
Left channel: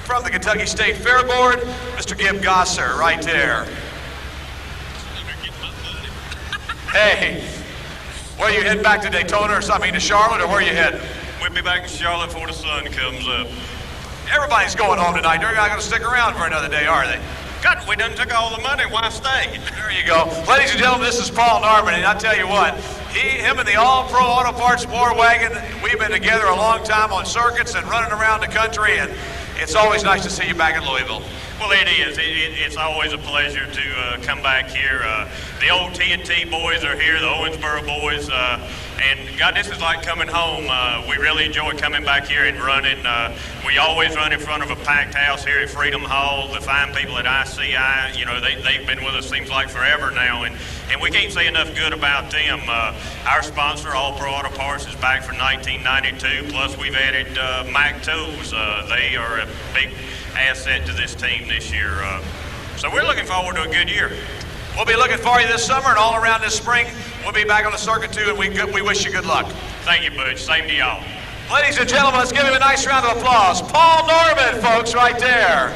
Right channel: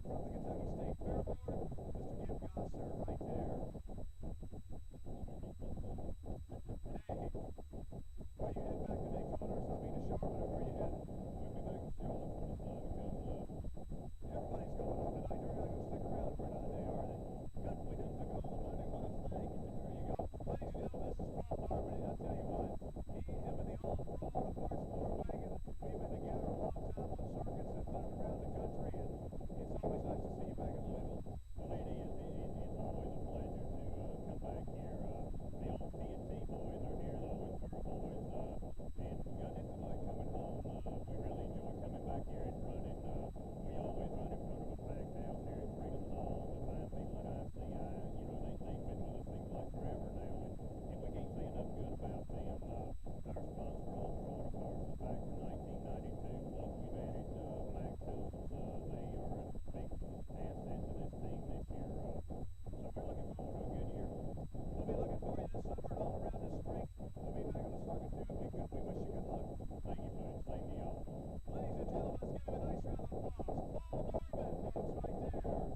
from the Kentucky State Fair Board, Mr. Gib Gosser, right there. Hey, where you heading back to Daytona or something, to Charlotte, or where you heading? We'll be back in Charlotte before the sun comes up. Everybody's going home tonight. They're not going to stick around for another day, are they? God, we done took all the money. Why stay? There you go. Ladies and gentlemen, this is Paul Norman, and I tell you what, him and the All-Pro Auto Parts War Wagon, we've been together a long time on circuits and running around the country, and it's always nice to see you back in Louisville. Well, it is. It's always a pleasure to come back here. The old TNT boys are here, the Owensboro boys, and God, this is like coming home. We really enjoy coming back here and running. We always run in front of a packed house here at Freedom Hall. The fine people at ICI, you know, they've been with us seems like forever now, and we can't say enough good about them. Our sponsor, All Pro Auto Parts, is back for 1992, plus we've added Mac Tools. They are a big asset to this team this year. So we're looking forward to a good year. We'll be looking for you this summer and all around this spring. We'll be back on the circuit too, and we wish you good luck. Thank you, Butch. Same to y'all. Ladies and gentlemen, let's give him a nice round of applause. Paul Norman, folks, right there.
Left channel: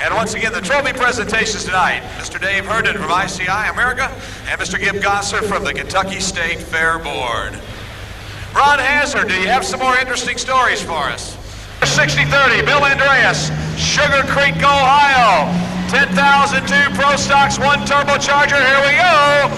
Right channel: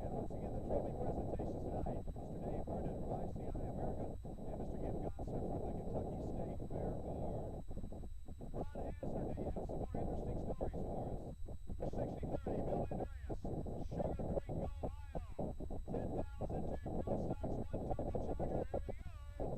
And once again, the trophy presentations tonight, Mr. Dave Herndon from ICI America and Mr. Gib Gosser from the Kentucky State Fair Board. Ron Hazard, do you have some more interesting stories for us? 6030, Bill Andreas, Sugar Creek, Ohio. 10,002 Pro Stocks, 1 turbocharger. Here we go.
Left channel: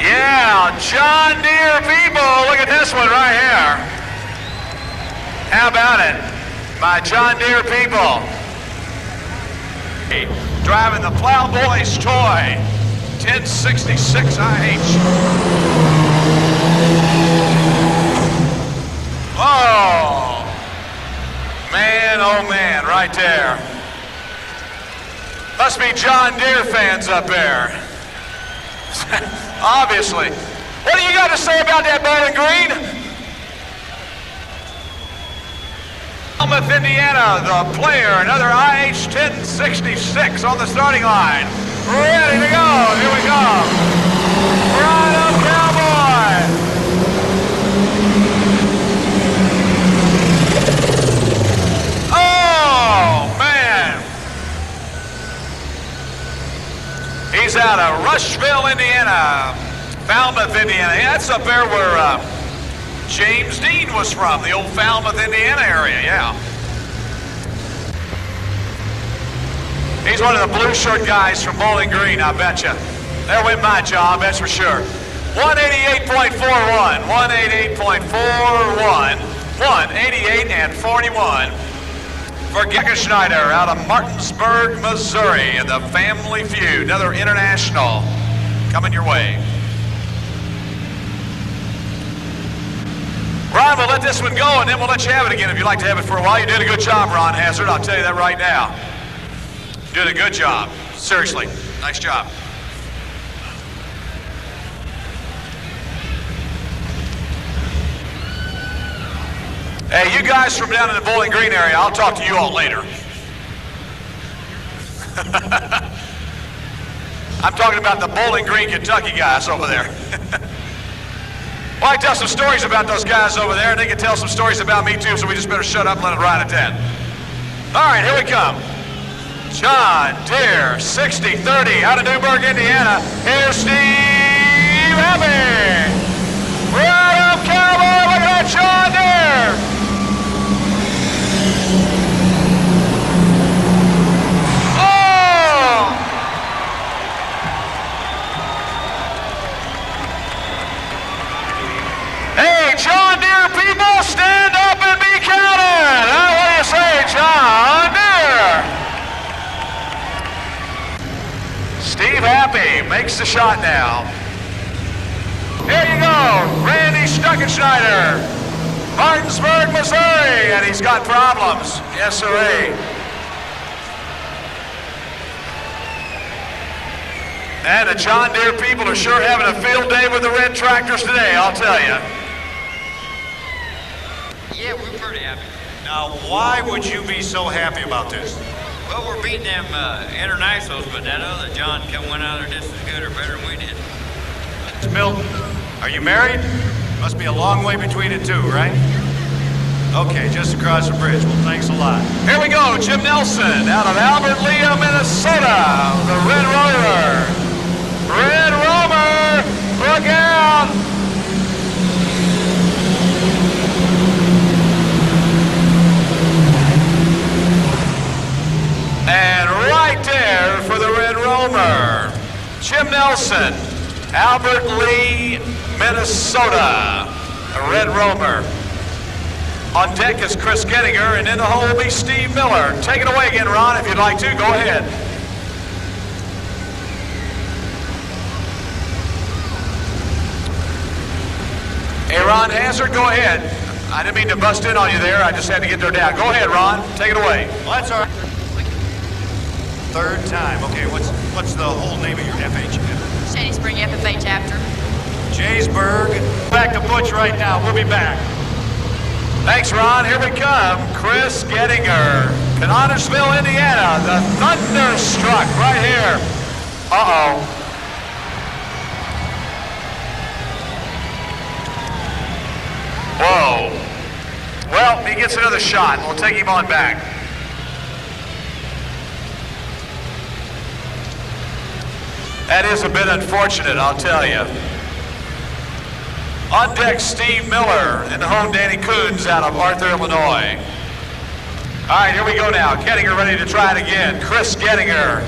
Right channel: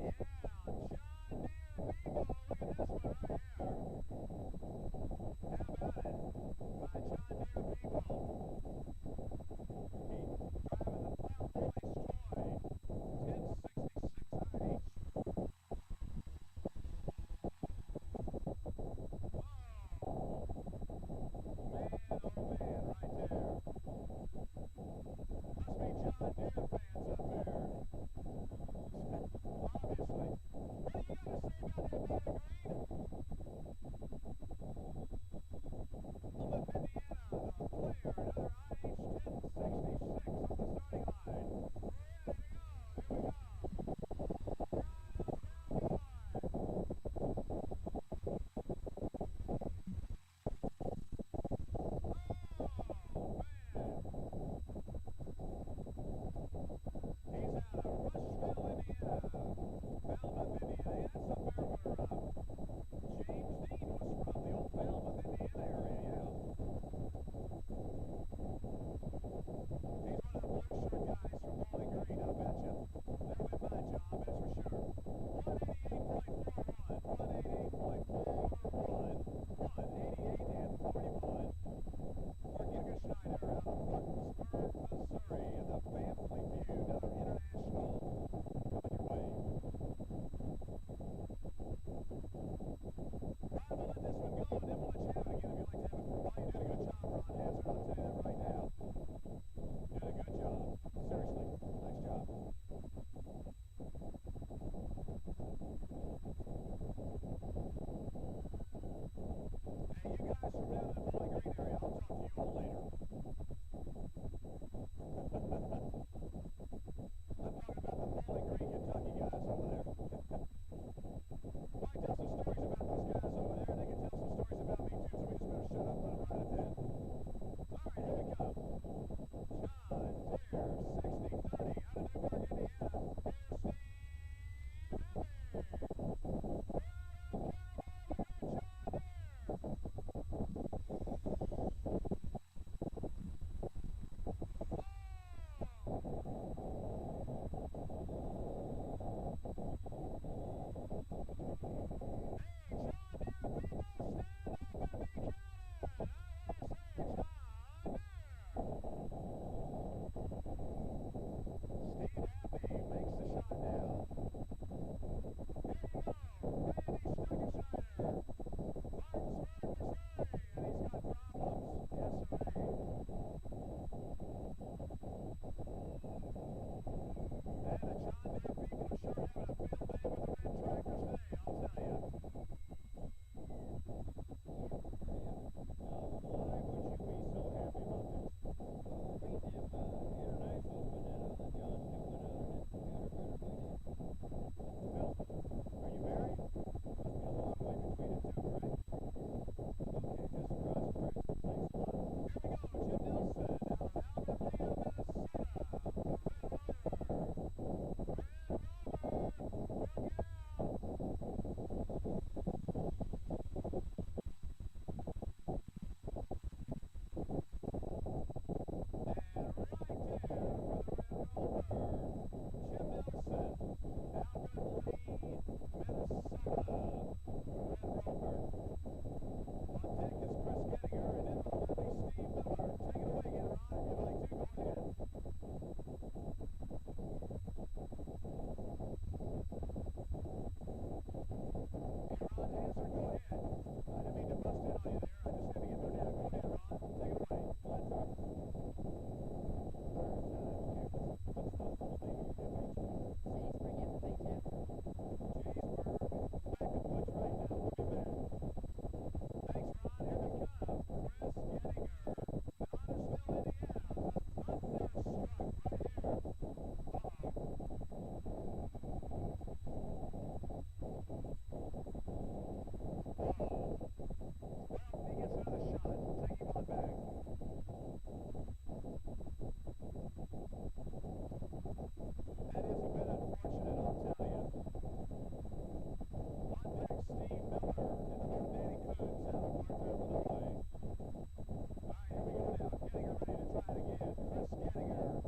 Yeah, John Deere people. Look at this one right here. How about it? My John Deere people. Driving the Plowboy's toy, 1066 IH. Oh man, right there. Must be John Deere fans up there. Obviously. What do you got to say about that Bowling Green? Falmouth, Indiana, the player, another IH 1066 on the starting line. Ready to go. Here we go. Right up, Cowboy. Oh, man. He's out of Rushville, Indiana. Falmouth, Indiana. Yeah, that's up there where James Dean was from, the old Falmouth, Indiana area, yeah. He's one of the blue shirt guys from Bowling Green, I bet you. There went my job, that's for sure. 188.41, 188.41, 188 and 41 for Gecko Schneider out of Martinsburg, Missouri, and the Family Feud, another international coming your way. Ron, we'll let this one go, and then we'll let you have it again if you'd like to have it for a while. You did a good job, Ron Hazard. I'll tell you that right now. You did a good job. Seriously. Nice job. Hey, you guys from down in the Bowling Green area, I'll talk to you all later. I'm talking about the Bowling Green, Kentucky guys over there. Well, I tell some stories about those guys over there, and they can tell some stories about me too, so we just better shut up and let it ride at that. All right, here we come. John Deere, 6030 out of Newburgh, Indiana. Here's Steve Abbey. Right up, Cowboy, look at that John Deere. takes the shot now. Here you go, Randy Stuckenschneider, Martinsburg, Missouri, and he's got problems. Yes, sirree. And the John Deere people are sure having a field day with the red tractors today, I'll tell you. Yeah, we're pretty happy. Now, why would you be so happy about this? Well, we're beating them internationals, but that other John went out there just as good or better than we did. Miss Milton, are you married? Must be a long way between the two, right? Okay, just across the bridge. Well, thanks a lot. Here we go, Jim Nelson out of Albert Lea, Minnesota, the Red Rover. Red Rover, look out! And right there for the Red Rover, Jim Nelson, Albert Lea, Minnesota, a Red Rover. On deck is Chris Gettinger, and in the hole will be Steve Miller. Take it away again, Ron, if you'd like to. Go ahead. Hey, Ron Hazard, go ahead. I didn't mean to bust in on you there. I just had to get there down. Go ahead, Ron. Take it away. Well, that's all right. Third time. Okay, what's the whole name of your FH? Shady Spring FFA chapter. Jaysburg. Back to Butch right now. We'll be back. Thanks, Ron. Here we come. Chris Gettinger, Connorsville, Indiana. The Thunderstruck right here. Uh-oh. Whoa. Well, he gets another shot. We'll take him on back. That is a bit unfortunate, I'll tell you. On deck, Steve Miller. In the home, Danny Coons out of Arthur, Illinois. All right, here we go now. Gettinger ready to try it again. Chris Gettinger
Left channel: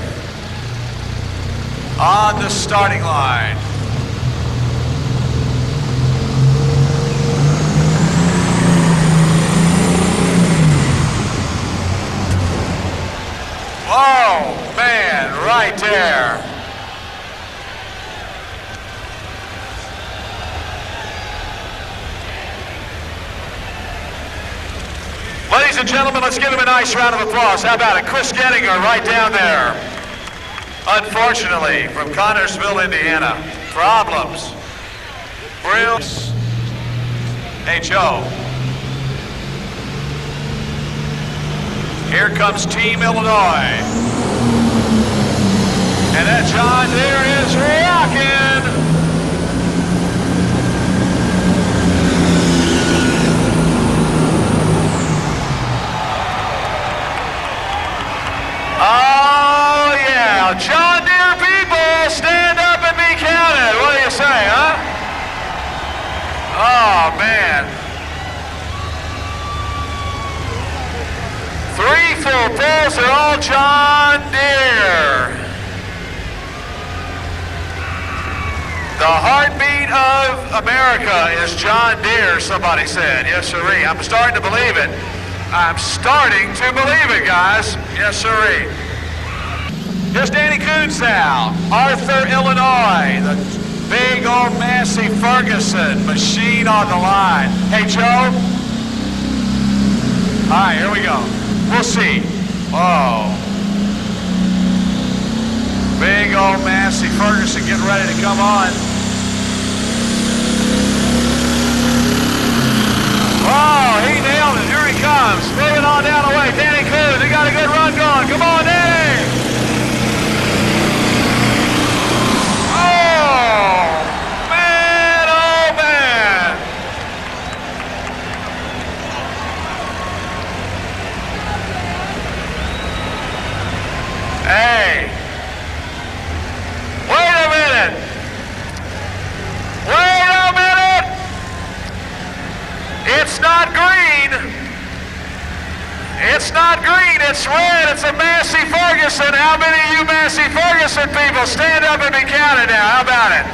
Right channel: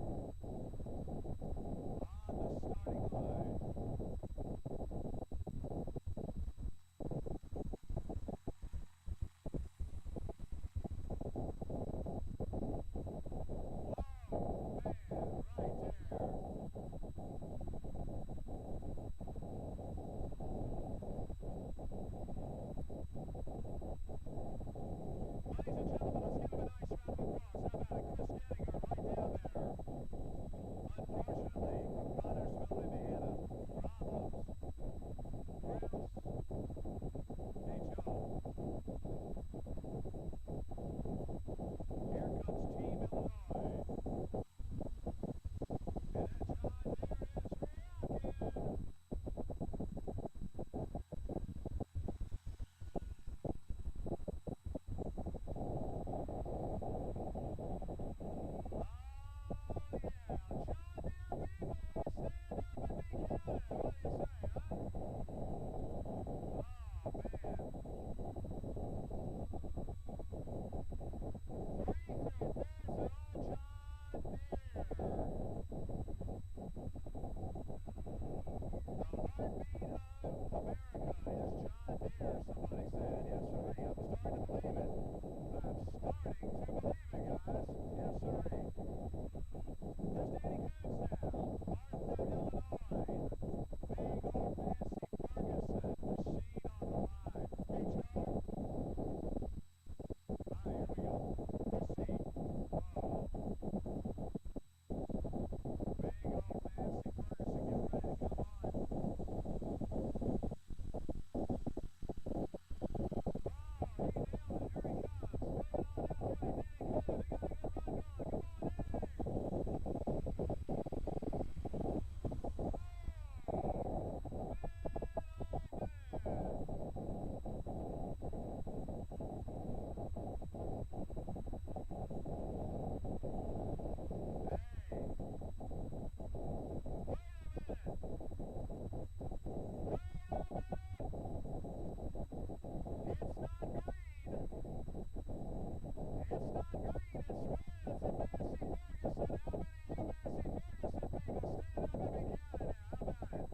on the starting line. Whoa, man, right there. Ladies and gentlemen, let's give him a nice round of applause. How about it? Chris Gettinger right down there. Unfortunately, from Connorsville, Indiana. Problems. Brills. H.O. Here comes Team Illinois. And that John Deere is rocking. Oh, yeah. John Deere people, stand up and be counted. What do you say, huh? Oh, man. 3 full pulls are all John Deere. The heartbeat of America is John Deere, somebody said. Yes, sirree. I'm starting to believe it. I'm starting to believe it, guys. Yes, sirree. Here's Danny Coons now. Arthur, Illinois. The big old Massey Ferguson machine on the line. Hey, Joe. All right, here we go. We'll see. Oh. Big old Massey Ferguson getting ready to come on. Oh, he nailed it. Here he comes. Moving on down the way. Danny Coons, he got a good run going. Come on, Danny. Oh, man, oh, man. Hey. Wait a minute. Wait a minute. It's not green. It's not green, it's red. It's a Massey Ferguson. How many of you Massey Ferguson people stand up and be counted now? How about it?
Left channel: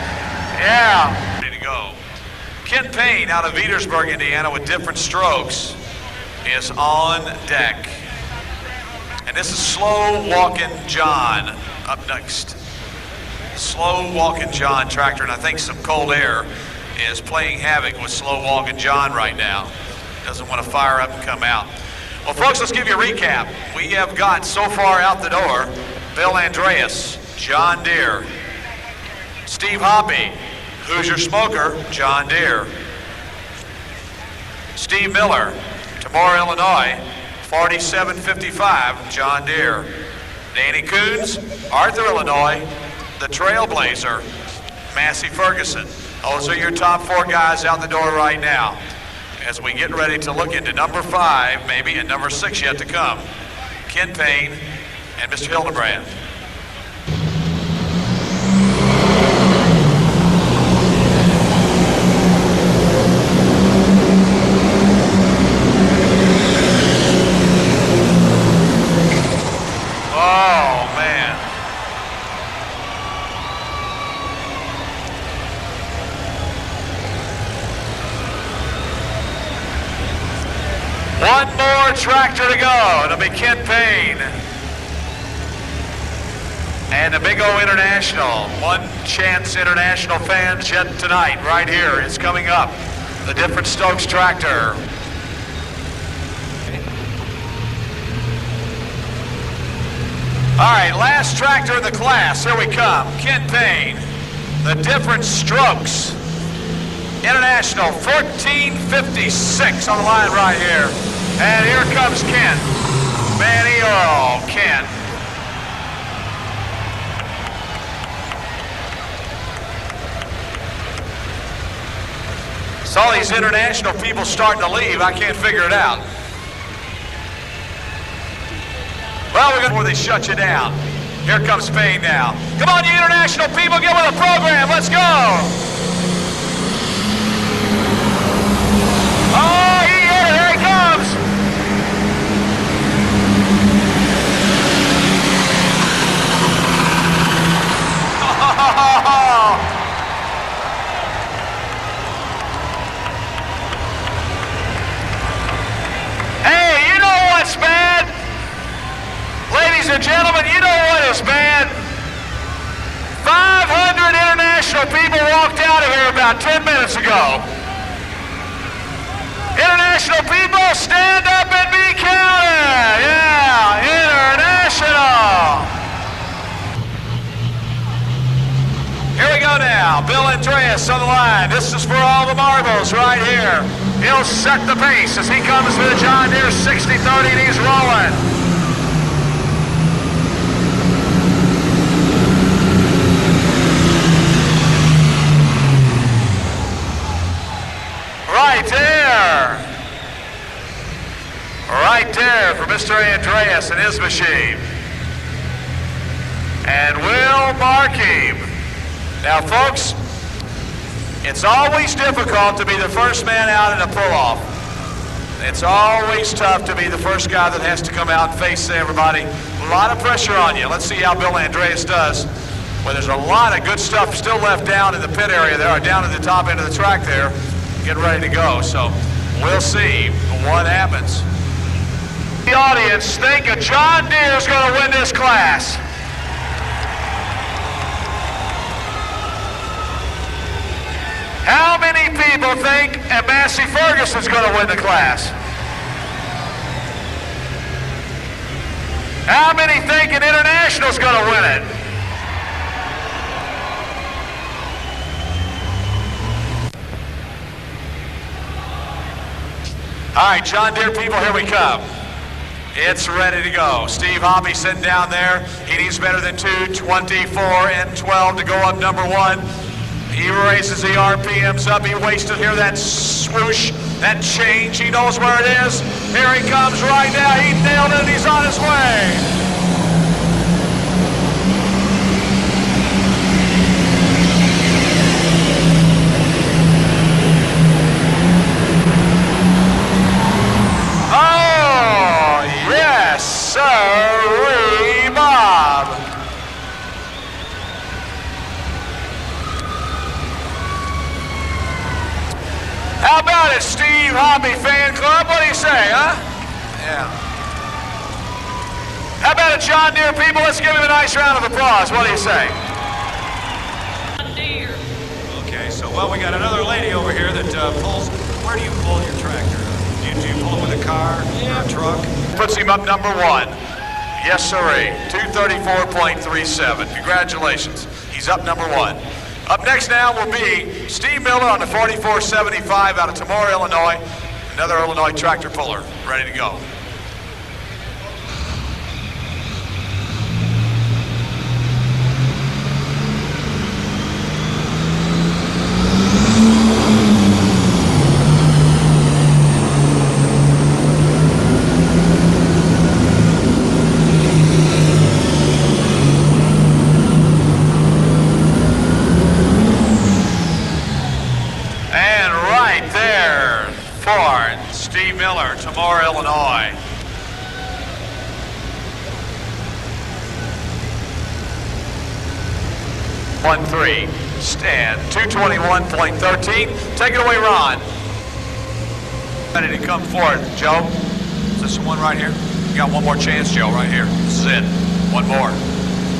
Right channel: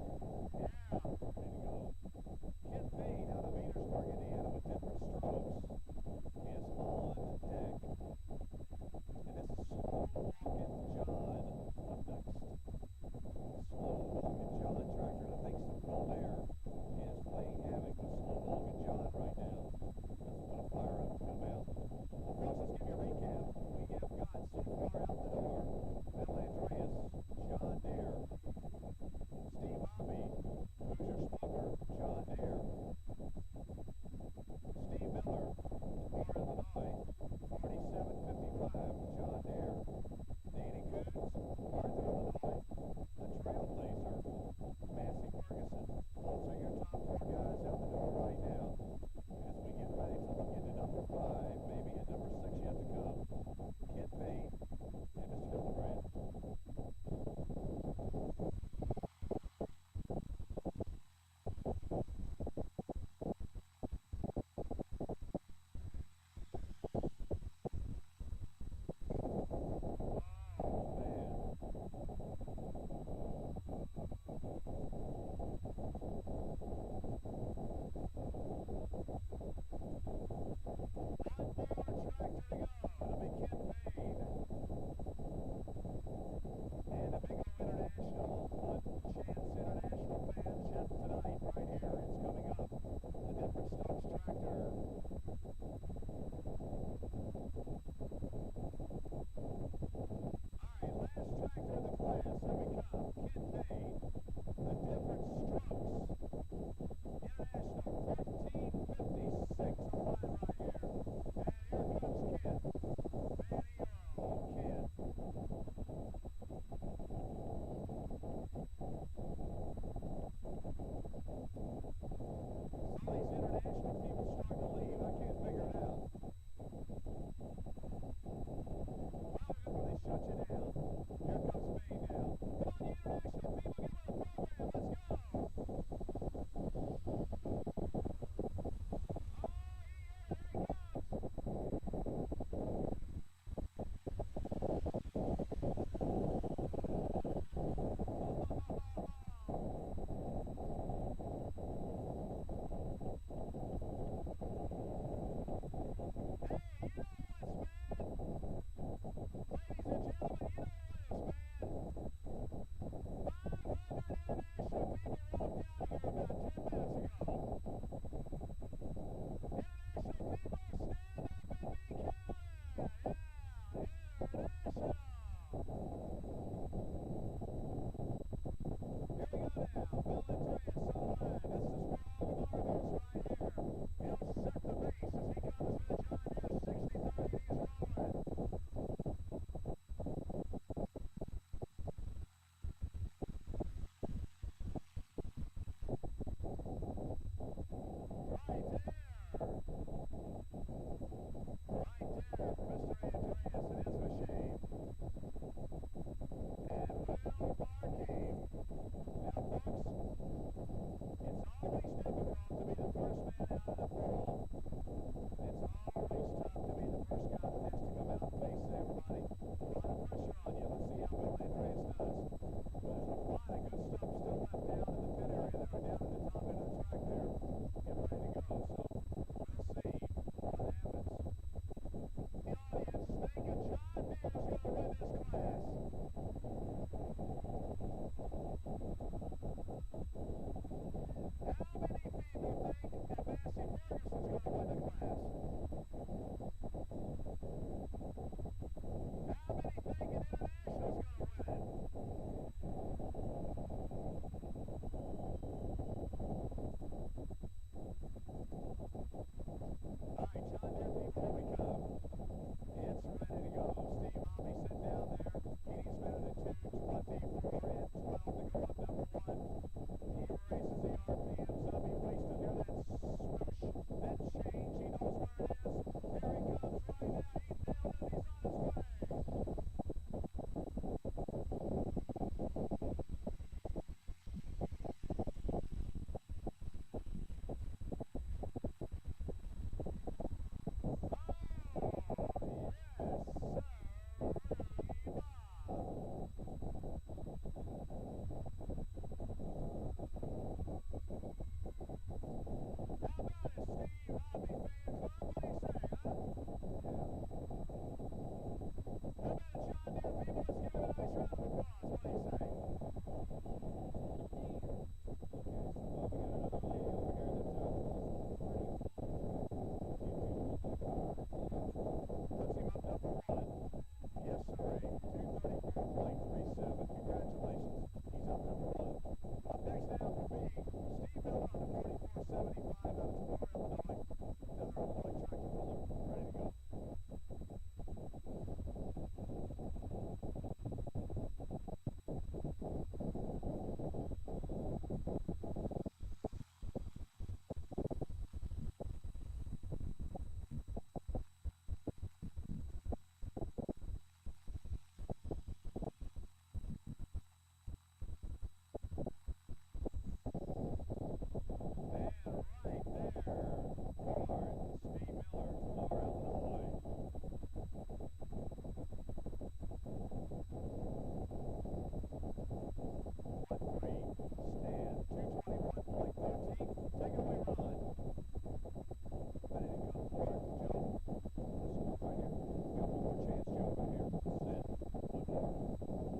Yeah. Ready to go. Ken Payne out of Petersburg, Indiana with different strokes is on deck. And this is slow walking John up next. Slow Walking John tractor, and I think some cold air is playing havoc with Slow Walking John right now. Doesn't want to fire up and come out. Well, folks, let's give you a recap. We have got so far out the door Bill Andreas, John Deere, Steve Hoppy, Hoosier Smoker, John Deere, Steve Miller, Tamora, Illinois, 4755, John Deere, Danny Coons, Arthur, Illinois, the Trailblazer, Massey Ferguson. Those are your top 4 guys out the door right now as we get ready to look into number 5 maybe and number 6 yet to come, Ken Payne and Mr. Hildebrand. Oh, man. One more tractor to go. It'll be Ken Payne. And the Big O International. One Chance International fans yet tonight, right here. It's coming up. The Different Stokes tractor. All right, last tractor in the class. Here we come. Ken Payne, the Different Strokes International, 1456 on the line right here. And here comes Ken. Manny Earl, Ken. Saw these international people starting to leave. I can't figure it out. Well, we're going before they shut you down. Here comes Payne now. Come on, you international people, get with the program. Let's go. Oh, here he comes. Oh. Hey, you know what's bad? Ladies and gentlemen, you know what is bad? 500 international people walked out of here about 10 minutes ago. International people, stand up and be counted. Yeah, international. Here we go now. Bill Andreas on the line. This is for all the marbles right here. He'll set the pace as he comes to the John Deere 60-30 and he's rolling. Right there. Right there for Mr. Andreas and his machine. And we'll mark him. Now, folks, it's always difficult to be the first man out in a pull-off. It's always tough to be the first guy that has to come out and face everybody. A lot of pressure on you. Let's see how Bill Andreas does. Well, there's a lot of good stuff still left down in the pit area there, or down at the top end of the track there, getting ready to go. So we'll see what happens. The audience think a John Deere is going to win this class. How many people think a Massey Ferguson's going to win the class? How many think an International's going to win it? All right, John Deere people, here we come. It's ready to go. Steve Hoppy sitting down there. He needs better than 2:24 and 12 to go up number 1. He raises the RPMs up. He waits to hear that swoosh, that change. He knows where it is. Here he comes right now. He nailed it. He's on his way. Sorry, Bob. How about it, Steve Hoppy Fan Club? What do you say, huh? Yeah. How about it, John Deere people? Let's give him a nice round of applause. What do you say? Well, we got another lady over here that pulls. Where do you pull your tractor? Do you pull it with a car or a truck? Puts him up number one. Yes, sirree. 234.37. Congratulations. He's up number one. Up next now will be Steve Miller on the 4475 out of Tamora, Illinois. Another Illinois tractor puller, ready to go. Steve Miller, Tamora, Illinois. .13, stand, 221.13. Take it away, Ron. Ready to come forward, Joe. Is this the one right here? You got one more chance, Joe, right here. This is it. One more.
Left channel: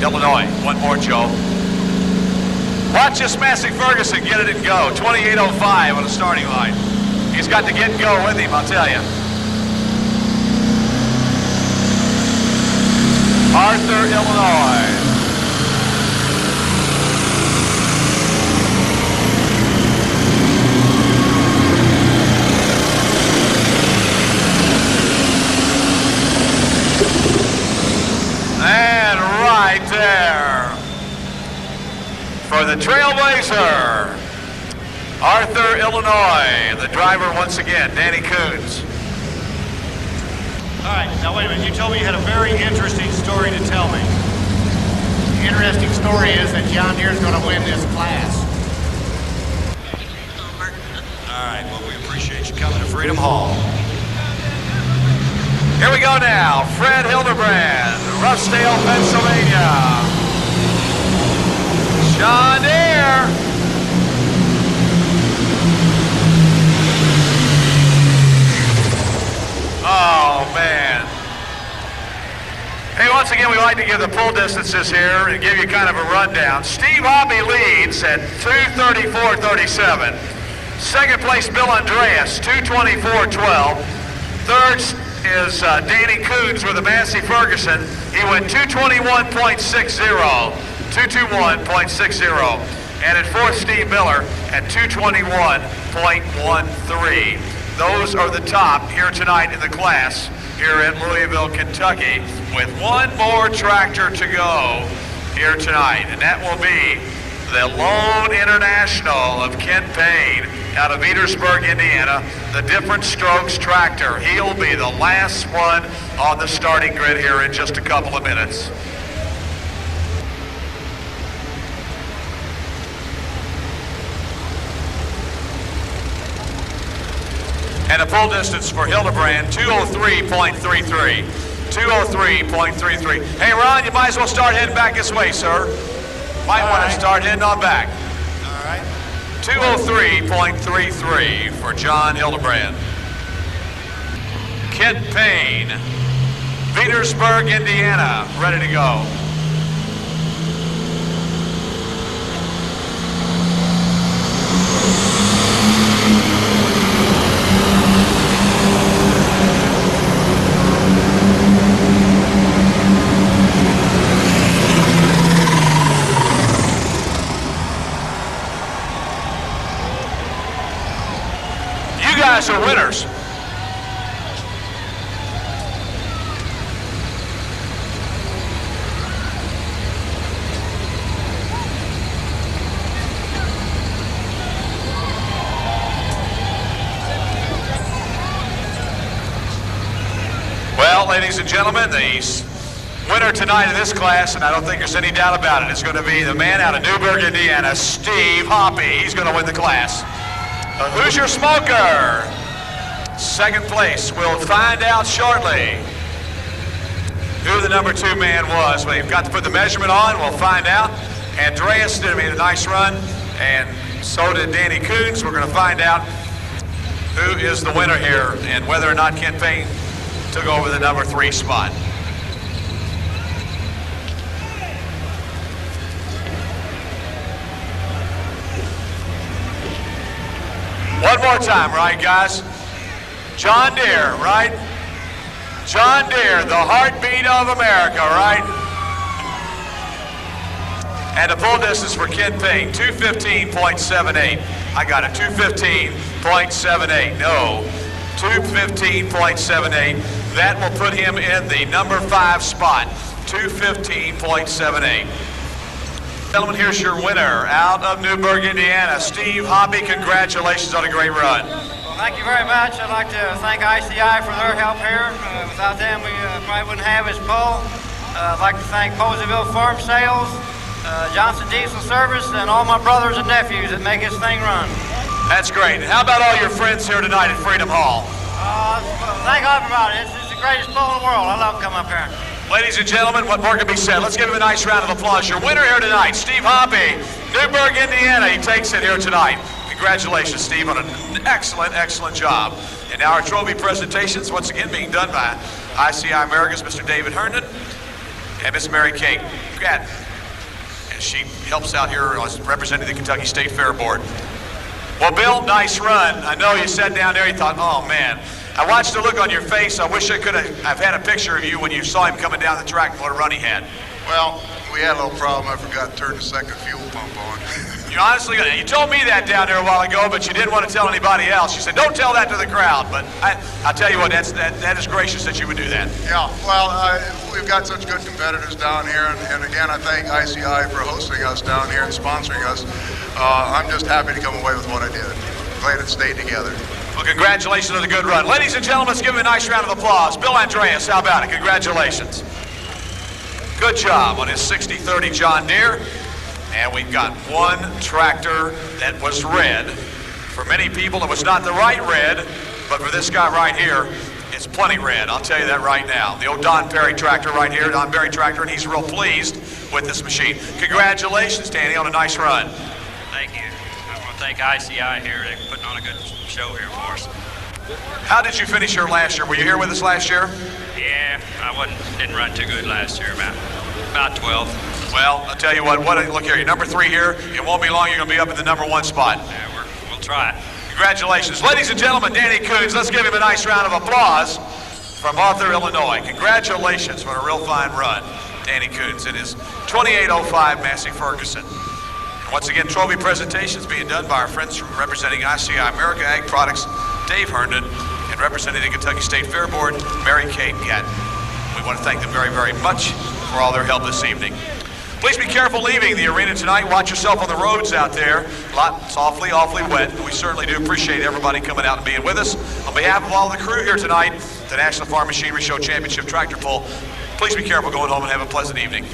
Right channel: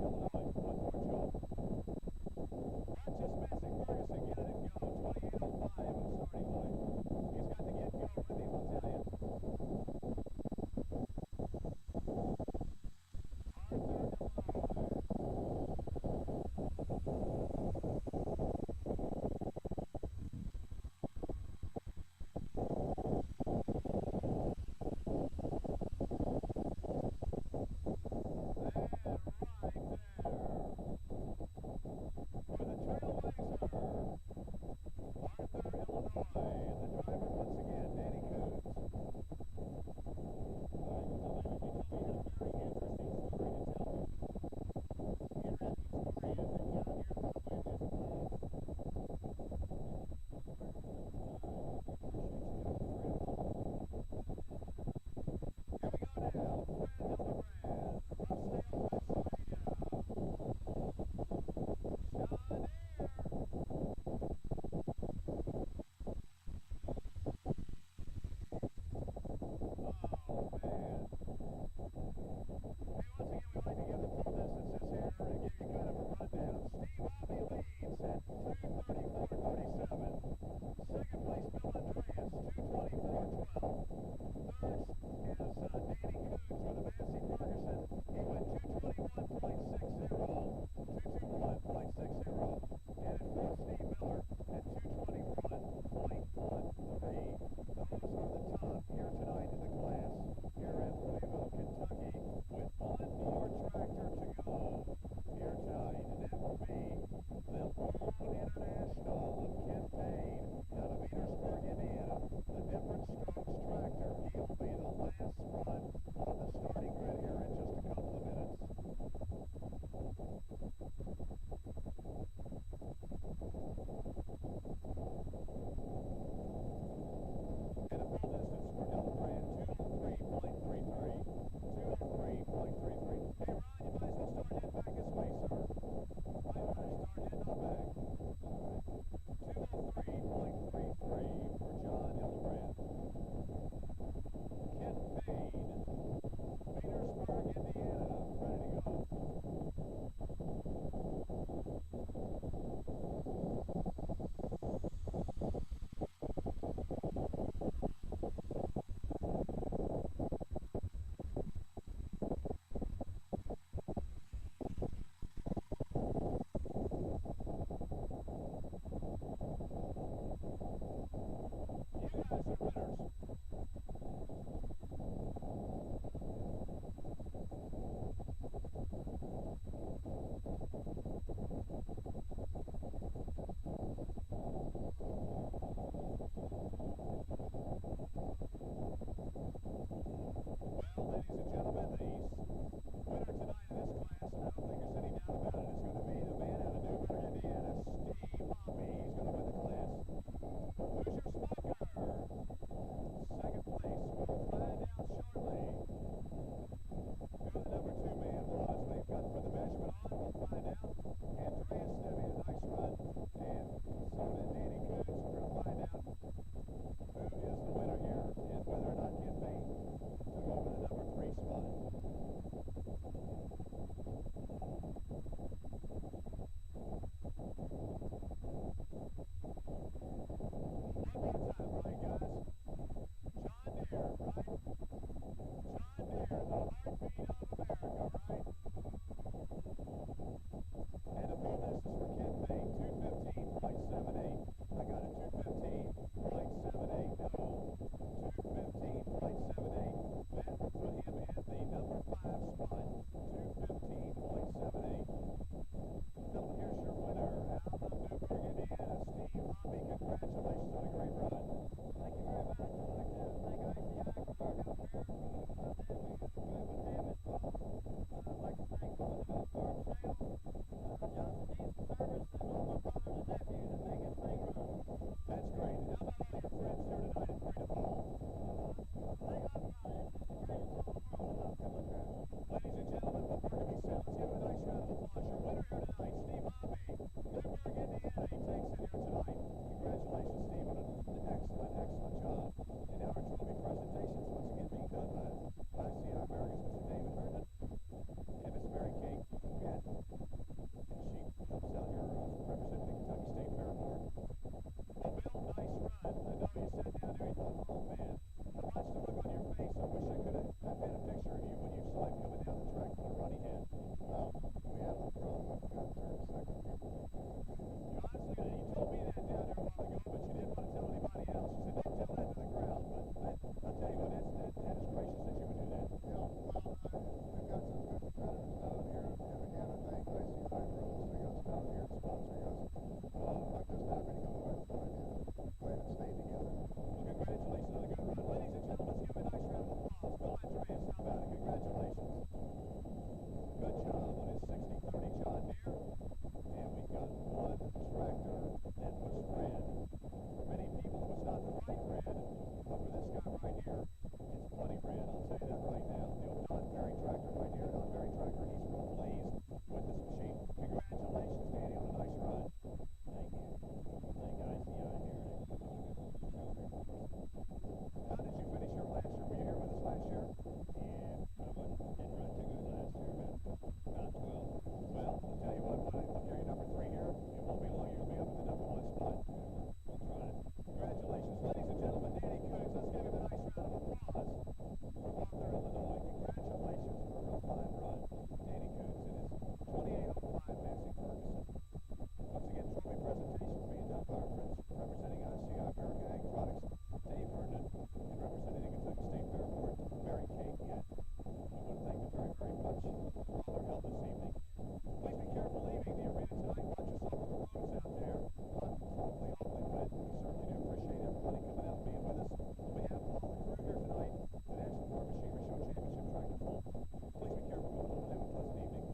Illinois, one more, Joe. Watch this Massey Ferguson get it and go. 28.05 on the starting line. He's got to get and go with him, I'll tell you. Arthur, Illinois. And right there for the Trailblazer, Arthur, Illinois. The driver once again, Danny Coons. All right, now wait a minute. You told me you had a very interesting story to tell me. The interesting story is that John Deere's going to win this class. All right, well, we appreciate you coming to Freedom Hall. Here we go now. Fred Hildebrand, Roughdale, Pennsylvania. John Deere. Oh, man. Hey, once again, we like to give the pull distances here and give you kind of a rundown. Steve Hobby leads at 2:34.37. Second place, Bill Andreas, 2:24.12. Third is Danny Coons with a Massey Ferguson. He went 2:21.60, 2:21.60. And at fourth, Steve Miller at 2:21.13. Those are the top here tonight in the class here at Louisville, Kentucky, with one more tractor to go here tonight, and that will be the Lone International of Ken Payne out of Petersburg, Indiana, the Different Strokes tractor. He'll be the last one on the starting grid here in just a couple of minutes. And a pull distance for Hildebrand, 2:03.33. 2:03.33. Hey, Ron, you might as well start heading back this way, sir. Might want to start heading on back. All right. 2:03.33 for John Hildebrand. Kent Payne, Petersburg, Indiana, ready to go. You guys are winners. Well, ladies and gentlemen, the winner tonight in this class, and I don't think there's any doubt about it, is going to be the man out of Newburgh, Indiana, Steve Hoppy. He's going to win the class. Who's your smoker? Second place. We'll find out shortly who the number 2 man was. We've got to put the measurement on. We'll find out. Andreas did a nice run, and so did Danny Coons. We're going to find out who is the winner here and whether or not Ken Payne took over the number 3 spot. One more time, right, guys? John Deere, right? John Deere, the heartbeat of America, right? And the pull distance for Ken Payne, 215.78. I got it, 215.78. No, 215.78. That will put him in the number 5 spot, 215.78. Gentlemen, here's your winner out of Newburgh, Indiana, Steve Hoppe. Congratulations on a great run. Well, thank you very much. I'd like to thank ICI for their help here. Without them, we probably wouldn't have his pull. I'd like to thank Poseyville Farm Sales, Johnson Diesel Service, and all my brothers and nephews that make this thing run. That's great. And how about all your friends here tonight at Freedom Hall? Thank everybody. It's the greatest pull in the world. I love coming up here. Ladies and gentlemen, what more can be said? Let's give him a nice round of applause. Your winner here tonight, Steve Hoppe, Newburgh, Indiana. He takes it here tonight. Congratulations, Steve, on an excellent, excellent job. And now our trophy presentations, once again being done by ICI America's Mr. David Herndon and Miss Mary Kate Gatton. And she helps out here representing the Kentucky State Fair Board. Well, Bill, nice run. I know you sat down there, you thought, oh man. I watched the look on your face. I wish I've had a picture of you when you saw him coming down the track and what a run he had. Well, we had a little problem. I forgot to turn the second fuel pump on. You told me that down there a while ago, but you didn't want to tell anybody else. You said, don't tell that to the crowd. But I'll tell you what, that is gracious that you would do that. Yeah, well, we've got such good competitors down here. And again, I thank ICI for hosting us down here and sponsoring us. I'm just happy to come away with what I did. Glad it stayed together. Well, congratulations on the good run. Ladies and gentlemen, let's give him a nice round of applause. Bill Andreas, how about it? Congratulations. Good job on his 60-30 John Deere. And we've got one tractor that was red. For many people, it was not the right red, but for this guy right here, it's plenty red. I'll tell you that right now. The old Don Perry tractor right here, Don Perry tractor, and he's real pleased with this machine. Congratulations, Danny, on a nice run. Thank you. I want to thank ICI here. They're putting on a good show here for us. How did you finish here last year? Were you here with us last year? Yeah, I didn't run too good last year, about 12th. Well, I'll tell you what, look here, you're number 3 here. It won't be long, you're going to be up in the number 1 spot. Yeah, we'll try it. Congratulations. Ladies and gentlemen, Danny Coons, let's give him a nice round of applause from Arthur, Illinois. Congratulations on a real fine run, Danny Coons. It is 2805 Massey Ferguson. And once again, trophy presentations being done by our friends from representing ICI America Ag Products, Dave Herndon, and representing the Kentucky State Fair Board, Mary Kate Gatton. We want to thank them very, very much for all their help this evening. Please be careful leaving the arena tonight. Watch yourself on the roads out there. It's awfully, awfully wet. We certainly do appreciate everybody coming out and being with us. On behalf of all the crew here tonight, the National Farm Machinery Show Championship Tractor Pull, please be careful going home and have a pleasant evening.